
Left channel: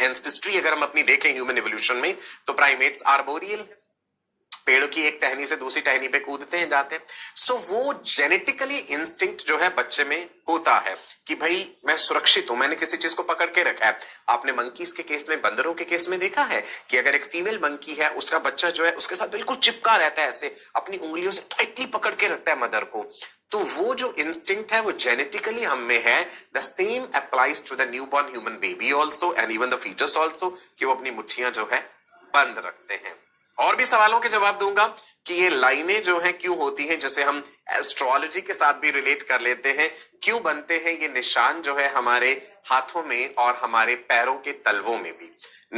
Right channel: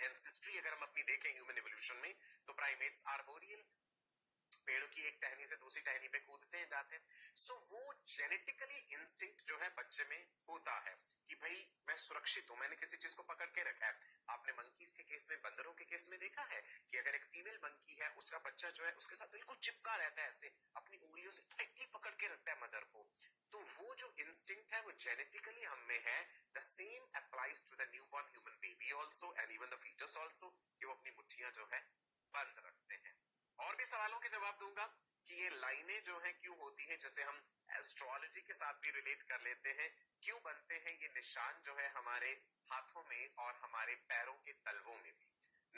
एंसेस्ट्री अगर हम अपनी देखें ह्यूमन इवोल्यूशन में, तो प्राइमेट्स आर्बोरियल, पेड़ों की एक टहनी से दूसरी टहनी पे कूदते हैं, जाते हैं। सो वो जेनेटिकली इंस्टिंक्ट जो है बच्चे में होता है कि भाई मैं सुरक्षित हूं, मैंने किसी चीज को पकड़ के रखा है। आपने मंकीज के केस में, बंदरों के केस में देखा है कि अगर एक फीमेल मंकी है, उसका बच्चा जो है उसके साथ बिल्कुल चिपका रहता है, ऐसे अपनी उंगलियों से टाइटली पकड़ के रखता है मदर को। तो वो जो इंस्टिंक्ट है वो जेनेटिकली हम में है। The same applies to the newborn human baby also and even the foetus also, कि वो अपनी मुट्ठियां जो है बंद रखते हैं। और भी सवालों के जवाब दूंगा कि ये लाइनें जो हैं क्यों होती हैं, जैसे हम एस्ट्रोलॉजी के साथ भी रिलेट कर लेते हैं, क्यों बनते हैं ये निशान जो है हमारे हाथों में और हमारे पैरों के तलवों में भी।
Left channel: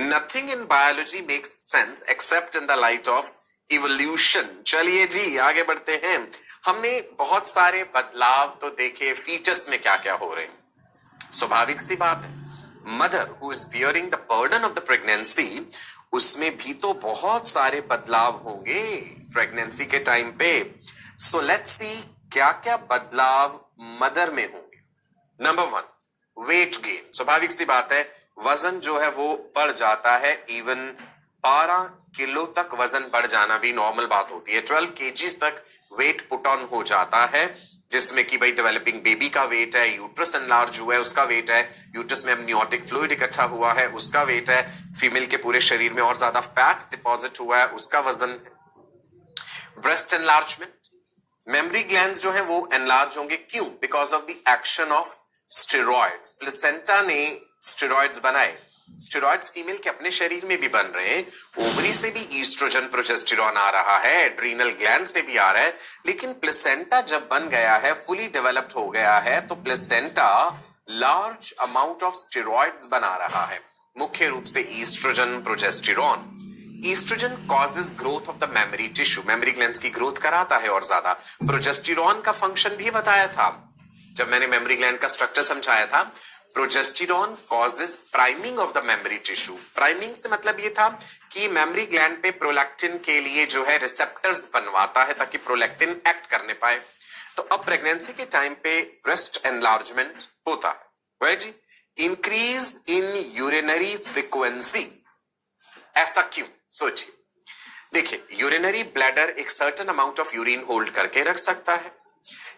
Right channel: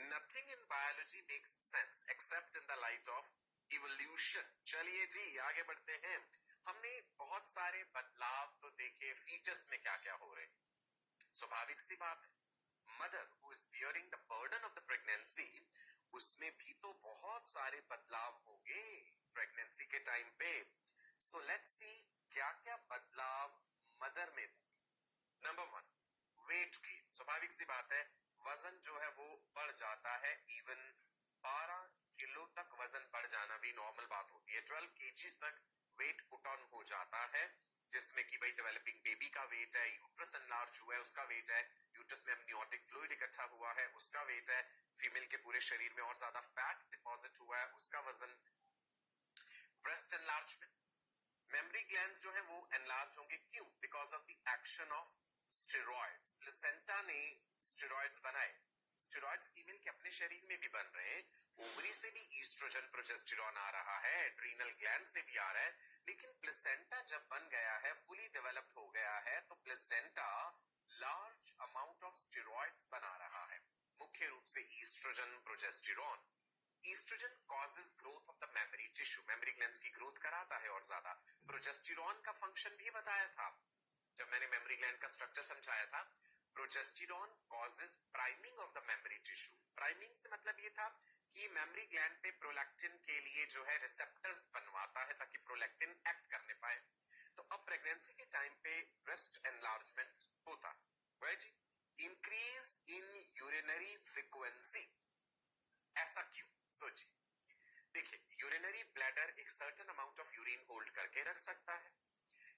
Nothing in biology makes sense except in the light of evolution. चलिए जी आगे बढ़ते हैं। हमने बहुत सारे बदलाव तो देखे, फीचर्स में क्या क्या हो रहे हैं। स्वाभाविक सी बात है, mother who is bearing the burden of the pregnancy, उसमें भी तो बहुत सारे बदलाव होंगे प्रेगनेंसी के टाइम पे। सो लेट्स सी क्या क्या बदलाव मदर में होंगे। Number 1, weight gain. स्वाभाविक सी बात है, वजन जो है वो बढ़ जाता है। इवन 12 किलो तक वजन बढ़ जाना भी नॉर्मल बात होती है। 12 केजीज तक वेट पुट ऑन हो जाता है, जिसमें कि भाई डेवलपिंग बेबी का वेट है, यूट्रस एनलार्ज हुआ है उसका वेट है, यूट्रस में एमनियोटिक फ्लूइड इकट्ठा हुआ है उसका वेट है, फीमेल के पूरे शरीर में और ज्यादा फैट डिपॉजिट हुआ है उसका वजन है। ब्रेस्ट एनलार्जमेंट, मेमरी ग्लैंड्स जो है वो एनलार्ज होंगे। क्यों? Because of the action of steroids. Placenta ने स्टेरॉइड्स बनाए। स्टेरॉइड्स फीमेल के अपने शरीर में भी बन रहे हैं, ओवरी से भी ईस्ट्रोजन प्रोजेस्टेरॉन आ रहा है, एड्रीनल ग्लैंड से भी आ रहा है। लेकिन प्लेसेंटा जब बन गया है, फुली डेवलप्ड हो गया है, तो placenta large amount of steroids बना रहा है, मुख्य रूप से oestrogen progesterone. Oestrogen causes growth of the mammary tissue, mammary glands की ग्रोथ कराता है और ज्यादा। प्रोजेस्टेरॉन का फंक्शन भी बताया था जब मैंने मेमोरी ग्लैंड का स्ट्रक्चर समझाया था। Progesterone causes priming of the mammary tissue. Priming से मतलब ये था कि मेमोरी ग्लैंड पे प्रोलैक्टिन के लिए जो है रिसेप्टर्स बनवाता है ताकि प्रोलैक्टिन एक्ट करने पाए। तो अब प्रेगनेंसी के टाइम पे ब्रेस्ट एनलार्जमेंट होता है, वह जी। इंक्रीज इन यूरिनरी फ्रीक्वेंसी, ऐसा क्यों? सोचिए, देखिए यूरिनरी ब्लैडर एक certain amount of urine hold करके रख सकता है।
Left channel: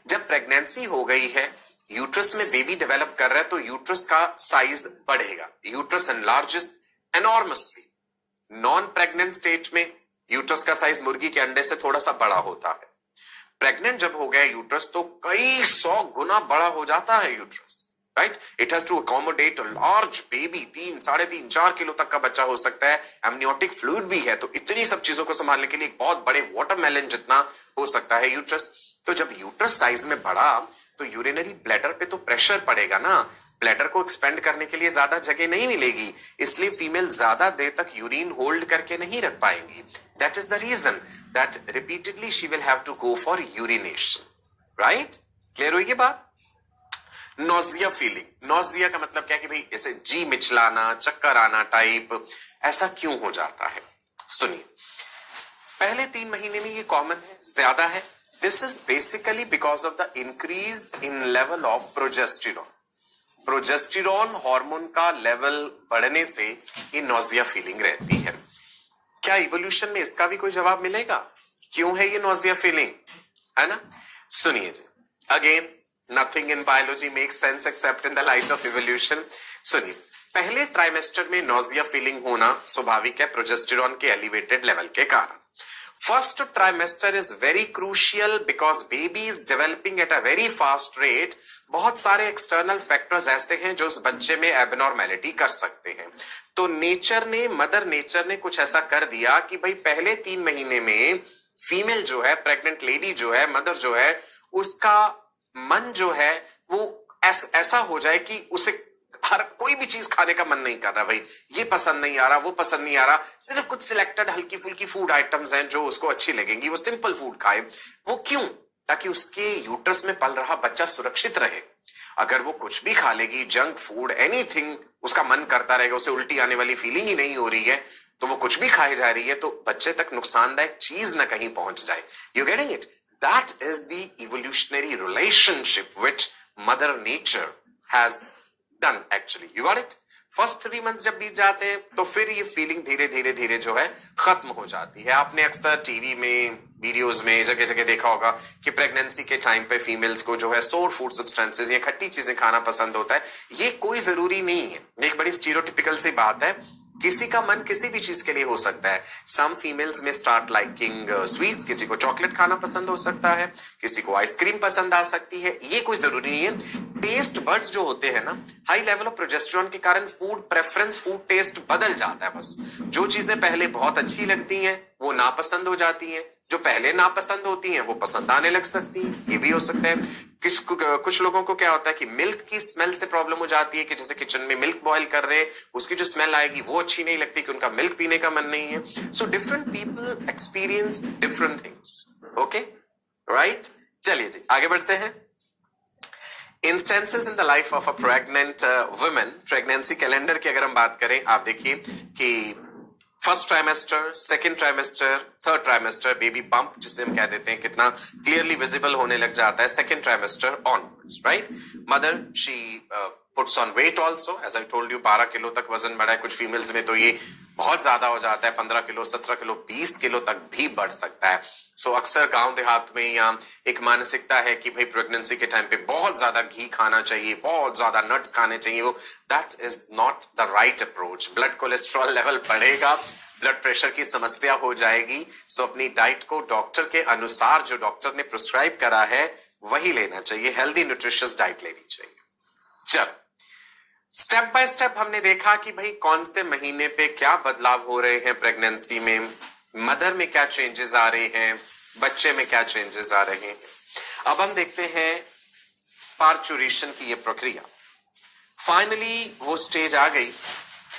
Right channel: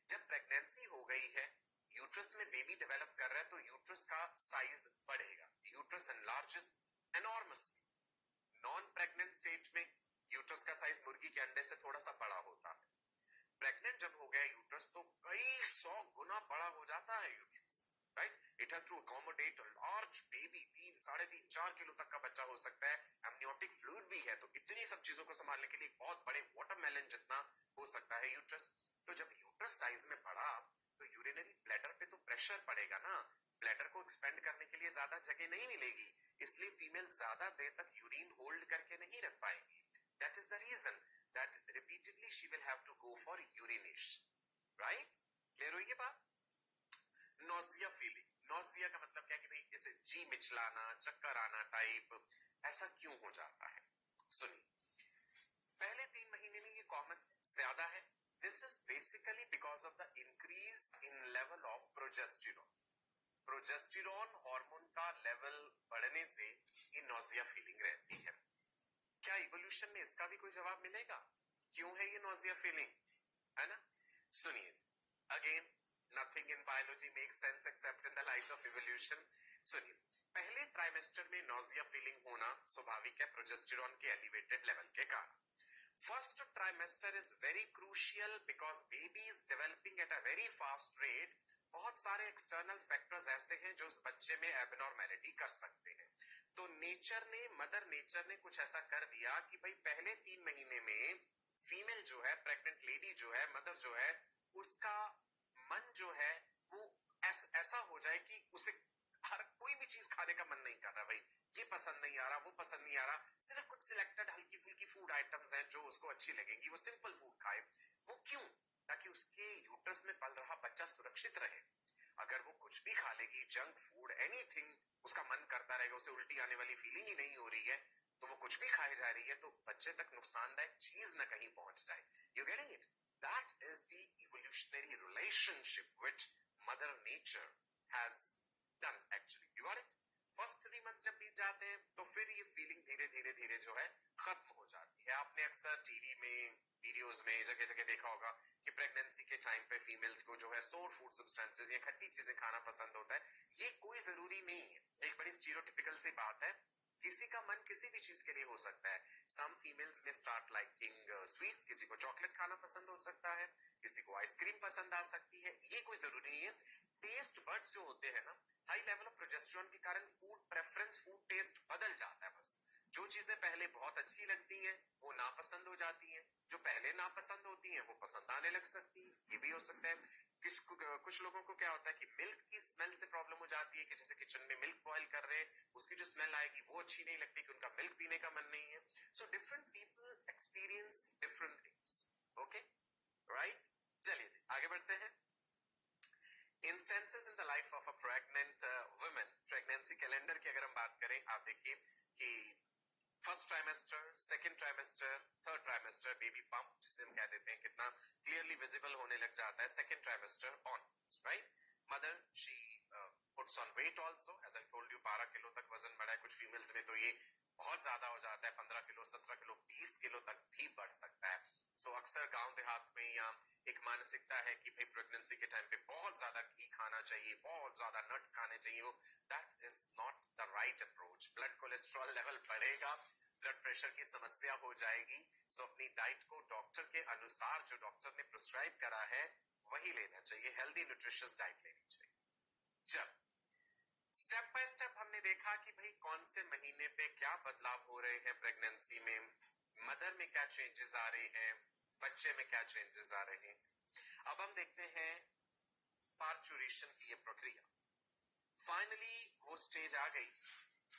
जब प्रेगनेंसी हो गई है, यूट्रस में बेबी डेवलप कर रहा है, तो यूट्रस का साइज बढ़ेगा, uterus enlarges enormously. Non pregnant stage में यूट्रस का साइज मुर्गी के अंडे से थोड़ा सा बड़ा होता है। प्रेग्नेंट जब हो गया यूट्रस, तो कई 100 गुना बड़ा हो जाता है uterus, right. It has to accommodate large baby, 3, 3.5, 4 kilo तक का बच्चा हो सकता है। एमनियोटिक फ्लूइड भी है, तो इतनी सब चीजों को संभालने के लिए एक बहुत बड़े वाटरमेलन जितना हो सकता है यूट्रस। तो जब यूट्रस साइज में बढ़ा, तो यूरिनरी ब्लैडर पे तो प्रेशर पड़ेगा ना, ब्लैडर को एक्सपेंड करने के लिए ज्यादा जगह नहीं मिलेगी, इसलिए फीमेल ज्यादा देर तक यूरिन होल्ड करके नहीं रख पाएंगी। That is the reason that repeatedly she will have to go for urination, right. Clear हुई ये बात? नोजिया फीलिंग, नोजिया का मतलब क्या कि भाई ऐसे जी मिचलाना, चक्कर आना टाइप, ऐसा क्यों हो जाता है? सुनिए, पहले 3 महीने में ये कॉमन है, ज्यादा है। This is basically because of the increase in level of progesterone. Progesterone hormone का लेवल बढ़ने से ये नोजिया फीलिंग रहती है। क्या इवोल्यूशन में इसका भी कोई जवाब मिलेगा, क्यों है ये नोजिया फीलिंग, है ना? सुनिए जी, again nothing in biology makes sense except in the light of evolution. सुनिए, पहले ट्राइमेस्टर में नोजिया फीलिंग होना स्वाभाविक है प्रोजेस्टेरॉन के एलिवेटेड लेवल के कारण। First trimester is very crucial because baby is developing at a very fast rate. बहुत सारे एक्सटर्नल फैक्टर्स ऐसे हैं जो उस बच्चे में एबनॉर्मेलिटी कर सकते हैं। तो मदर नेचर ने कुछ ऐसा कर दिया कि भाई पहले 3 महीने में फीमेल जो है, प्रेग्नेंट लेडी जो है, मदर जो है, उसका मन जो है वो ऐसा हो जाए कि उसे हर कोई भी चीज खाने का मन नहीं कर रहा, भाई ये पसंद नहीं आ रहा, वो पसंद नहीं आ रहा, सिर्फ कुछ सिलेक्टेड हल्की फुल्की फूड आइटम्स हैं जो उसको अच्छी लगेंगी, वो सिंपल फूड खाए। वो क्यों? ताकि उसके यूट्रस में पल रहा बच्चा सुरक्षित रहे। अगर वो कुछ भी खा लेगी, जंक फूड एनीथिंग, उसका मन करता रहेगा, उसे उल्टी आने वाली फीलिंग ही नहीं हो रही है, तो वो कुछ भी खाए जा रही है, तो बच्चे तक नुकसानदायक चीज ना कहीं पहुंच जाए। You getting it? That is the evolutionary relationship which mother nature has done actually. You got it? First 3 month जब बीत जाते हैं तो फिर ये फीलिंग धीरे धीरे धीरे जो है खत्म हो जाती है। आपने अक्सर टीवी में, वीडियोस में जगह जगह देखा होगा कि प्रेगनेंसी के टाइम पे फीमेल्स को जो है सोर फूड सब्सटेंसेस या खट्टी चीजें खाना पसंद होता है। ये कोई जरूरी नहीं है, एक बड़ी स्टीरियोटिपिकल सी बात है। किसी का मन किसी भी चीज के लिए हो सकता है। सम फीमेल्स में स्टार्ट लाइकिंग स्वीट्स, किसी को चॉकलेट खाना पसंद हो सकता है, किसी को आइसक्रीम पसंद आ सकती है, ये कोई जरूरी नहीं है। टेस्ट बड्स जो होते हैं ना, हाई लेवल ऑफ प्रोजेस्टेरॉन के कारण फूड प्रेफरेंस, फूड टेस्ट बदल जाता है। बस जो चीजें पहले बहुत अच्छी लगती हैं वो नापसंद हो जाती हैं, जो पहले नापसंद होती हैं वो पसंद आने लग सकती हैं। ये भी हो सकता है। कुछ लोगों को क्या होता है कि मिल्क की स्मेल से प्रॉब्लम हो जाती है, कि जैसे किचन में मिल्क बॉईल कर रहे हैं, उसकी जो स्मेल आएगी वो अच्छी नहीं लगती, कि उनका मिल्क पीने का मन नहीं है। So different people experience different things. Okay, right? चलिए जी, आगे बढ़ते हैं। Instances in the life of a pregnant women. Pregnancy calendar की अगर हम बात करें, आप देखिए कि first trimester, second trimester, third trimester, baby bump जिसे हम कह देते हैं, कितना क्लियरली विजिबल होने लग जाता है second trimester onwards, right? Mother she puts on weight also, as I told you 12 kilo तक वजन बढ़ा है। कुछ फीमेल्स में तो ये बहुत ज्यादा हो जाता है, 15 किलो, 17 किलो, 20 किलो तक भी बढ़ सकता है। सो अक्सर गांव देहात में या एक मानसिकता है कि भाई प्रेगनेंसी के टाइम पे बहुत ज्यादा घी खाना चाहिए, बहुत ज्यादा नट्स खाने चाहिए। वो that is not the right approach. Blood cholesterol level बढ़ेगा, ब्लड प्रेशर की समस्या हो जाएगी। सो अपनी डाइट को डॉक्टर के अनुसार, जो डॉक्टर ने प्रिस्क्राइब करा है, वही लेना चाहिए। हेल्दी न्यूट्रिशियस डाइट लेनी चाहिए। चलो, स्टेप बाय स्टेप हमने देखा कि भाई कौन से महीने पे क्या बदलाव हो रहे हैं प्रेगनेंसी में, मदर में क्या चेंजेस आ रहे हैं, बच्चे में क्या चेंजेस आ रहे हैं। अब हम देखते हैं पार्चुरेशन की ये प्रक्रिया। फाइनली वो स्टेज आ गई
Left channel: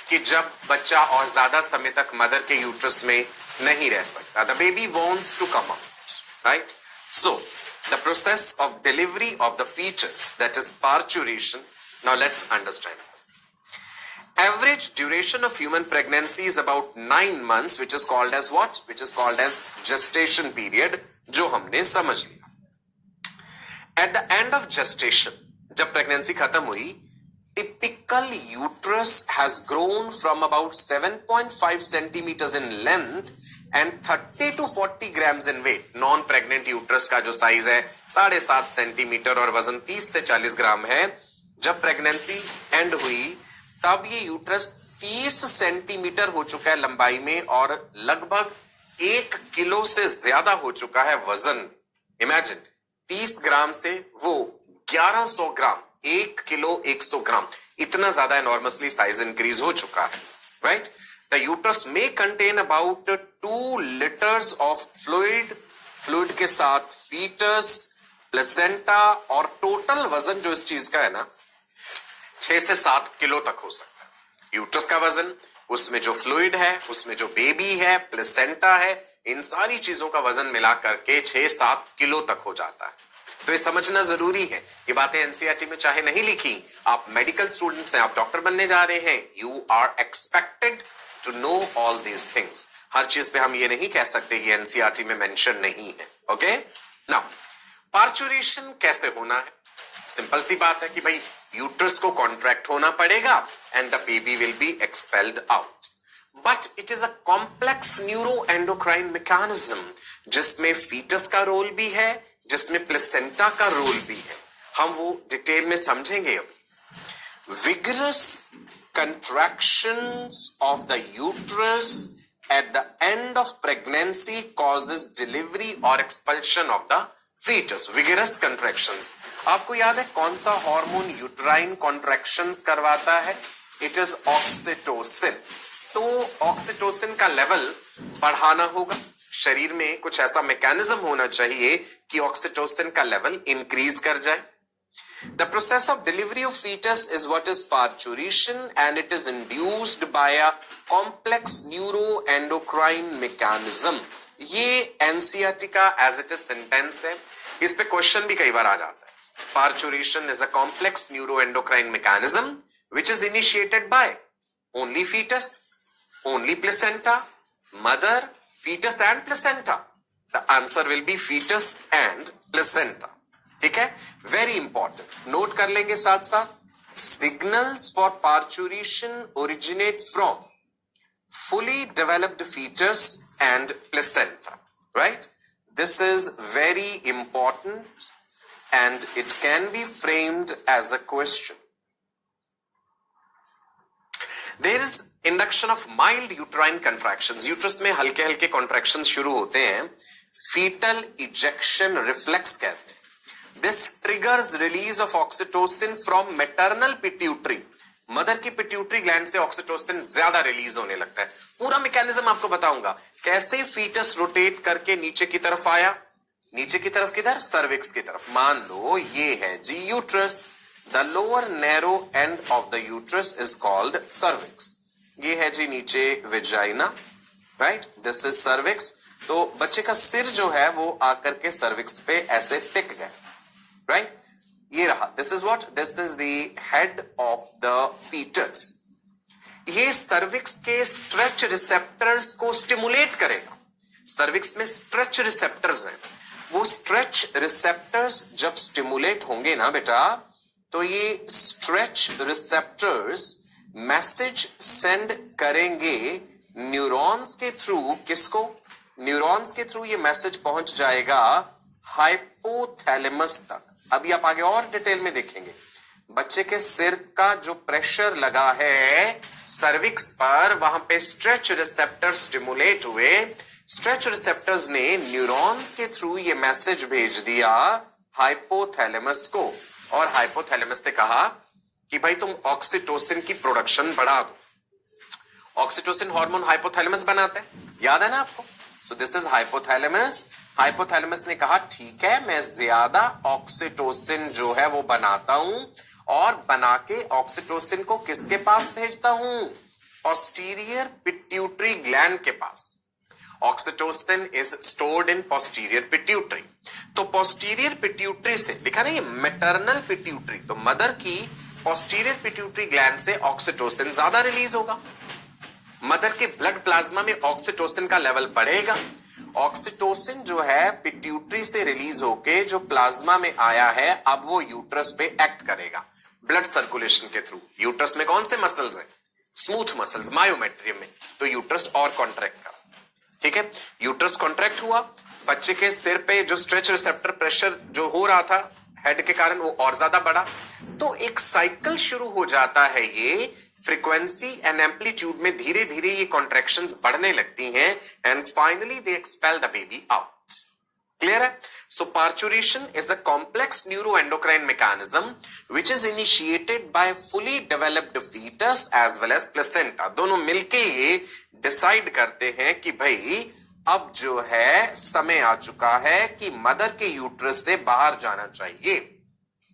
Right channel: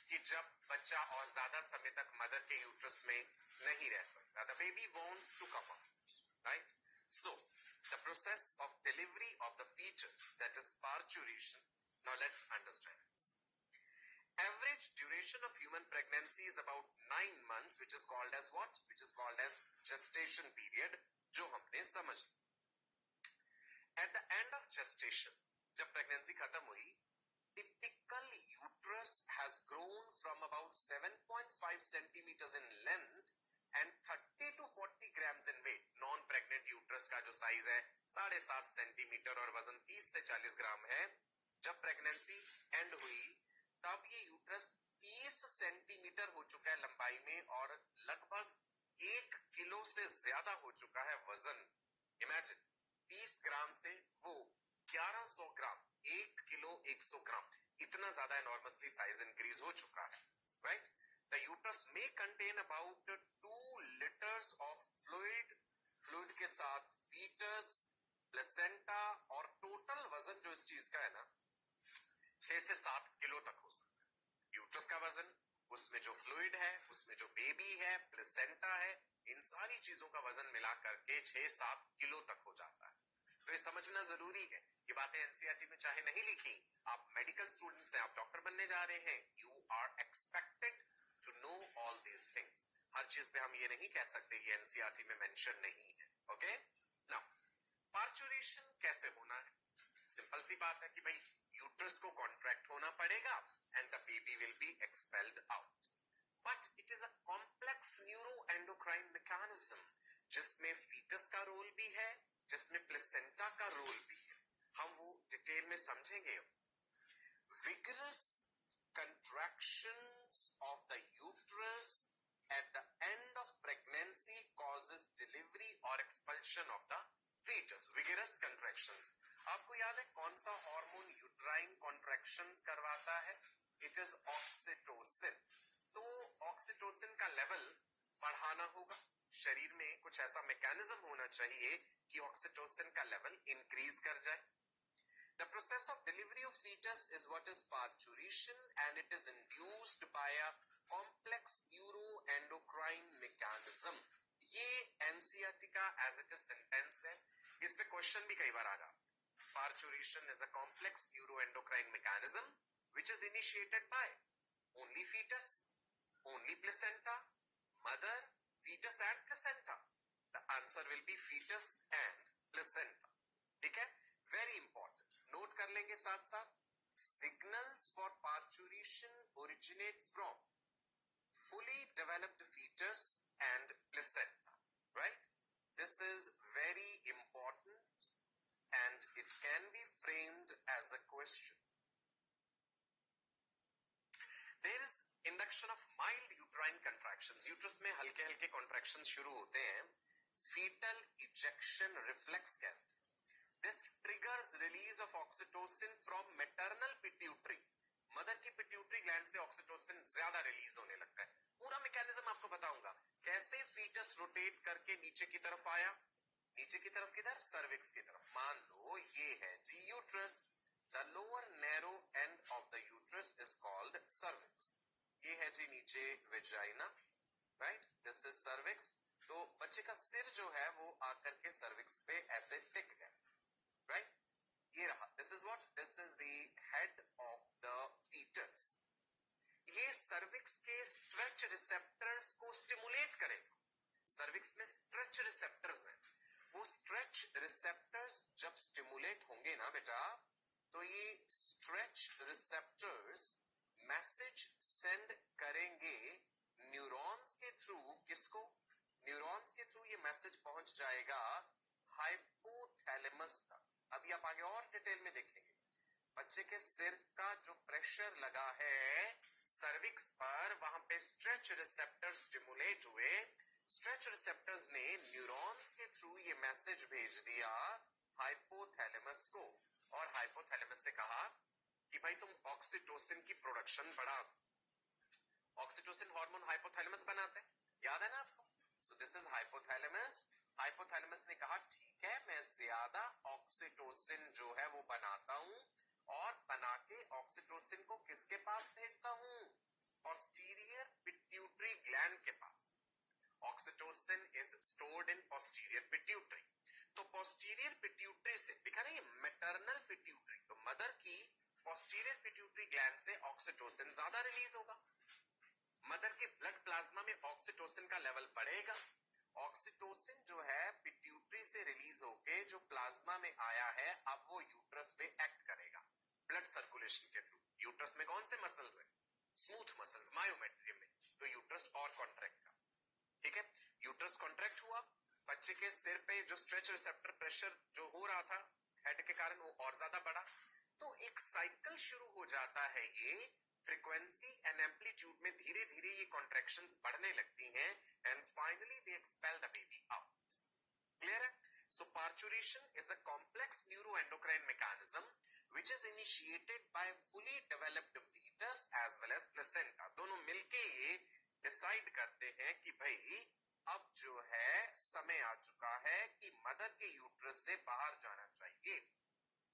कि जब बच्चा और ज्यादा समय तक मदर के यूट्रस में नहीं रह सकता। The baby wants to come out, right? So the process of delivery of the foetus, that is parturition. Now let's understand this. Average duration of human pregnancy is about 9 months, which is called as what? Which is called as gestation period, जो हमने समझ लिया। At the end of gestation, जब pregnancy खत्म हुई, typical uterus has grown from about 7.5 centimeters in length and 30 to 40 grams in weight. Non pregnant uterus का जो size है 7.5 सेंटीमीटर और वजन 30 से 40 ग्राम है। जब प्रेगनेंसी एंड हुई तब ये यूट्रस 30 सेंटीमीटर हो चुका है लंबाई में और लगभग 1 किलो से ज्यादा हो चुका है वजन। इमेजिन, 30 ग्राम से वो 1100 ग्राम, 1 किलो 100 ग्राम, इतना ज्यादा एनॉर्मसली साइज इंक्रीज हो चुका है, राइट? द यूट्रस में contain about 2 litres of fluid के साथ फीटस, प्लेसेंटा, और टोटल वजन जो इस चीज का है ना 6 से 7 किलो तक हो सकता है। यूट्रस का वजन, उसमें जो फ्लूइड है, उसमें जो बेबी है, प्लेसेंटा है, इन सारी चीजों का वजन मिला करके 6-7 किलो तक हो जाता है। तो ये समझना जरूरी है। ये बातें एनसीईआरटी में चाहे नहीं लिखी, आप मेडिकल स्टूडेंट्स हैं, आप डॉक्टर बनने जा रहे हैं, you are expected to know all these things. हर चीज पे हम ये नहीं कह सकते कि एनसीईआरटी में मेंशन नहीं है। ओके, नाउ पार्चुरेशन कैसे होना है? सिंपल सी बात है कि भाई यूट्रस को कॉन्ट्रैक्ट होना पड़ेगा and the baby will be expelled out. But it is a complex neuro endocrine mechanism जिसमें फीटस का रोल भी है, जिसमें प्लेसेंटा का रोल भी है। हम वो डिटेल में समझेंगे अभी। Vigorous contractions of the uterus at the end of pregnancy causes delivery or expulsion of the fetus. Vigorous contractions. आपको याद है कौन सा हार्मोन यूट्राइन कॉन्ट्रैक्शंस करवाता है? It is oxytocin. तो ऑक्सीटोसिन का लेवल बढ़ाना होगा, शरीर में कुछ ऐसा मैकेनिज्म होना चाहिए कि ऑक्सीटोसिन का लेवल इंक्रीज कर जाए। The process of delivery of fetus is what is parturition and it is induced by a complex neuroendocrine mechanism. ये NCERT का as it is sentence है, इस पे क्वेश्चन भी कई बार आ जाता है। Parturition is a complex neuroendocrine mechanism which is initiated by only fetus, only placenta, mother, fetus and placenta. The answer will be fetus and placenta. ठीक है, वेरी इंपॉर्टेंट, नोट कर लेंगे साथ साथ। Signals for parturition originate from fully developed fetus and placenta, right? This is very important and it can be framed as a question. There is induction of mild uterine contractions. Uterus में हल्के हल्के contractions शुरू होते हैं, fetal ejection reflex कहते हैं। This triggers release of oxytocin from maternal pituitary. Mother की pituitary gland से ऑक्सीटोसिन ज्यादा रिलीज होने लगता है। पूरा मैकेनिज्म आपको बताऊंगा, कैसे फीटस रोटेट करके नीचे की तरफ आया। नीचे की तरफ किधर? सर्विक्स की तरफ। मान लो ये है जी uterus, the lower narrow end of the uterus is called cervix. ये है जी नीचे vagina, right, this is cervix. तो बच्चे का सिर जो है वो आकर के सर्विक्स पे ऐसे टिक गया, राइट, ये रहा। This is what, this is the head of the foetus. ये सर्विक्स के स्ट्रेच रिसेप्टर्स को स्टिमुलेट करेगा। सर्विक्स में स्ट्रेच रिसेप्टर्स हैं, वो स्ट्रेच रिसेप्टर्स जब स्टिमुलेट होंगे ना बेटा, तो ये स्ट्रेच रिसेप्टर्स मैसेज सेंड करेंगे न्यूरॉन्स के थ्रू। किसको? न्यूरॉन्स के थ्रू ये मैसेज पहुंच जाएगा हाइपोथैलेमस तक। अभी आप आगे और डिटेल में देखेंगे। बच्चे के सिर का जो प्रेशर लगा है सर्विक्स पर, वहां पे स्ट्रेच रिसेप्टर स्टिमुलेट हुए। स्ट्रेच रिसेप्टर्स ने न्यूरॉन्स के थ्रू ये मैसेज भेज दिया हाइपोथैलेमस को, और हाइपोथैलेमस से कहा कि भाई तुम ऑक्सीटोसिन की प्रोडक्शन बढ़ा दो। ऑक्सीटोसिन हार्मोन हाइपोथैलेमस बनाता है, याद है ना आपको? So this is hypothalamus. Hypothalamus ने कहा ठीक है, मैं ज्यादा ऑक्सीटोसिन जो है वो बनाता हूं, और बना के ऑक्सीटोसिन को किसके पास भेजता हूं? पोस्टीरियर पिट्यूटरी ग्लैंड के पास। Oxytocin is stored in posterior pituitary. तो पोस्टीरियर पिट्यूटरी से, दिखा ना ये मैटरनल पिट्यूटरी, तो मदर की पोस्टीरियर पिट्यूटरी ग्लैंड से ऑक्सीटोसिन ज्यादा रिलीज होगा। मदर के ब्लड प्लाज्मा में ऑक्सीटोसिन का लेवल बढ़ेगा। ऑक्सीटोसिन जो है पिट्यूटरी से रिलीज होके जो प्लाज्मा में आया है, अब वो यूट्रस पे एक्ट करेगा ब्लड सर्कुलेशन के थ्रू। यूट्रस में कौन से मसल्स हैं? स्मूथ मसल्स, मायोमेट्रियम में। तो यूट्रस और कॉन्ट्रैक्ट करा, ठीक है। यूट्रस कॉन्ट्रैक्ट हुआ, बच्चे के सिर पे जो स्ट्रेच रिसेप्टर प्रेशर जो हो रहा था हेड के कारण, वो और ज्यादा बढ़ा। तो एक साइकिल शुरू हो जाता है, ये फ्रीक्वेंसी एंड एम्पलीट्यूड में धीरे धीरे ये कॉन्ट्रैक्शंस बढ़ने लगती हैं, and finally they expel the baby out. Clear है? So parturition is a complex neuroendocrine mechanism which is initiated by fully developed fetus as well as placenta. दोनों मिलके ये डिसाइड करते हैं कि भाई अब जो है समय आ चुका है कि मदर के यूट्रस से बाहर जाना चाहिए।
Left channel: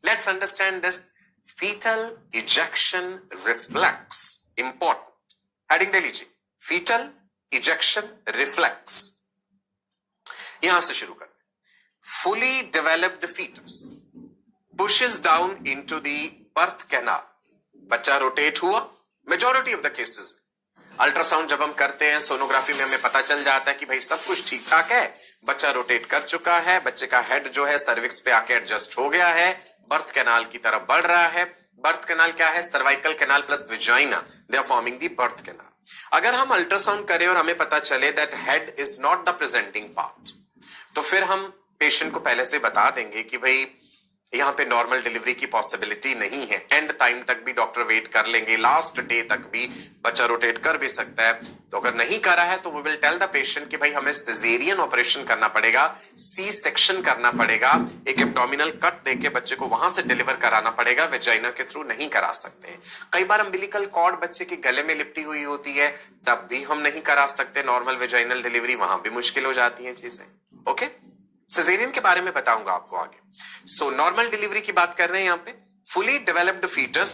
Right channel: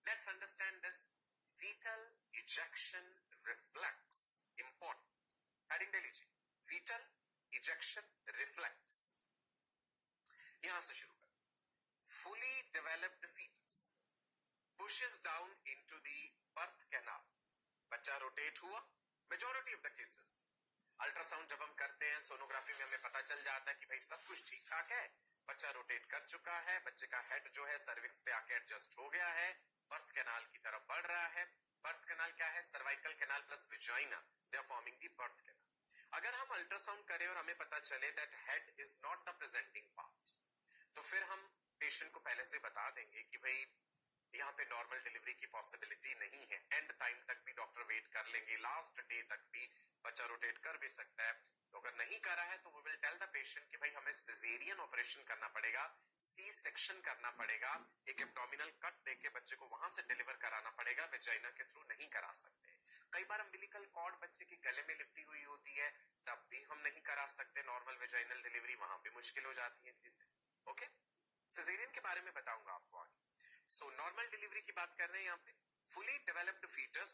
Let's understand this fetal ejection reflex, important heading दे लीजिए, fetal ejection reflex। यहां से शुरू करते हैं। fully developed fetus pushes down into the birth canal। बच्चा रोटेट हुआ, मेजॉरिटी ऑफ द केसेस में। अल्ट्रासाउंड जब हम करते हैं, सोनोग्राफी में हमें पता चल जाता है कि भाई सब कुछ ठीक ठाक है, बच्चा रोटेट कर चुका है, बच्चे का हेड जो है सर्विक्स पे आके एडजस्ट हो गया है, बर्थ कैनाल की तरफ बढ़ रहा है। बर्थ कैनाल क्या है? Cervical canal plus vagina, they are forming the birth canal. अगर हम अल्ट्रासाउंड करें और हमें पता चले that head is not the presenting part, तो फिर हम पेशेंट को पहले से बता देंगे कि भाई यहां पे नॉर्मल डिलीवरी की पॉसिबिलिटी नहीं है। एंड टाइम तक भी डॉक्टर वेट कर लेंगे, लास्ट डे तक भी बच्चा रोटेट कर भी सकता है। तो अगर नहीं करा है तो we will tell the patient कि भाई हमें सिजेरियन ऑपरेशन करना पड़ेगा, सी सेक्शन करना पड़ेगा, एक एब्डोमिनल कट देके बच्चे को वहां से डिलीवर कराना पड़ेगा, वेजाइना के थ्रू नहीं करा सकते। कई बार अम्बिलिकल कॉर्ड बच्चे के गले में लिपटी हुई होती है, तब भी हम नहीं करा सकते नॉर्मल वेजाइनल डिलीवरी, वहां भी मुश्किल हो जाती है चीजें। ओके, सिजेरियन के बारे में बताऊंगा आपको आगे। सो नॉर्मल डिलीवरी की बात कर रहे हैं यहां पे। Fully developed foetus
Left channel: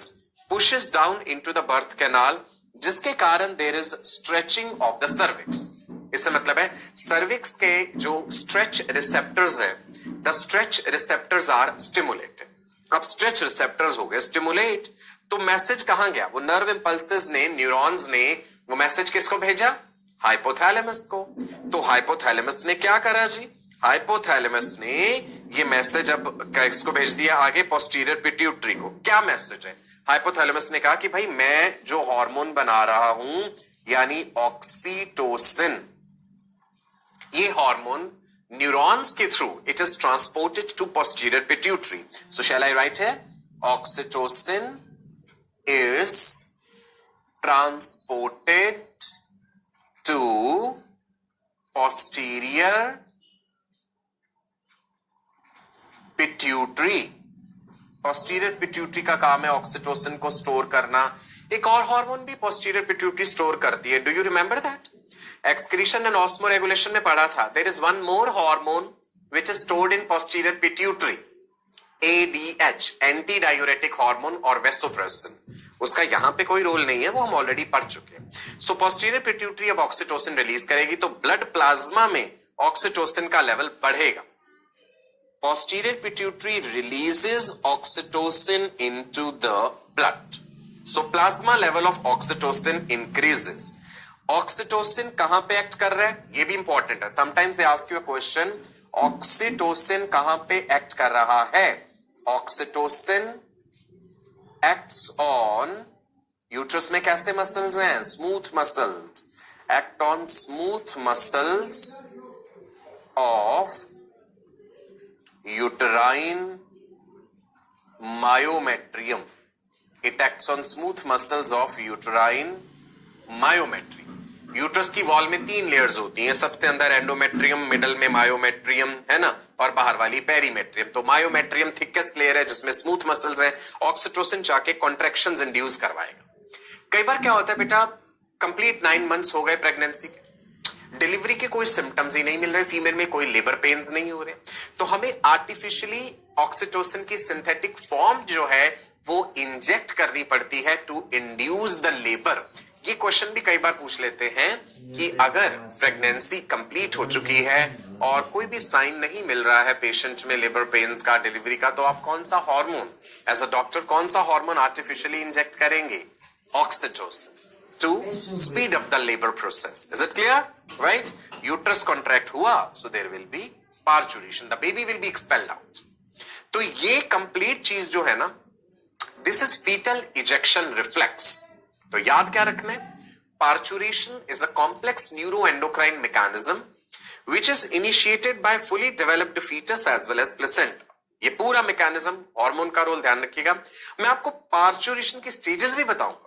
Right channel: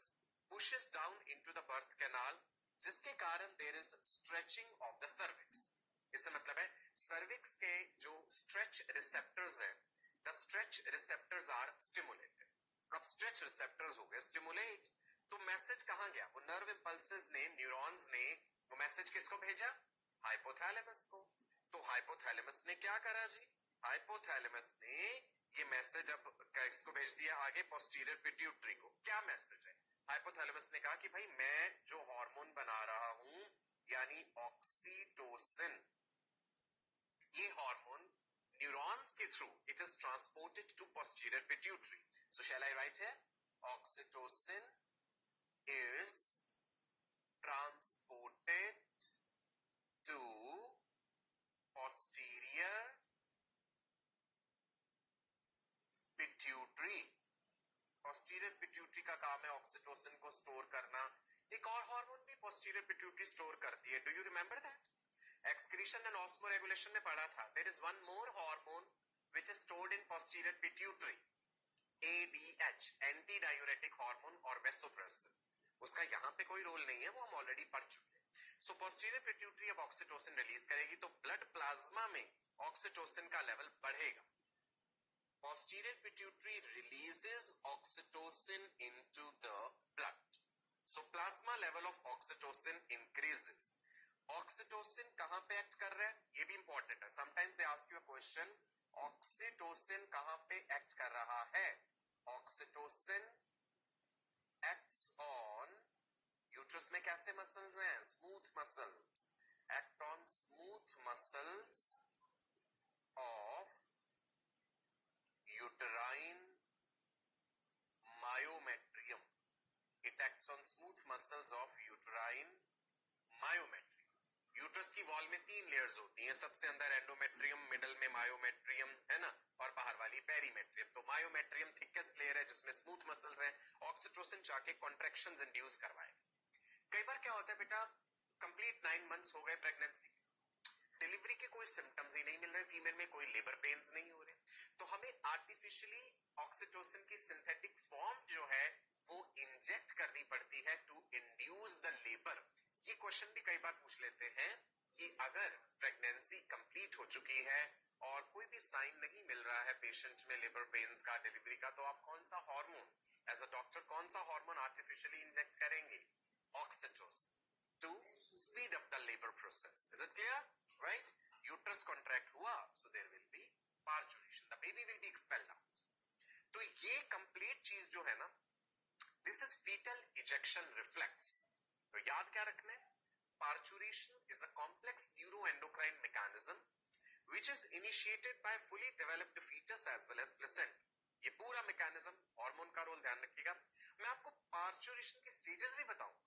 pushes down into the birth canal, जिसके कारण there is stretching of the cervix. इससे मतलब है सर्विक्स के जो स्ट्रेच रिसेप्टर्स है, the stretch receptors are stimulated. अब स्ट्रेच रिसेप्टर्स हो गए स्टिमुलेट, तो मैसेज कहां गया? वो नर्व इंपल्सेस ने, न्यूरॉन्स ने वो मैसेज किसको भेजा? हाइपोथैलेमस को। तो हाइपोथैलेमस ने क्या करा जी? हाइपोथैलेमस ने ये मैसेज अब किसको भेज दिया? आगे पोस्टीरियर पिट्यूटरी को। क्या मैसेज है? हाइपोथैलेमस ने कहा कि भाई मैं जो हार्मोन बना रहा हूं यानी ऑक्सीटोसिन, ये हार्मोन न्यूरॉन्स के through it is transported to posterior pituitary. So shall I write है oxytocin is transported to posterior pituitary. Posterior pituitary का काम है ऑक्सीटोसिन को स्टोर करना। एक और हार्मोन भी पोस्टीरियर पिट्यूटरी स्टोर करती है, do you remember that? Excretion and osmoregulation में पढ़ा था, there is one more hormone which is stored in posterior pituitary, ADH, anti diuretic hormone और वेसोप्रेसिन। उसका यहां पे कोई रोल नहीं है, वो हम ऑलरेडी पढ़ चुके हैं। सो पोस्टीरियर पिट्यूटरी अब ऑक्सीटोसिन रिलीज करेगी, तो ब्लड प्लाज्मा में ऑक्सीटोसिन का लेवल बढ़ेगा। Posterior pituitary releases oxytocin into the blood. So plasma level of oxytocin increases. Oxytocin कहां पे एक्ट कर रहा है? ये भी इंपॉर्टेंट है। Sometimes they ask you a question, oxytocin कहां पे एक्ट कर रहा है? Oxytocin acts on यूट्रस में कैसे मसल्स हैं? Smooth muscles. Act on smooth muscles of uterine myometrium. It acts on smooth muscles of uterine myometrium. Uterus की wall में 3 लेयर्स होती हैं, सबसे अंदर एंडोमेट्रियम, मिडल में मायोमेट्रियम है ना, और बाहर वाली पेरीमेट्रियम। तो मायोमेट्रियम थिकेस्ट लेयर है जिसमें स्मूथ मसल्स है। ऑक्सीटोसिन जाके कॉन्ट्रैक्शंस इंड्यूस करवाएगा। कई बार क्या होता है बेटा, कंप्लीट 9 मंथ्स हो गए प्रेगनेंसी के, डिलीवरी के कोई सिम्टम्स ही नहीं मिल रहे, फीमेल में कोई लेबर पेन्स नहीं हो रहे, तो हमें आर्टिफिशियली ऑक्सीटोसिन की सिंथेटिक फॉर्म जो है वो इंजेक्ट करनी पड़ती है टू इंड्यूस द लेबर। ये क्वेश्चन भी कई बार पूछ लेते हैं कि अगर प्रेगनेंसी कंप्लीट हो चुकी है और कोई भी साइन नहीं मिल रहा है पेशेंट में लेबर पेन्स का, डिलीवरी का, तो आप कौन सा हार्मोन एज अ डॉक्टर कौन सा हार्मोन आर्टिफिशियली इंजेक्ट करेंगे? Oxytocin to speed up the labor process. Is it clear? Right? Uterus contract हुआ, so there will be parturition. The baby will be expelled out. तो ये complete चीज जो है ना, this is fetal ejection reflex. तो याद क्या रखना है? Parturition is a complex neuroendocrine mechanism which is initiated by fully developed fetus as well as placenta. ये पूरा मैकेनिज्म, हार्मोन का रोल ध्यान रखिएगा। मैं आपको पार्चुरेशन की स्टेजेस भी बताऊंगा।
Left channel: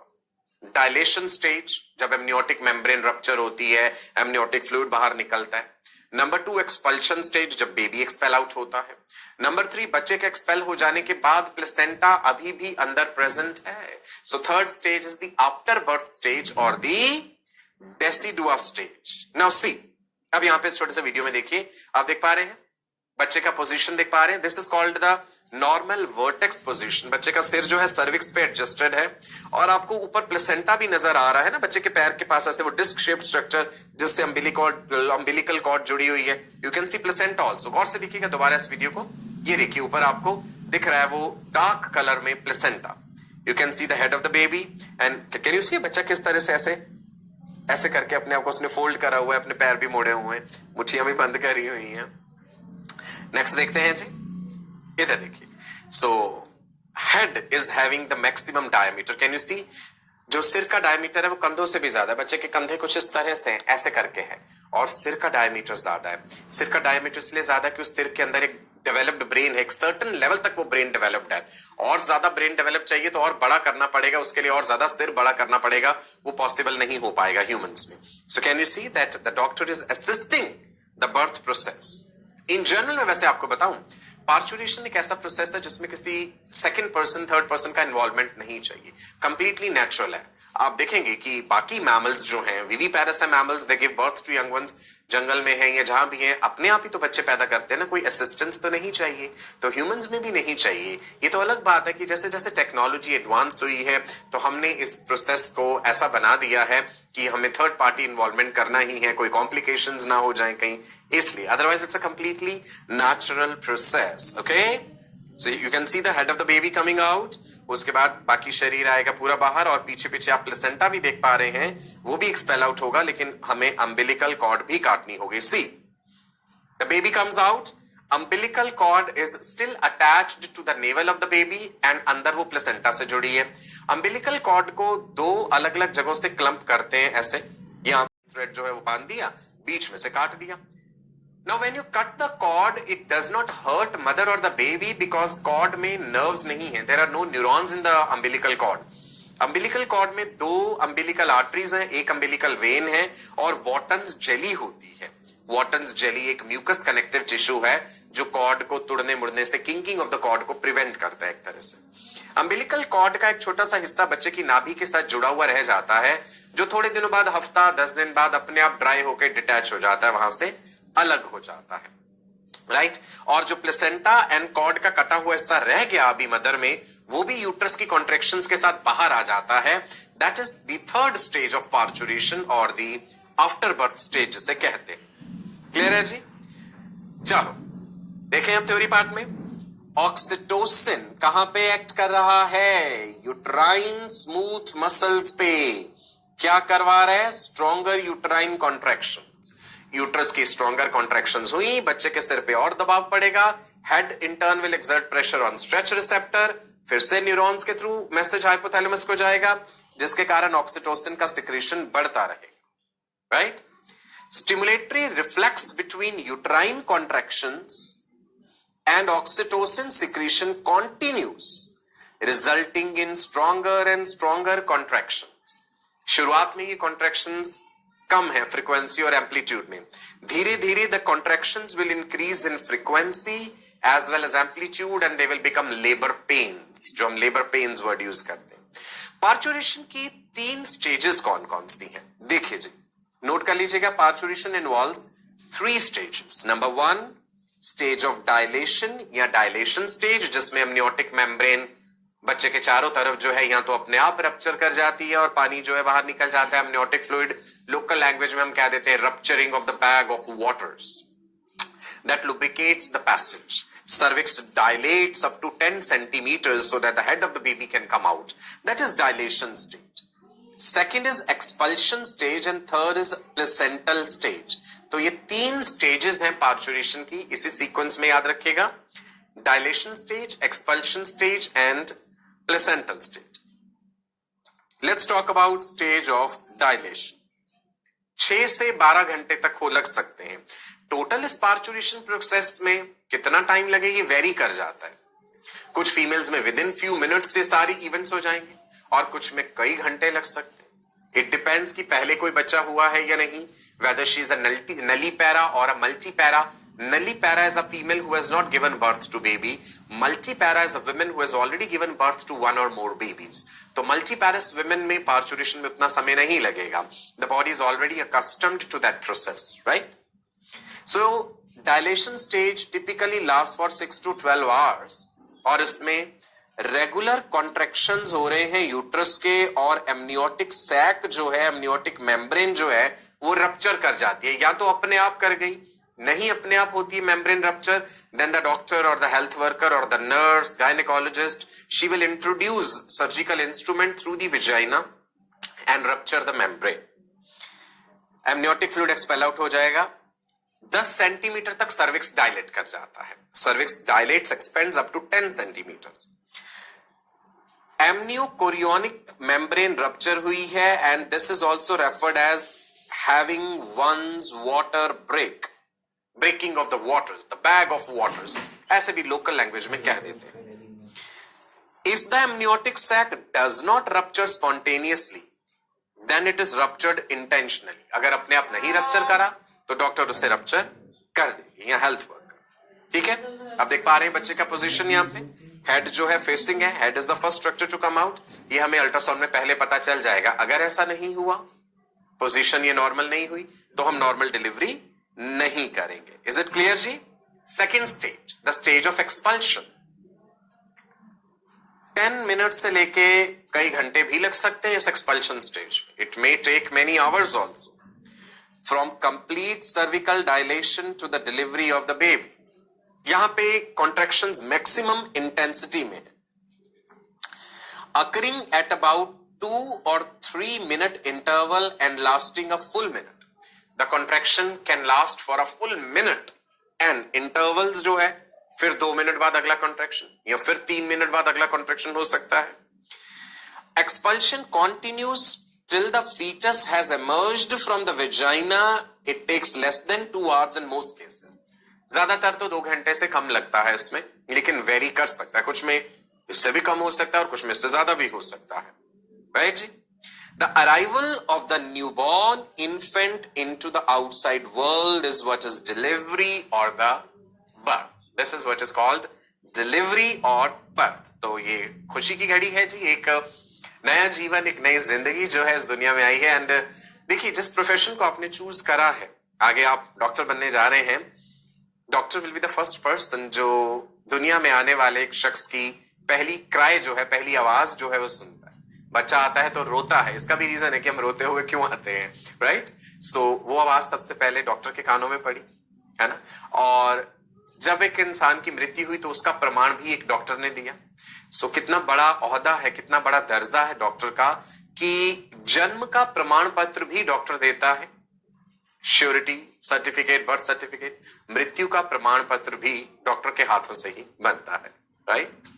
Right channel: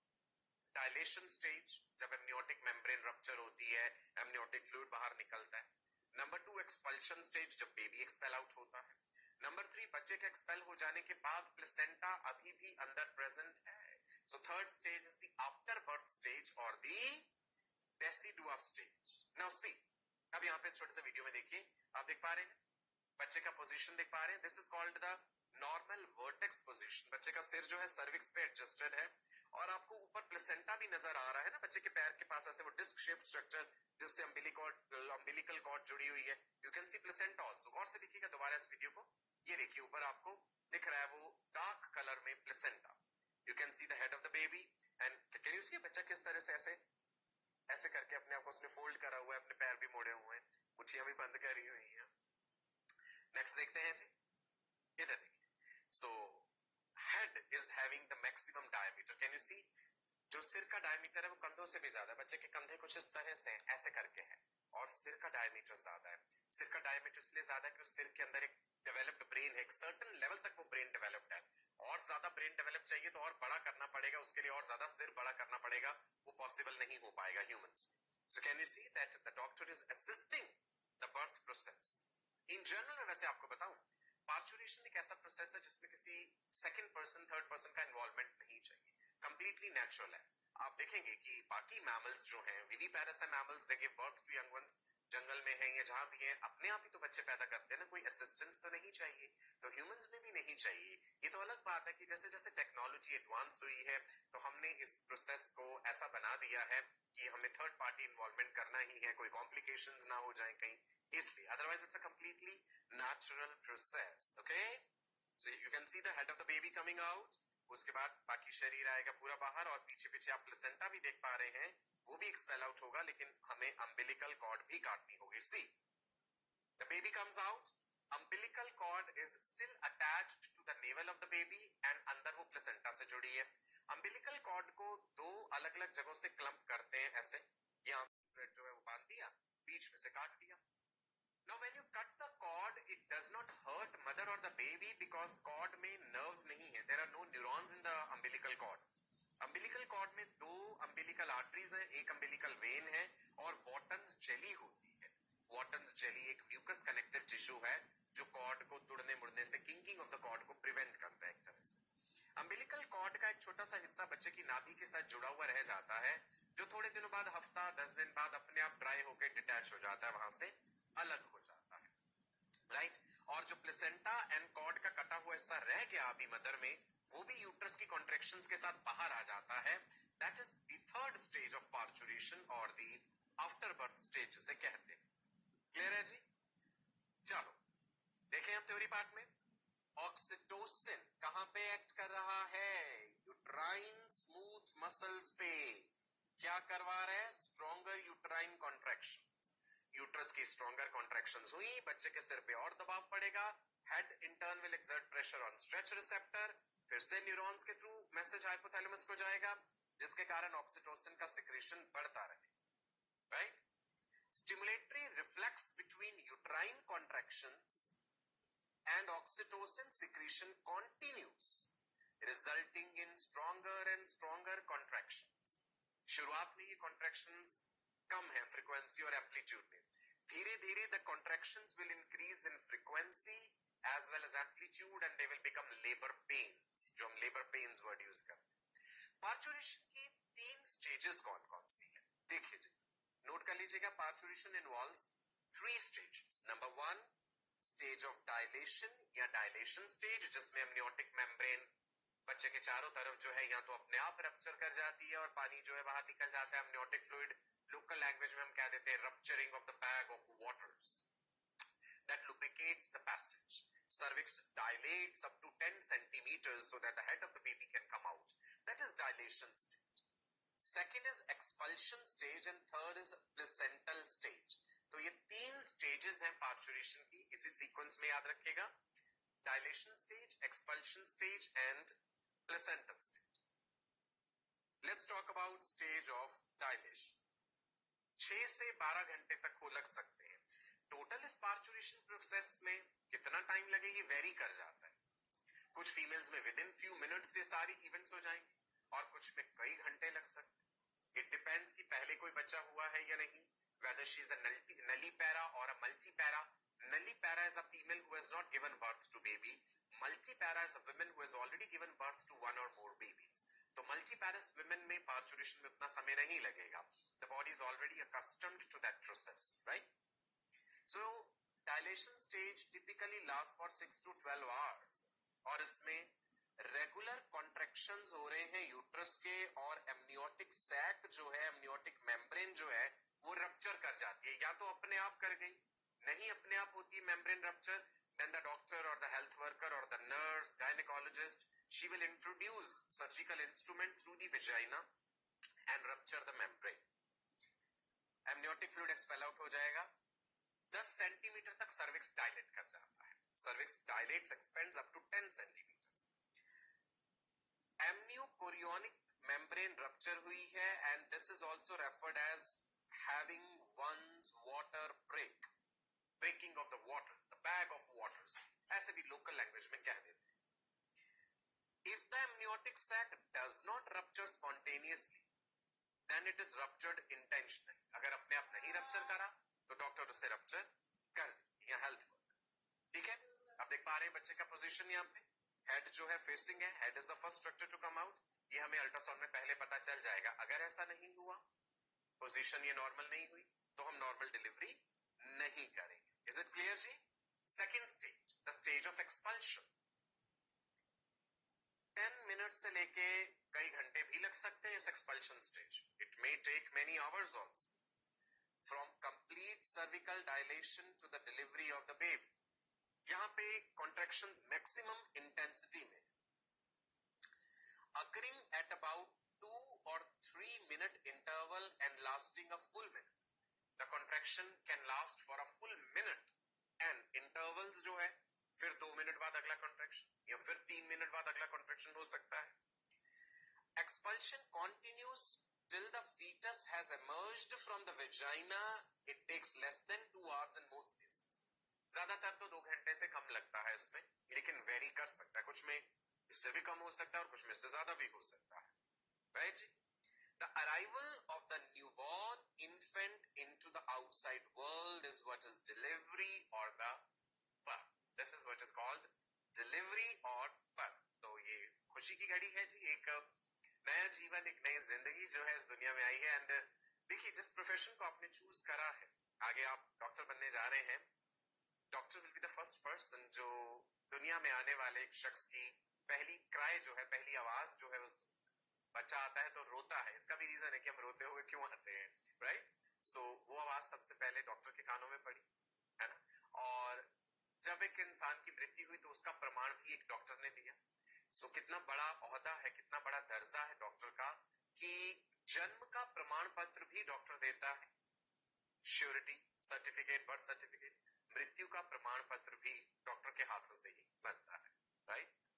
डायलेशन स्टेज, जब एमनियोटिक मेम्ब्रेन रप्चर होती है, एमनियोटिक फ्लूइड बाहर निकलता है। नंबर 2 एक्सपल्शन स्टेज, जब बेबी एक्सपेल आउट होता है। नंबर 3 बच्चे के एक्सपेल हो जाने के बाद प्लेसेंटा अभी भी अंदर प्रेजेंट है। So third stage is the afterbirth stage और the decidua stage. Now see, अब यहां पे छोटे से वीडियो में देखिए, आप देख पा रहे हैं बच्चे का पोजीशन देख पा रहे हैं। This is called the normal vertex position. बच्चे का सिर जो है सर्विक्स पे एडजस्टेड है और आपको ऊपर प्लेसेंटा भी नजर आ रहा है ना बच्चे के पैर के पास, ऐसे वो डिस्क शेप्ड स्ट्रक्चर जिससे अम्बिलिकल कॉर्ड जुड़ी हुई है। You can see placenta also. गौर से देखिएगा दोबारा इस वीडियो को, ये देखिए ऊपर आपको दिख रहा है वो डार्क कलर में placenta. You can see the head of the baby and can you see बच्चा किस तरह से ऐसे करके अपने आप को उसने फोल्ड करा हुआ है, अपने पैर भी मोड़े हुए हैं, मुट्ठियां भी बंद करी हुई हैं। नेक्स्ट देखते हैं जी, इधर देखिए। So head is having the maximum diameter. Can you see? जो सिर का डायमीटर है वो कंधों से भी ज्यादा है. बच्चे के कंधे कुछ इस तरह से ऐसे करके है और सिर का डायमीटर ज्यादा है. सिर का डायमीटर इसलिए ज्यादा है कि उस सिर के अंदर एक डेवलप्ड ब्रेन है, एक सर्टेन लेवल तक वो ब्रेन डेवलप्ड है. और ज्यादा ब्रेन डेवलप चाहिए तो और बड़ा करना पड़ेगा, उसके लिए और ज्यादा सिर बड़ा करना पड़ेगा, वो पॉसिबल नहीं हो पाएगा ह्यूमंस में. So can you see that the doctor is assisting the birth process. In general में वैसे आपको बताऊं, पार्चुरेशन एक ऐसा प्रोसेस है जिसमें किसी सेकंड पर्सन थर्ड पर्सन का इन्वॉल्वमेंट नहीं चाहिए, कंप्लीटली नेचुरल है. आप देखेंगे कि बाकी मैमल्स जो हैं, विविपैरस है mammals, they give birth to young ones, जंगल में है या जहां भी है अपने आप ही तो बच्चे पैदा करते हैं ना, कोई असिस्टेंस तो नहीं चाहिए. तो ह्यूमंस में भी नहीं चाहिए. ये तो अलग बात है कि जैसे जैसे टेक्नोलॉजी एडवांस हुई है तो हमने इस प्रोसेस को ऐसा बना दिया है कि हमें थर्ड पार्टी इन्वॉल्वमेंट करना ही है, कोई कॉम्प्लिकेशंस ना हो जाए कहीं, इसलिए. Otherwise it's a completely natural process. Okay, so you can see the head of the baby coming out. उसके बाद बाकी शरीर आएगा पूरा बाहर और पीछे पीछे आप प्लेसेंटा भी देख पा रहे हैं, वो भी एक्सपेल आउट होगा, लेकिन हमें अम्बिलिकल कॉर्ड भी काटनी होगी. See, the baby comes out, umbilical cord is still attached to the navel of the baby and अंदर वो प्लेसेंटा से जुड़ी है. umbilical cord को दो अलग अलग जगहों से क्लम्प करते हैं ऐसे. यहाँ थ्रेड जो है वो बांध दिया, बीच में से काट दिया. Now when you cut the cord, it does not hurt mother or the baby because cord में nerves नहीं है. There are no neurons in the umbilical cord. umbilical cord में दो umbilical arteries हैं, एक umbilical vein है और Wharton's jelly होती है. Wharton's jelly एक म्यूकस कनेक्टिव टिश्यू है जो कॉर्ड को तोड़ने मुड़ने से, किंकिंग ऑफ द कॉर्ड को प्रिवेंट करता है एक तरह से. अम्बिलिकल कॉर्ड का एक छोटा सा हिस्सा बच्चे की नाभि के साथ जुड़ा हुआ रह जाता है, जो थोड़े दिनों बाद, हफ्ता 10 दिन बाद अपने आप ड्राई होकर डिटैच हो जाता है, वहां से अलग हो जाता है. राइट. और जो प्लेसेंटा एंड कॉर्ड का कटा हुआ हिस्सा रह गया अभी मदर में, वो भी यूट्रस की कॉन्ट्रेक्शंस के साथ बाहर आ जाता है. That is the third stage of parturition और द आफ्टर बर्थ स्टेज जिसे कहते हैं. क्लियर है जी? चलो देखें अब थ्योरी पार्ट में. ऑक्सीटोसिन कहां पे एक्ट कर रहा है? यूट्राइन स्मूथ मसल्स पे. क्या करवा रहे हैं? Stronger uterine contractions. यूट्रस की स्ट्रॉन्गर कॉन्ट्रैक्शंस हुई, बच्चे के सिर पे और दबाव पड़ेगा. Head in turn will exert pressure on stretch receptor. फिर से न्यूरॉन्स के थ्रू मैसेज हाइपोथैलेमस को जाएगा, जिसके कारण ऑक्सीटोसिन का सिक्रेशन बढ़ता रहेगा. Right. Stimulatory reflex between uterine contractions and oxytocin secretion continues, resulting in stronger and stronger contractions. शुरुआत में ये contractions कम है फ्रीक्वेंसी और एम्पलीट्यूड में. धीरे धीरे the contractions will increase in frequency as well as amplitude and they will become labor pains, जो हम labor pains word use करते हैं. पार्चुरेशन की 3 स्टेजेस कौन कौन सी हैं देखिए जी, नोट कर लीजिएगा. Parturition involves 3 stages. Number 1 stage of dilation या डायलेशन स्टेज, जिसमें एमनियोटिक मेम्ब्रेन बच्चे के चारों तरफ जो है या तो अपने आप रप्चर कर जाती है और पानी जो है बाहर निकल जाता है. एमनियोटिक फ्लूइड लोकल लैंग्वेज में हम कह देते हैं rupturing of the bag of waters that lubricates the passage. Cervix dilates up to 10 centimeters so that the head of the baby can come out. That is dilation stage. Second is expulsion stage and third is placental stage. तो ये 3 stages हैं parturition की, इसी sequence में याद रखिएगा. Dilation stage, expulsion stage and placental stage. Let's talk about stage of dilation. 6 से 12 घंटे तक हो लग सकते हैं. टोटल इस पार्चुरेशन प्रोसेस में कितना टाइम लगे ये वेरी कर जाता है. कुछ फीमेल्स में विद इन फ्यू मिनट्स से सारी इवेंट्स हो जाएंगे और कुछ में कई घंटे लग सकते हैं. इट डिपेंड्स कि पहले कोई बच्चा हुआ है या नहीं, वेदर शी इज अ नलीपैरा और अ multipara. Nulliparous is a female who has not given birth to baby. Multiparous is a woman who has already given birth to 1 or more babies. तो multiparous women में parturition में उतना समय नहीं लगेगा. The body is already accustomed to that process, right? So dilation stage typically lasts for 6 to 12 hours. और इसमें regular contractions हो रहे हैं यूट्रस के और एमनियोटिक सैक जो है, एमनियोटिक मेम्ब्रेन जो है वो रप्चर कर जाती है. या तो अपने आप कर गई, नहीं अपने आप होती है membrane rupture, then the doctor और द हेल्थ वर्कर और the nurse gynaecologist she will introduce surgical instrument through the vagina and rupture the membrane. Amniotic fluid expel out हो जाएगा. 10 सेंटीमीटर तक सर्विक्स डायलेट कर जाता है. Cervix dilates, expands up to 10 centimetres. Amniochorionic membrane rupture हुई है and this is also referred as having ones water break, breaking of the waters, the bag of waters, ऐसे भी लोकल लैंग्वेज में कह देते हैं. If the amniotic sac does not rupture spontaneously then it is ruptured intentionally. अगर अपने आप नहीं रप्चर करा तो डॉक्टर उसे रप्चर कर देगी या हेल्थ वर्कर. ठीक है, अब देख पा रहे हैं बच्चे का पोजीशन यहां पे. हेड जो है फेसिंग है, head is the first structure to come out. ये हमें अल्ट्रासाउंड में पहले पता चल जाएगा. अगर ऐसा नहीं हुआ, पोजीशन ये नॉर्मल नहीं हुई, तो हम नॉर्मल डिलीवरी नहीं करेंगे. इज इट क्लियर जी? Second stage, the stage of expulsion. 10 minute से लेके कई घंटे भी लग सकते हैं इस expulsion stage. It may take many hours also. From complete cervical dilation to the delivery of the baby. यहां पे कॉन्ट्रैक्शंस मैक्सिमम इंटेंसिटी में है, occurring at about 2 or 3 minute interval and lasting a full minute. The contraction can last for a full minute and intervals जो है फिर 2 minute बाद अगला contraction या फिर 3 मिनट बाद अगला कॉन्ट्रैक्शन हो सकता है. Expulsion continues till the fetus has emerged from the vagina. It takes less than 2 hours in most cases. ज्यादातर तो 2 घंटे से कम लगता है इसमें, लेकिन वेरी कर सकता है. कुछ में इससे भी कम हो सकता है और कुछ में इससे ज्यादा भी हो सकता है. राइट जी? The arrival of the newborn infant into the outside world is what is delivery or the birth. This is what is called delivery or birth. तो ये खुशी की घड़ी है जी. एक नया जीवन, एक नई जिंदगी जो है इस दुनिया में आई है. एंड देखिए, जिस प्रोफेशन को आपने चूज करा है, आगे आप डॉक्टर बनने जा रहे हैं, doctor will be the first person जो दुनिया में आने वाले एक शख्स की पहली क्राई जो है, पहली आवाज जो है वो सुनता है. बच्चा आता है तो रोता है. इसका भी रीजन है कि हम रोते हुए क्यों आते हैं. राइट? सो वो आवाज सबसे पहले डॉक्टर के कानों में पड़ी, है ना. और जब एक इंसान की मृत्यु हुई तो उसका प्रमाण भी एक डॉक्टर ने दिया. सो कितना बड़ा ओहदा है, कितना बड़ा दर्जा है डॉक्टर का कि जन्म का प्रमाण पत्र भी डॉक्टर देता है. श्योरिटी सर्टिफिकेट, बर्थ सर्टिफिकेट, मृत्यु का प्रमाण पत्र भी डॉक्टर के हाथों से ही बनता है. राइट?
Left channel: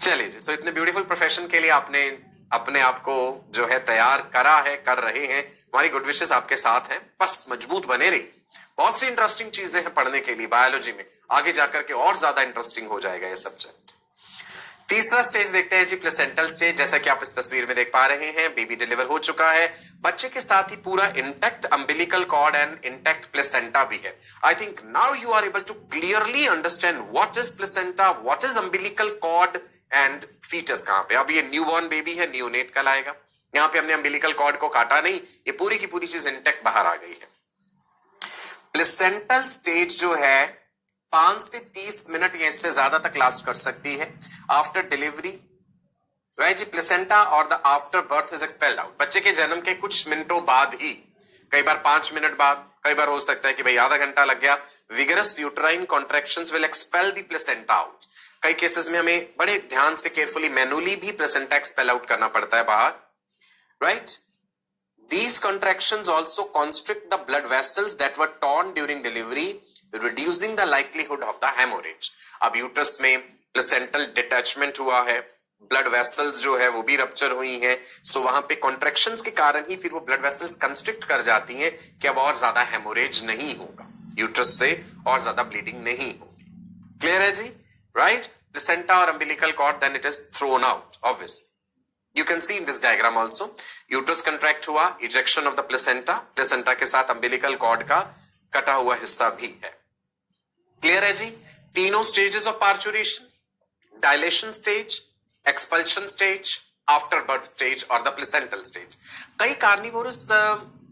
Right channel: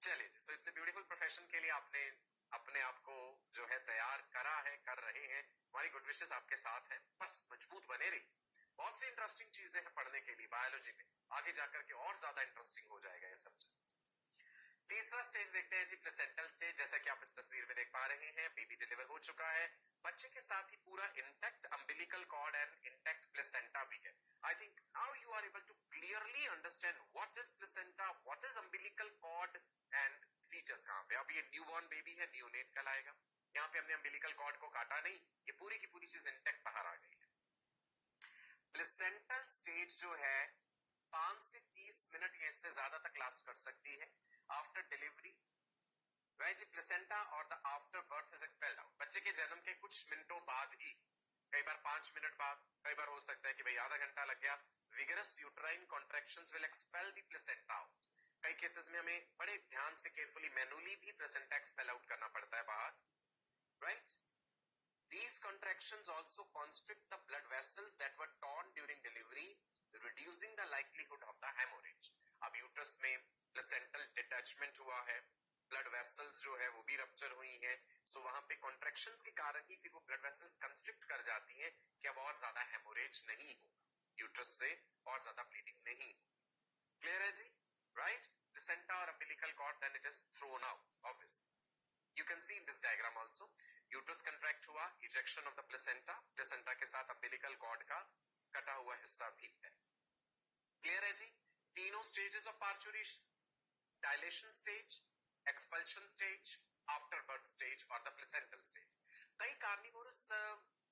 चलिए जी. सो इतने ब्यूटीफुल प्रोफेशन के लिए आपने अपने आप को जो है तैयार करा है, कर रहे हैं. हमारी गुड विशेस आपके साथ हैं. बस मजबूत बने रहिए. बहुत सी इंटरेस्टिंग चीजें हैं पढ़ने के लिए बायोलॉजी में. आगे जाकर के और ज्यादा इंटरेस्टिंग हो जाएगा ये सब्जेक्ट. तीसरा स्टेज देखते हैं जी, प्लेसेंटल स्टेज. जैसा कि आप इस तस्वीर में देख पा रहे हैं, बेबी डिलीवर हो चुका है. बच्चे के साथ ही पूरा intact umbilical cord and intact placenta भी है. I think now you are able to clearly understand what is placenta, what is umbilical cord and foetus कहां पे. अब ये न्यूबॉर्न बेबी है, नियोनेट कहलाएगा. यहां पे हमने अम्बिलिकल कॉर्ड को काटा नहीं, ये पूरी की पूरी चीज इंटैक्ट बाहर आ गई है. प्लेसेंटल स्टेज जो है 5 से 30 मिनट या इससे ज्यादा तक लास्ट कर सकती है आफ्टर डिलीवरी. राइट जी? प्लेसेंटा और the after birth is expelled out. बच्चे के जन्म के कुछ मिनटों बाद ही, कई बार 5 मिनट बाद, कई बार हो सकता है कि भाई आधा घंटा लग गया. Vigorous uterine contractions will expel the placenta out. कई केसेस में हमें बड़े ध्यान से केयरफुली मैनुअली भी प्लेसेंटा एक्सपेल आउट करना पड़ता है बाहर. Right? These contractions also constrict the blood vessels that were torn during delivery, reducing the likelihood of the hemorrhage. अब यूट्रस में प्लेसेंटल डिटैचमेंट हुआ है, ब्लड वेसल्स जो है वो भी रप्चर हुई हैं. सो वहां पे कॉन्ट्रैक्शंस के कारण ही फिर वो ब्लड वेसल्स कंस्ट्रिक्ट कर जाती हैं कि अब और ज्यादा हेमोरेज नहीं होगा, यूट्रस से और ज्यादा ब्लीडिंग नहीं होगी. क्लियर है जी? राइट? प्लेसेंटा और umbilical cord, then it is thrown out obviously. You can see in this diagram also, uterus contract हुआ, ejection of the placenta, placenta के साथ umbilical cord का कटा हुआ हिस्सा भी है. Clear है जी? तीनों stages of parturition, dilation stage, expulsion stage, after birth stage और the placental stage. कई carnivorous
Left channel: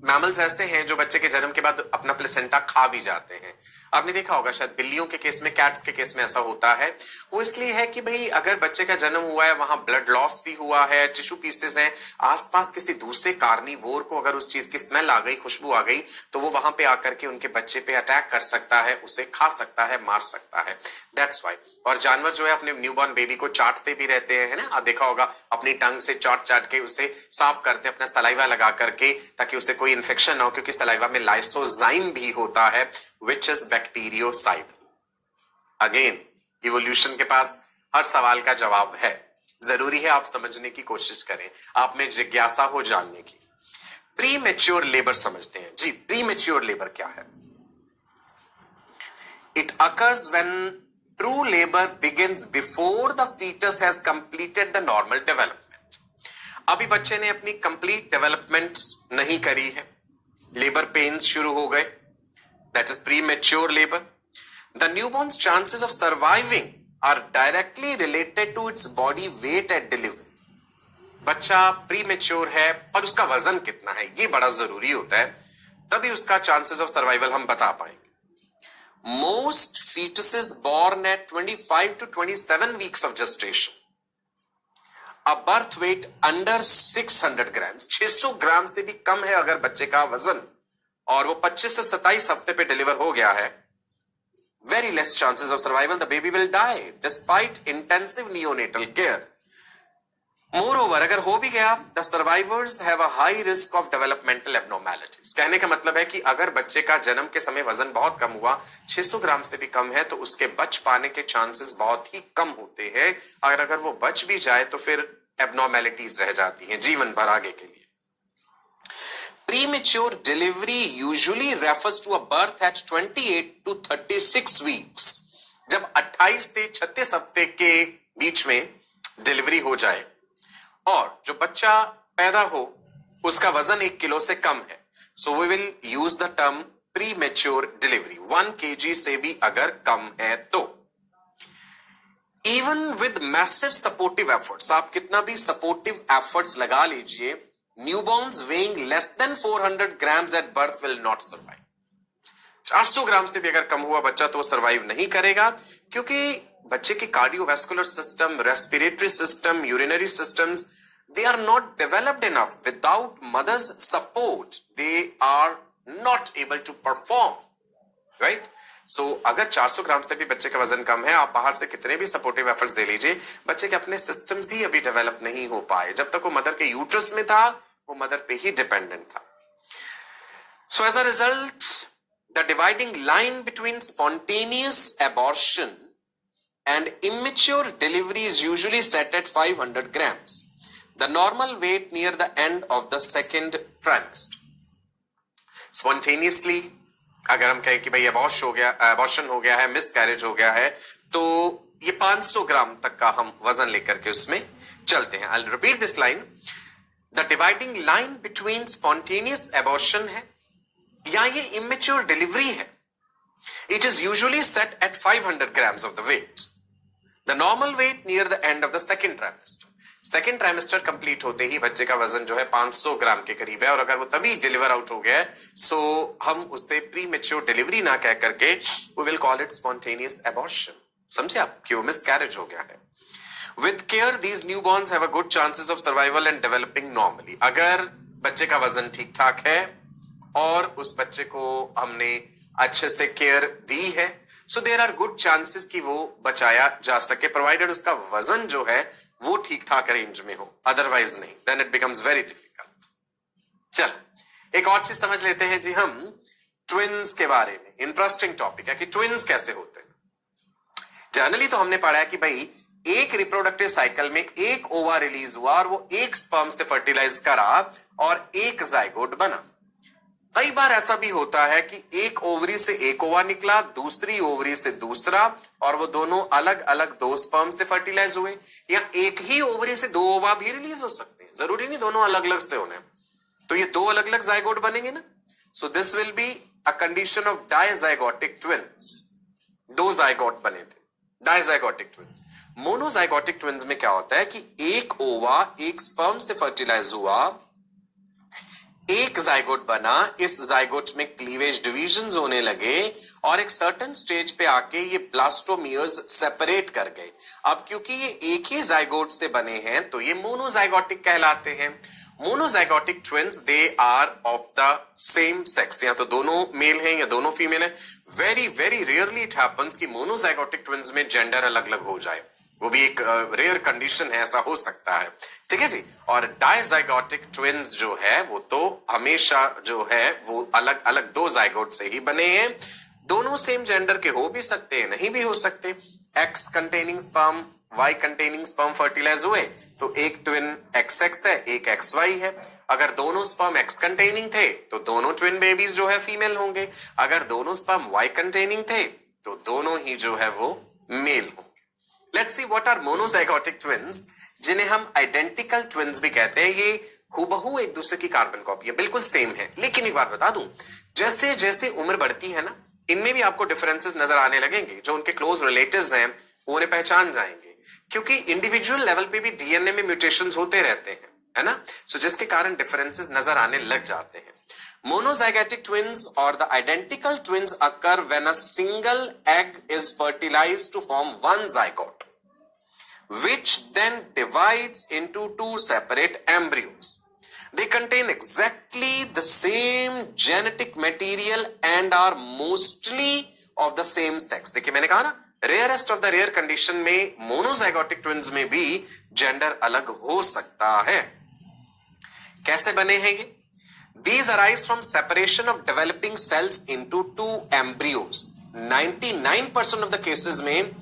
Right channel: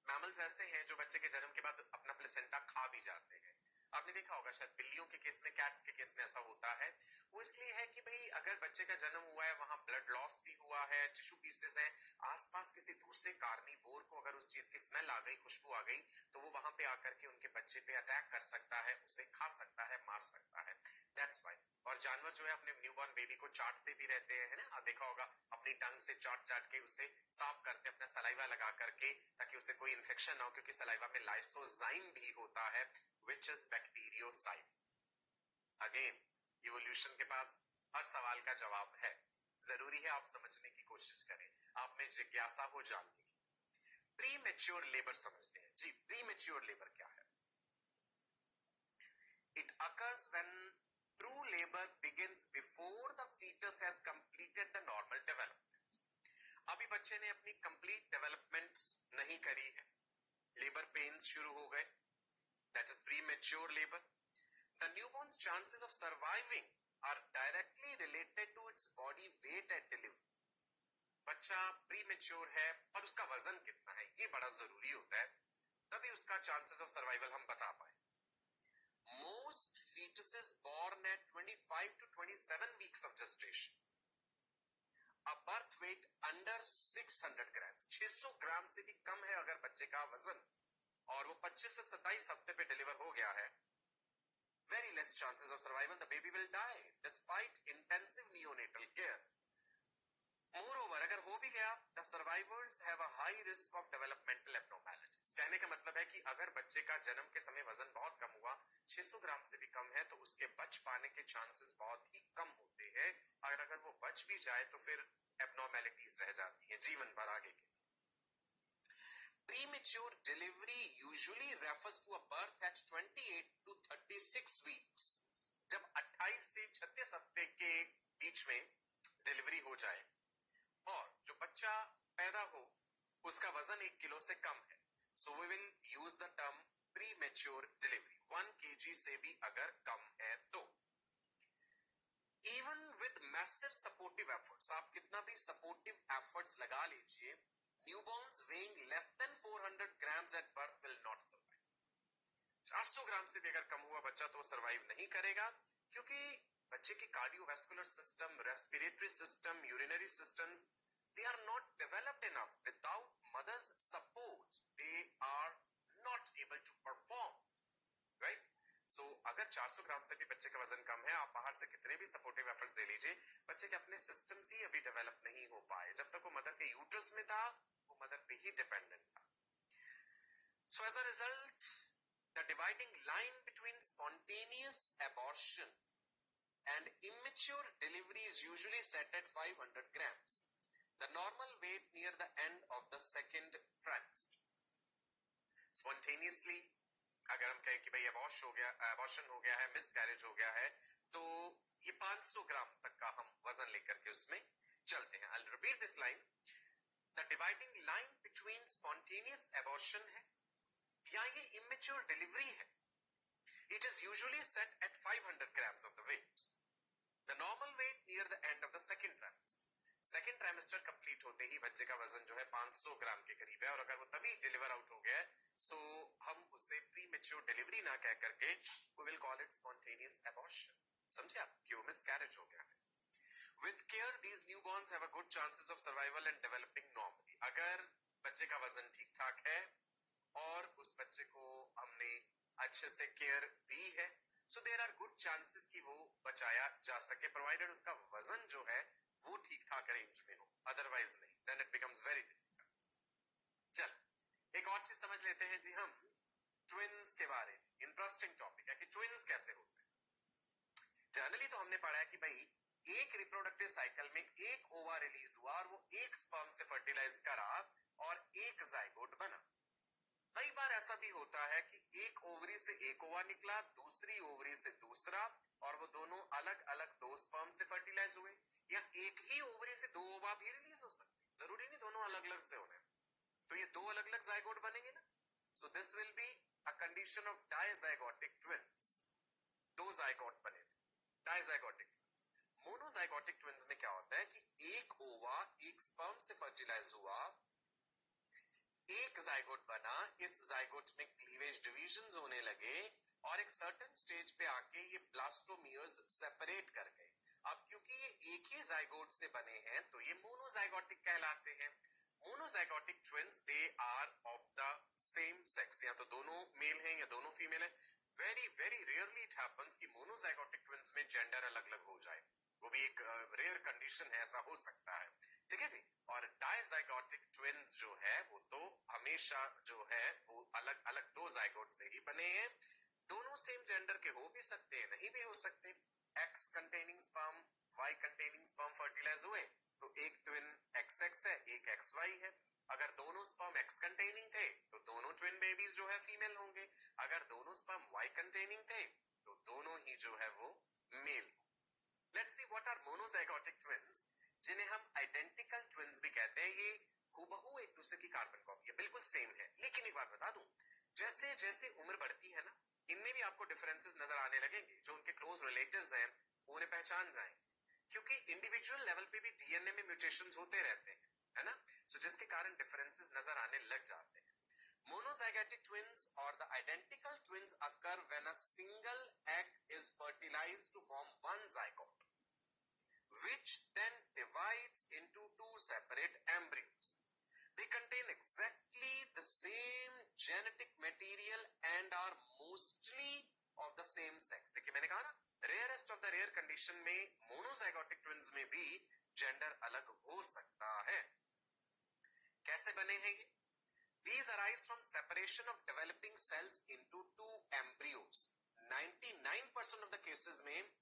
मैमल्स ऐसे हैं जो बच्चे के जन्म के बाद अपना प्लेसेंटा खा भी जाते हैं. आपने देखा होगा शायद बिल्लियों के केस में, कैट्स के केस में ऐसा होता है. वो इसलिए है कि भाई अगर बच्चे का जन्म हुआ है, वहां ब्लड लॉस भी हुआ है, टिश्यू पीसेस हैं, आसपास किसी दूसरे कार्निवोर को अगर उस चीज की स्मेल आ गई, खुशबू आ गई, तो वो वहां पे आकर के उनके बच्चे पे अटैक कर सकता है, उसे खा सकता है, मार सकता है. That's why. और जानवर जो है अपने न्यूबॉर्न बेबी को चाटते भी रहते हैं, है ना. आप देखा होगा अपनी टंग से चाट चाट के उसे साफ करते हैं, अपना सलाइवा लगा करके, ताकि उसे कोई इन्फेक्शन ना हो, क्योंकि सलाइवा में लाइसोजाइम भी होता है, which is bacteriocide. Again evolution के पास हर सवाल का जवाब है, जरूरी है आप समझने की कोशिश करें, आप में जिज्ञासा हो जानने की। प्री मेच्योर लेबर समझते हैं जी। प्री मेच्योर लेबर क्या है? It occurs when true labour begins before the foetus has completed the normal development. अभी बच्चे ने अपनी कंप्लीट डेवलपमेंट नहीं करी है, लेबर पेन्स शुरू हो गए, that is premature labour. The newborns chances of surviving are directly related to its body weight at delivery. बच्चा प्री मेच्योर है पर उसका वजन कितना है ये बड़ा जरूरी होता है, तभी उसका चांसेस ऑफ सर्वाइवल हम बता पाएंगे। Most fetuses born at 25 to 27 weeks of gestation, a birth weight under 600 grams, 600 ग्राम से भी कम है अगर बच्चे का वजन, और वो 25 से 27 हफ्ते पे डिलीवर हो गया है, very less chances of survival, the baby will die despite intensive neonatal care. Moreover, अगर हो भी गया, the survivors have a high risk of developmental abnormalities. कहने का मतलब है कि अगर बच्चे का जन्म के समय वजन बहुत कम हुआ, 600 ग्राम से भी कम है, तो उसके बच पाने के चांसेस बहुत ही कम होते हैं। अगर वो बच भी जाए तो फिर एबनॉर्मेलिटीज रह जाती हैं जीवन भर आगे के लिए। Premature delivery usually refers to a birth at 28 to 36 weeks. जब 28 से 36 हफ्ते के बीच में डिलीवरी हो जाए और जो बच्चा पैदा हो उसका वजन 1 किलो से कम है, so we will use the term premature delivery. 1 kg से भी अगर कम है तो। Even with massive supportive efforts, आप कितना भी सपोर्टिव एफर्ट्स लगा लीजिए, newborns weighing less than 400 grams at birth will not survive. 400 gram से भी अगर कम हुआ बच्चा तो वो सर्वाइव नहीं करेगा, क्योंकि बच्चे की cardiovascular system, respiratory system, urinary systems, they are not developed enough. Without mother's support, they are not able to perform. Right? So, अगर 400 ग्राम से भी बच्चे का वजन कम है, आप बाहर से कितने भी सपोर्टिव एफर्ट्स दे लीजिए, बच्चे के अपने सिस्टम्स ही अभी डेवलप नहीं हो पाए। जब तक वो मदर के यूट्रस में था, वो मदर पे ही डिपेंडेंट था। So, as a result, the dividing line between spontaneous abortion and immature delivery is usually set at 500 grams, the normal weight near the end of the second trimester. Spontaneously, अगर हम कहें कि भाई abortion हो गया है, miscarriage हो गया है, तो ये 500 ग्राम तक का हम वजन लेकर के उसमें चलते हैं। I'll repeat this line. The dividing line between spontaneous abortion है या ये immature delivery है, it is usually set at 500 grams of the weight. The normal weight near the end of the second trimester. Second trimester complete होते ही बच्चे का वजन जो है 500 ग्राम के करीब है, और अगर वो तभी डिलीवर आउट हो गया है, सो हम उसे प्री मेच्योर डिलीवरी ना कह करके we will call it spontaneous abortion. समझे आप कि वो मिसकैरेज हो गया है। With care these newborns have a good chances of survival and developing normally. अगर बच्चे का वजन ठीक ठाक है और उस बच्चे को हमने अच्छे से केयर दी है, so there are good chances कि वो बचाया जा सके, प्रोवाइडेड उसका वजन जो है वो ठीक ठाक रेंज में हो, अदरवाइज नहीं, then it becomes very difficult. चल एक और चीज समझ लेते हैं जी हम ट्विन्स के बारे में। इंटरेस्टिंग टॉपिक है कि ट्विन्स कैसे होते हैं। जनरली तो हमने पढ़ा है कि भाई एक रिप्रोडक्टिव साइकिल में एक ओवा रिलीज हुआ और वो एक स्पर्म से फर्टिलाइज करा और एक जाइगोट बना। कई बार ऐसा भी होता है कि एक ओवरी से एक ओवा निकला, दूसरी ओवरी से दूसरा, और वो दोनों अलग अलग 2 स्पर्म से फर्टिलाइज हुए, या एक ही ओवरी से 2 ओवा भी रिलीज हो सकते हैं, जरूरी नहीं दोनों अलग अलग से होने, तो ये 2 अलग अलग जाइगोट बनेंगे ना। So this will be a condition of dizygotic twins. 2 zygote बने थे, डायजाइगोटिक ट्विन्स। मोनोजाइगोटिक ट्विन्स में क्या होता है कि एक ओवा एक स्पर्म से फर्टिलाइज हुआ, एक जाइगोट बना, इस जाइगोट में क्लीवेज डिविजन्स होने लगे और एक सर्टेन स्टेज पे आके ये ब्लास्टोमियर्स सेपरेट कर गए। अब क्योंकि ये एक ही जाइगोट से बने हैं तो ये मोनोजाइगोटिक कहलाते हैं। Monozygotic twins they are of the same sex, या तो दोनों मेल हैं या दोनों फीमेल हैं। Very very rarely it happens कि मोनोजाइगोटिक ट्विन्स में जेंडर अलग अलग हो जाए, वो भी एक रेयर कंडीशन है, ऐसा हो सकता है, ठीक है जी। और डायजाइगोटिक ट्विन्स जो है वो तो हमेशा जो है वो अलग अलग 2 जाइगोट से ही बने हैं। दोनों सेम जेंडर के हो भी सकते हैं, नहीं भी हो सकते। X containing sperm, Y containing sperm fertilise हुए तो एक ट्विन XX है, एक XY है। अगर दोनों स्पर्म एक्स कंटेनिंग थे तो दोनों ट्विन बेबीज जो है फीमेल होंगे। अगर दोनों स्पर्म वाई कंटेनिंग थे तो दोनों ही जो है वो मेल होंगे। Let's see what are monozygotic twins, जिन्हें हम आइडेंटिकल ट्विन्स भी कहते हैं। ये हूबहू एक दूसरे की कार्बन कॉपी है, बिल्कुल सेम है। लेकिन एक बात बता दूं, जैसे जैसे उम्र बढ़ती है ना, इनमें भी आपको डिफरेंसेस नजर आने लगेंगे। जो उनके क्लोज रिलेटिव्स हैं वो उन्हें पहचान जाएंगे, क्योंकि इंडिविजुअल लेवल पे भी डीएनए में म्यूटेशंस होते रहते हैं, है ना। सो जिसके कारण डिफरेंसेस नजर आने लग जाते हैं। मोनोजाइगोटिक ट्विन्स और the identical twins occur when a single egg is fertilised to form one zygote, which then divides into two separate embryos. They contain exactly the same genetic material and are mostly of the same sex. देखिए मैंने कहा ना, rarest of the rare condition में monozygotic twins में भी gender अलग हो सकता है। कैसे बने हैं ये? These arise from separation of developing cells into two embryos. 99% of the cases में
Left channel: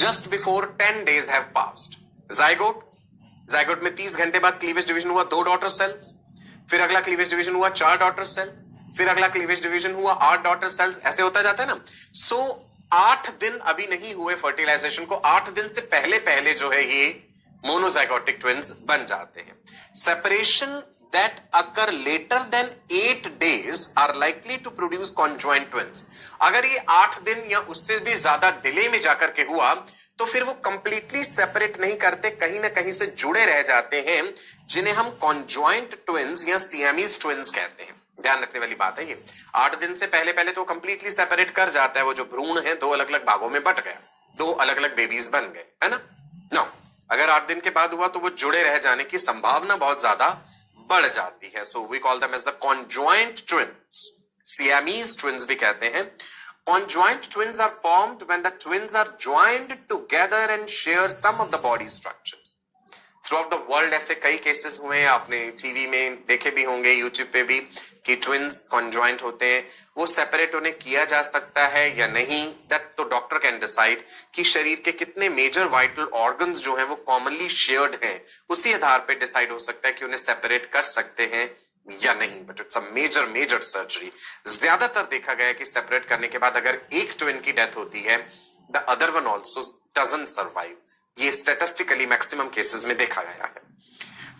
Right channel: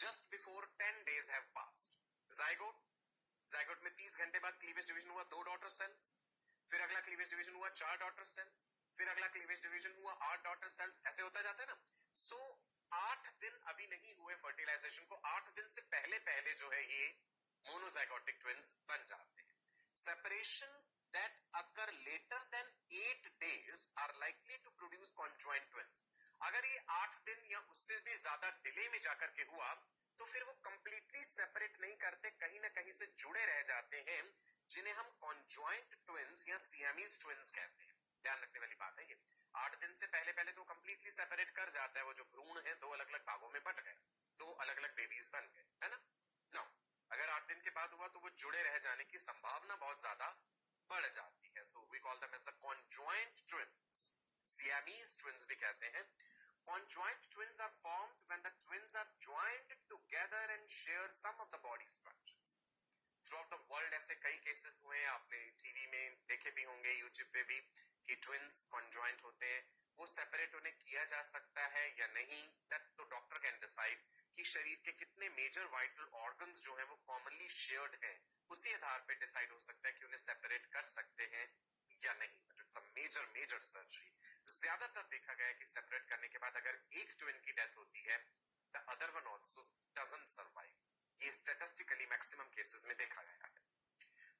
just before 10 days have passed. Zygote में 30 घंटे बाद क्लीवेज डिवीजन हुआ 2 डॉटर सेल्स, फिर अगला क्लीवेज डिवीजन हुआ 4 डॉटर सेल्स, फिर अगला क्लीवेज डिवीजन हुआ 8 डॉटर सेल्स, ऐसे होता जाता है ना। सो 8 दिन अभी नहीं हुए फर्टिलाइजेशन को, 8 दिन से पहले पहले जो है ये मोनोजाइगोटिक ट्विन्स बन जाते हैं। Separation that occur later than 8 days are likely to produce conjoined twins. अगर ये 8 दिन या उससे भी ज्यादा डिले में जाकर के हुआ तो फिर वो कंप्लीटली सेपरेट नहीं करते, कहीं ना कहीं से जुड़े रह जाते हैं, जिन्हें हम कॉन्जॉइंट ट्विन्स या सियामीज ट्विन्स कहते हैं। ध्यान रखने वाली बात है ये। 8 दिन से पहले पहले तो कंप्लीटली सेपरेट कर जाता है, वो जो भ्रूण है 2 अलग अलग भागों में बट गया, 2 अलग अलग बेबीज बन गए, है ना। नो, अगर 8 दिन के बाद हुआ तो वो जुड़े रह जाने की संभावना बहुत ज्यादा बढ़ जाती है। So we call them as the conjoined twins, Siamese twins भी कहते हैं। Conjoined twins are formed when the twins are joined together and share some of the body structures. Throughout the world ऐसे कई cases हुए हैं, आपने TV में देखे भी होंगे, यूट्यूब पे भी, कि ट्विन्स कॉन्जॉइंट होते हैं। वो सेपरेट उन्हें किया जा सकता है या नहीं, दैट तो डॉक्टर कैन डिसाइड कि शरीर के कितने मेजर वाइटल ऑर्गन्स जो हैं वो कॉमनली शेयर्ड हैं, उसी आधार पे डिसाइड हो सकता है कि उन्हें सेपरेट कर सकते हैं या नहीं। But it's a major surgery. ज्यादातर देखा गया है कि सेपरेट करने के बाद अगर एक ट्विन की डेथ होती है, the other one also doesn't survive. ये स्टैटिस्टिकली मैक्सिमम केसेस में देखा गया है।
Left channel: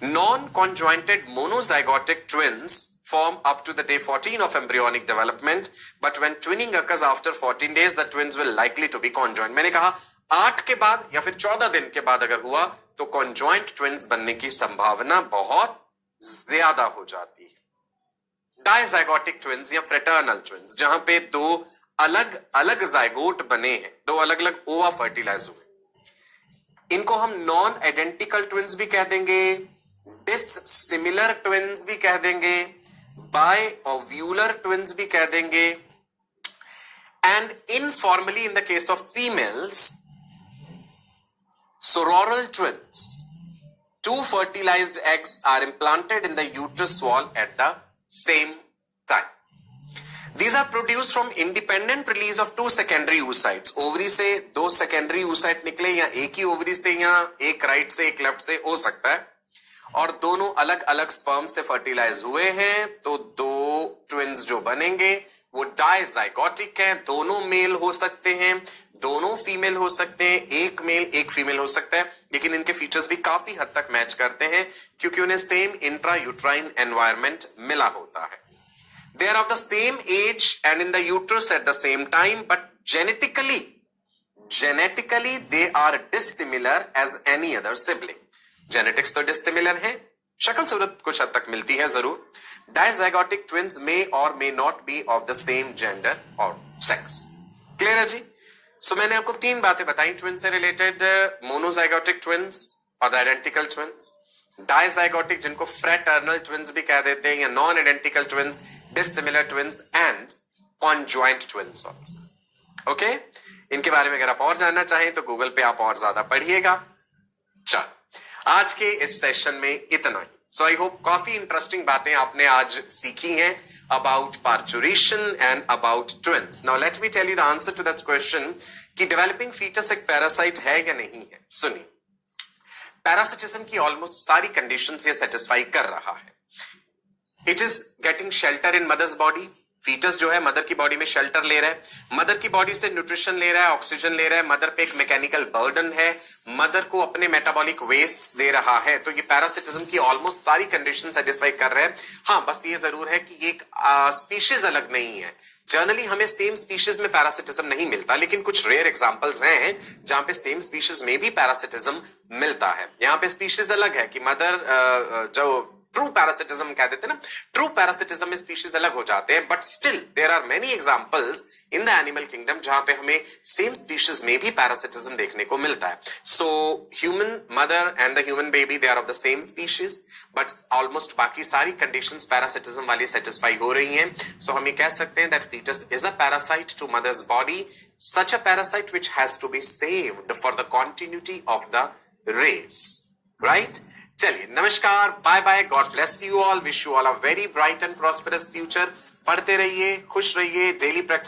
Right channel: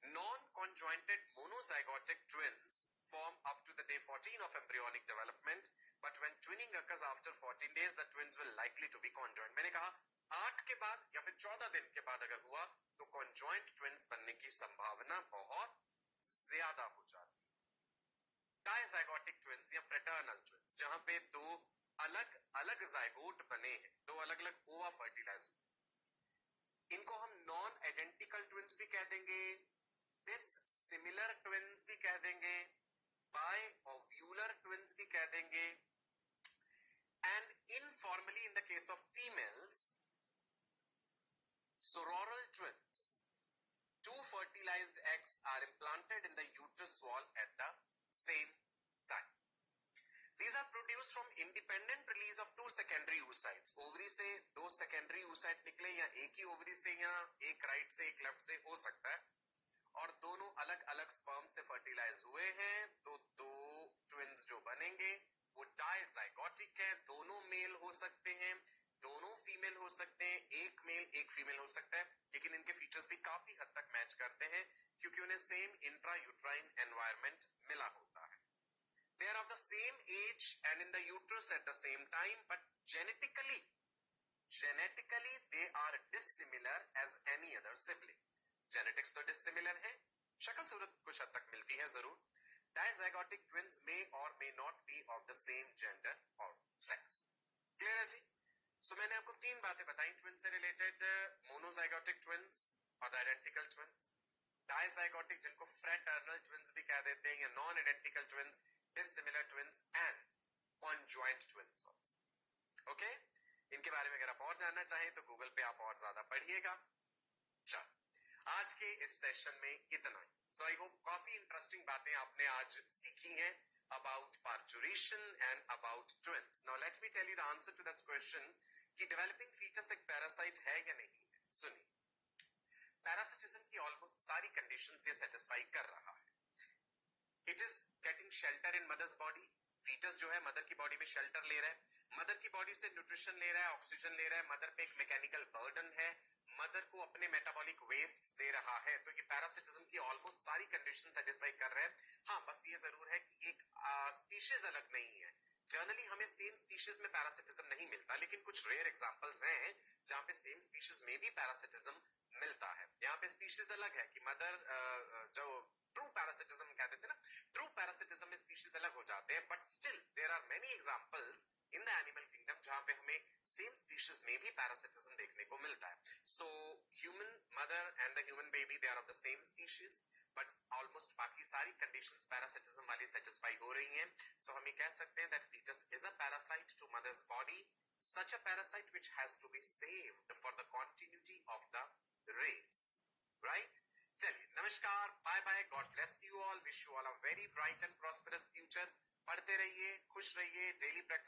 Non-conjointed monozygotic twins form up to the day 14 of embryonic development, but when twinning occurs after 14 days, the twins will likely to be conjoined. मैंने कहा 8 के बाद या फिर 14 दिन के बाद अगर हुआ तो conjoined twins बनने की संभावना बहुत ज्यादा हो जाती है। Dizygotic twins या fraternal twins, जहां पे 2 अलग अलग जाइगोट बने हैं, 2 अलग अलग ओवा फर्टिलाइज हुए, इनको हम नॉन आइडेंटिकल ट्विन्स भी कह देंगे, डिससिमिलर ट्विन्स भी कह देंगे, बाय ओव्यूलर ट्विन्स भी कह देंगे, and informally in the case of females, sororal twins. 2 fertilized eggs are implanted in the uterus wall at the same time. These are produced from independent release of 2 secondary oocytes. Ovary से 2 secondary oocyte निकले, या एक ही ovary से, या एक right से एक left से हो सकता है, और दोनों अलग अलग स्पर्म से फर्टिलाइज हुए हैं, तो 2 ट्विन्स जो बनेंगे वो डायजाइगोटिक हैं। दोनों मेल हो सकते हैं, दोनों फीमेल हो सकते हैं, एक मेल एक फीमेल हो सकता है, लेकिन इनके फीचर्स भी काफी हद तक मैच करते हैं क्योंकि उन्हें सेम इंट्रा यूट्राइन एनवायरमेंट मिला होता है। They are of the same age and in the uterus at the same time, but genetically they are dissimilar as any other sibling. Genetics तो dissimilar है, शक्ल सूरत कुछ हद तक मिलती है जरूर। Dizygotic twins may or may not be of the same gender or sex. Clear है जी? So मैंने आपको 3 बातें बताई twins से related, monozygotic twins और the identical twins, डायजाइगोटिक जिनको फ्रैटर्नल ट्विन्स भी कह देते हैं, या non identical twins, dissimilar twins and conjoint twins also. Okay, इनके बारे में अगर आप और जानना चाहें तो गूगल पे आप और ज्यादा पढ़िएगा। चलो, आज के इस सेशन में इतना ही। सो आई होप काफी इंटरेस्टिंग बातें आपने आज सीखी हैं। about parturition and about twins. Now let me tell you the answer to that question कि developing fetus एक parasite है या नहीं है. सुनिए, पैरासिटिज्म की ऑलमोस्ट सारी कंडीशंस ये सेटिस्फाई कर रहा है. It is getting shelter in mother's body. Foetus जो है मदर की बॉडी में शेल्टर ले रहा है, मदर की बॉडी से न्यूट्रिशन ले रहा है, ऑक्सीजन ले रहा है, मदर पे एक मैकेनिकल बर्डन है, मदर को अपने मेटाबॉलिक वेस्ट दे रहा है. तो ये पैरासिटिज्म की ऑलमोस्ट सारी कंडीशन सेटिस्फाई कर रहे हैं. हाँ, बस ये जरूर है कि एक स्पीशीज अलग नहीं है. जनरली हमें सेम स्पीशीज में पैरासिटिज्म नहीं मिलता, लेकिन कुछ रेयर एग्जांपल्स हैं जहां पे सेम स्पीशीज में भी पैरासिटिज्म मिलता है. यहाँ पे स्पीशीज अलग है कि मदर जो ट्रू पैरासिटिज्म कह देते हैं ना, ट्रू पैरासिटिज्म में स्पीशीज अलग हो जाते हैं, but still there are many examples in the animal kingdom जहां पे हमें सेम स्पीशीज में भी पैरासिटिज्म देखने को मिलता है. So human mother and the human baby they are of the same species, but almost बाकी सारी कंडीशंस पैरासिटिज्म वाली सेटिस्फाई हो रही हैं. सो हम ये कह सकते हैं that foetus is a parasite to mother's body, such a parasite which has to be saved for the continuity of the race. Right? चलिए, नमस्कार, bye bye, God bless you all, wish you all a very bright and prosperous future. पढ़ते रहिए, खुश रहिए, daily practice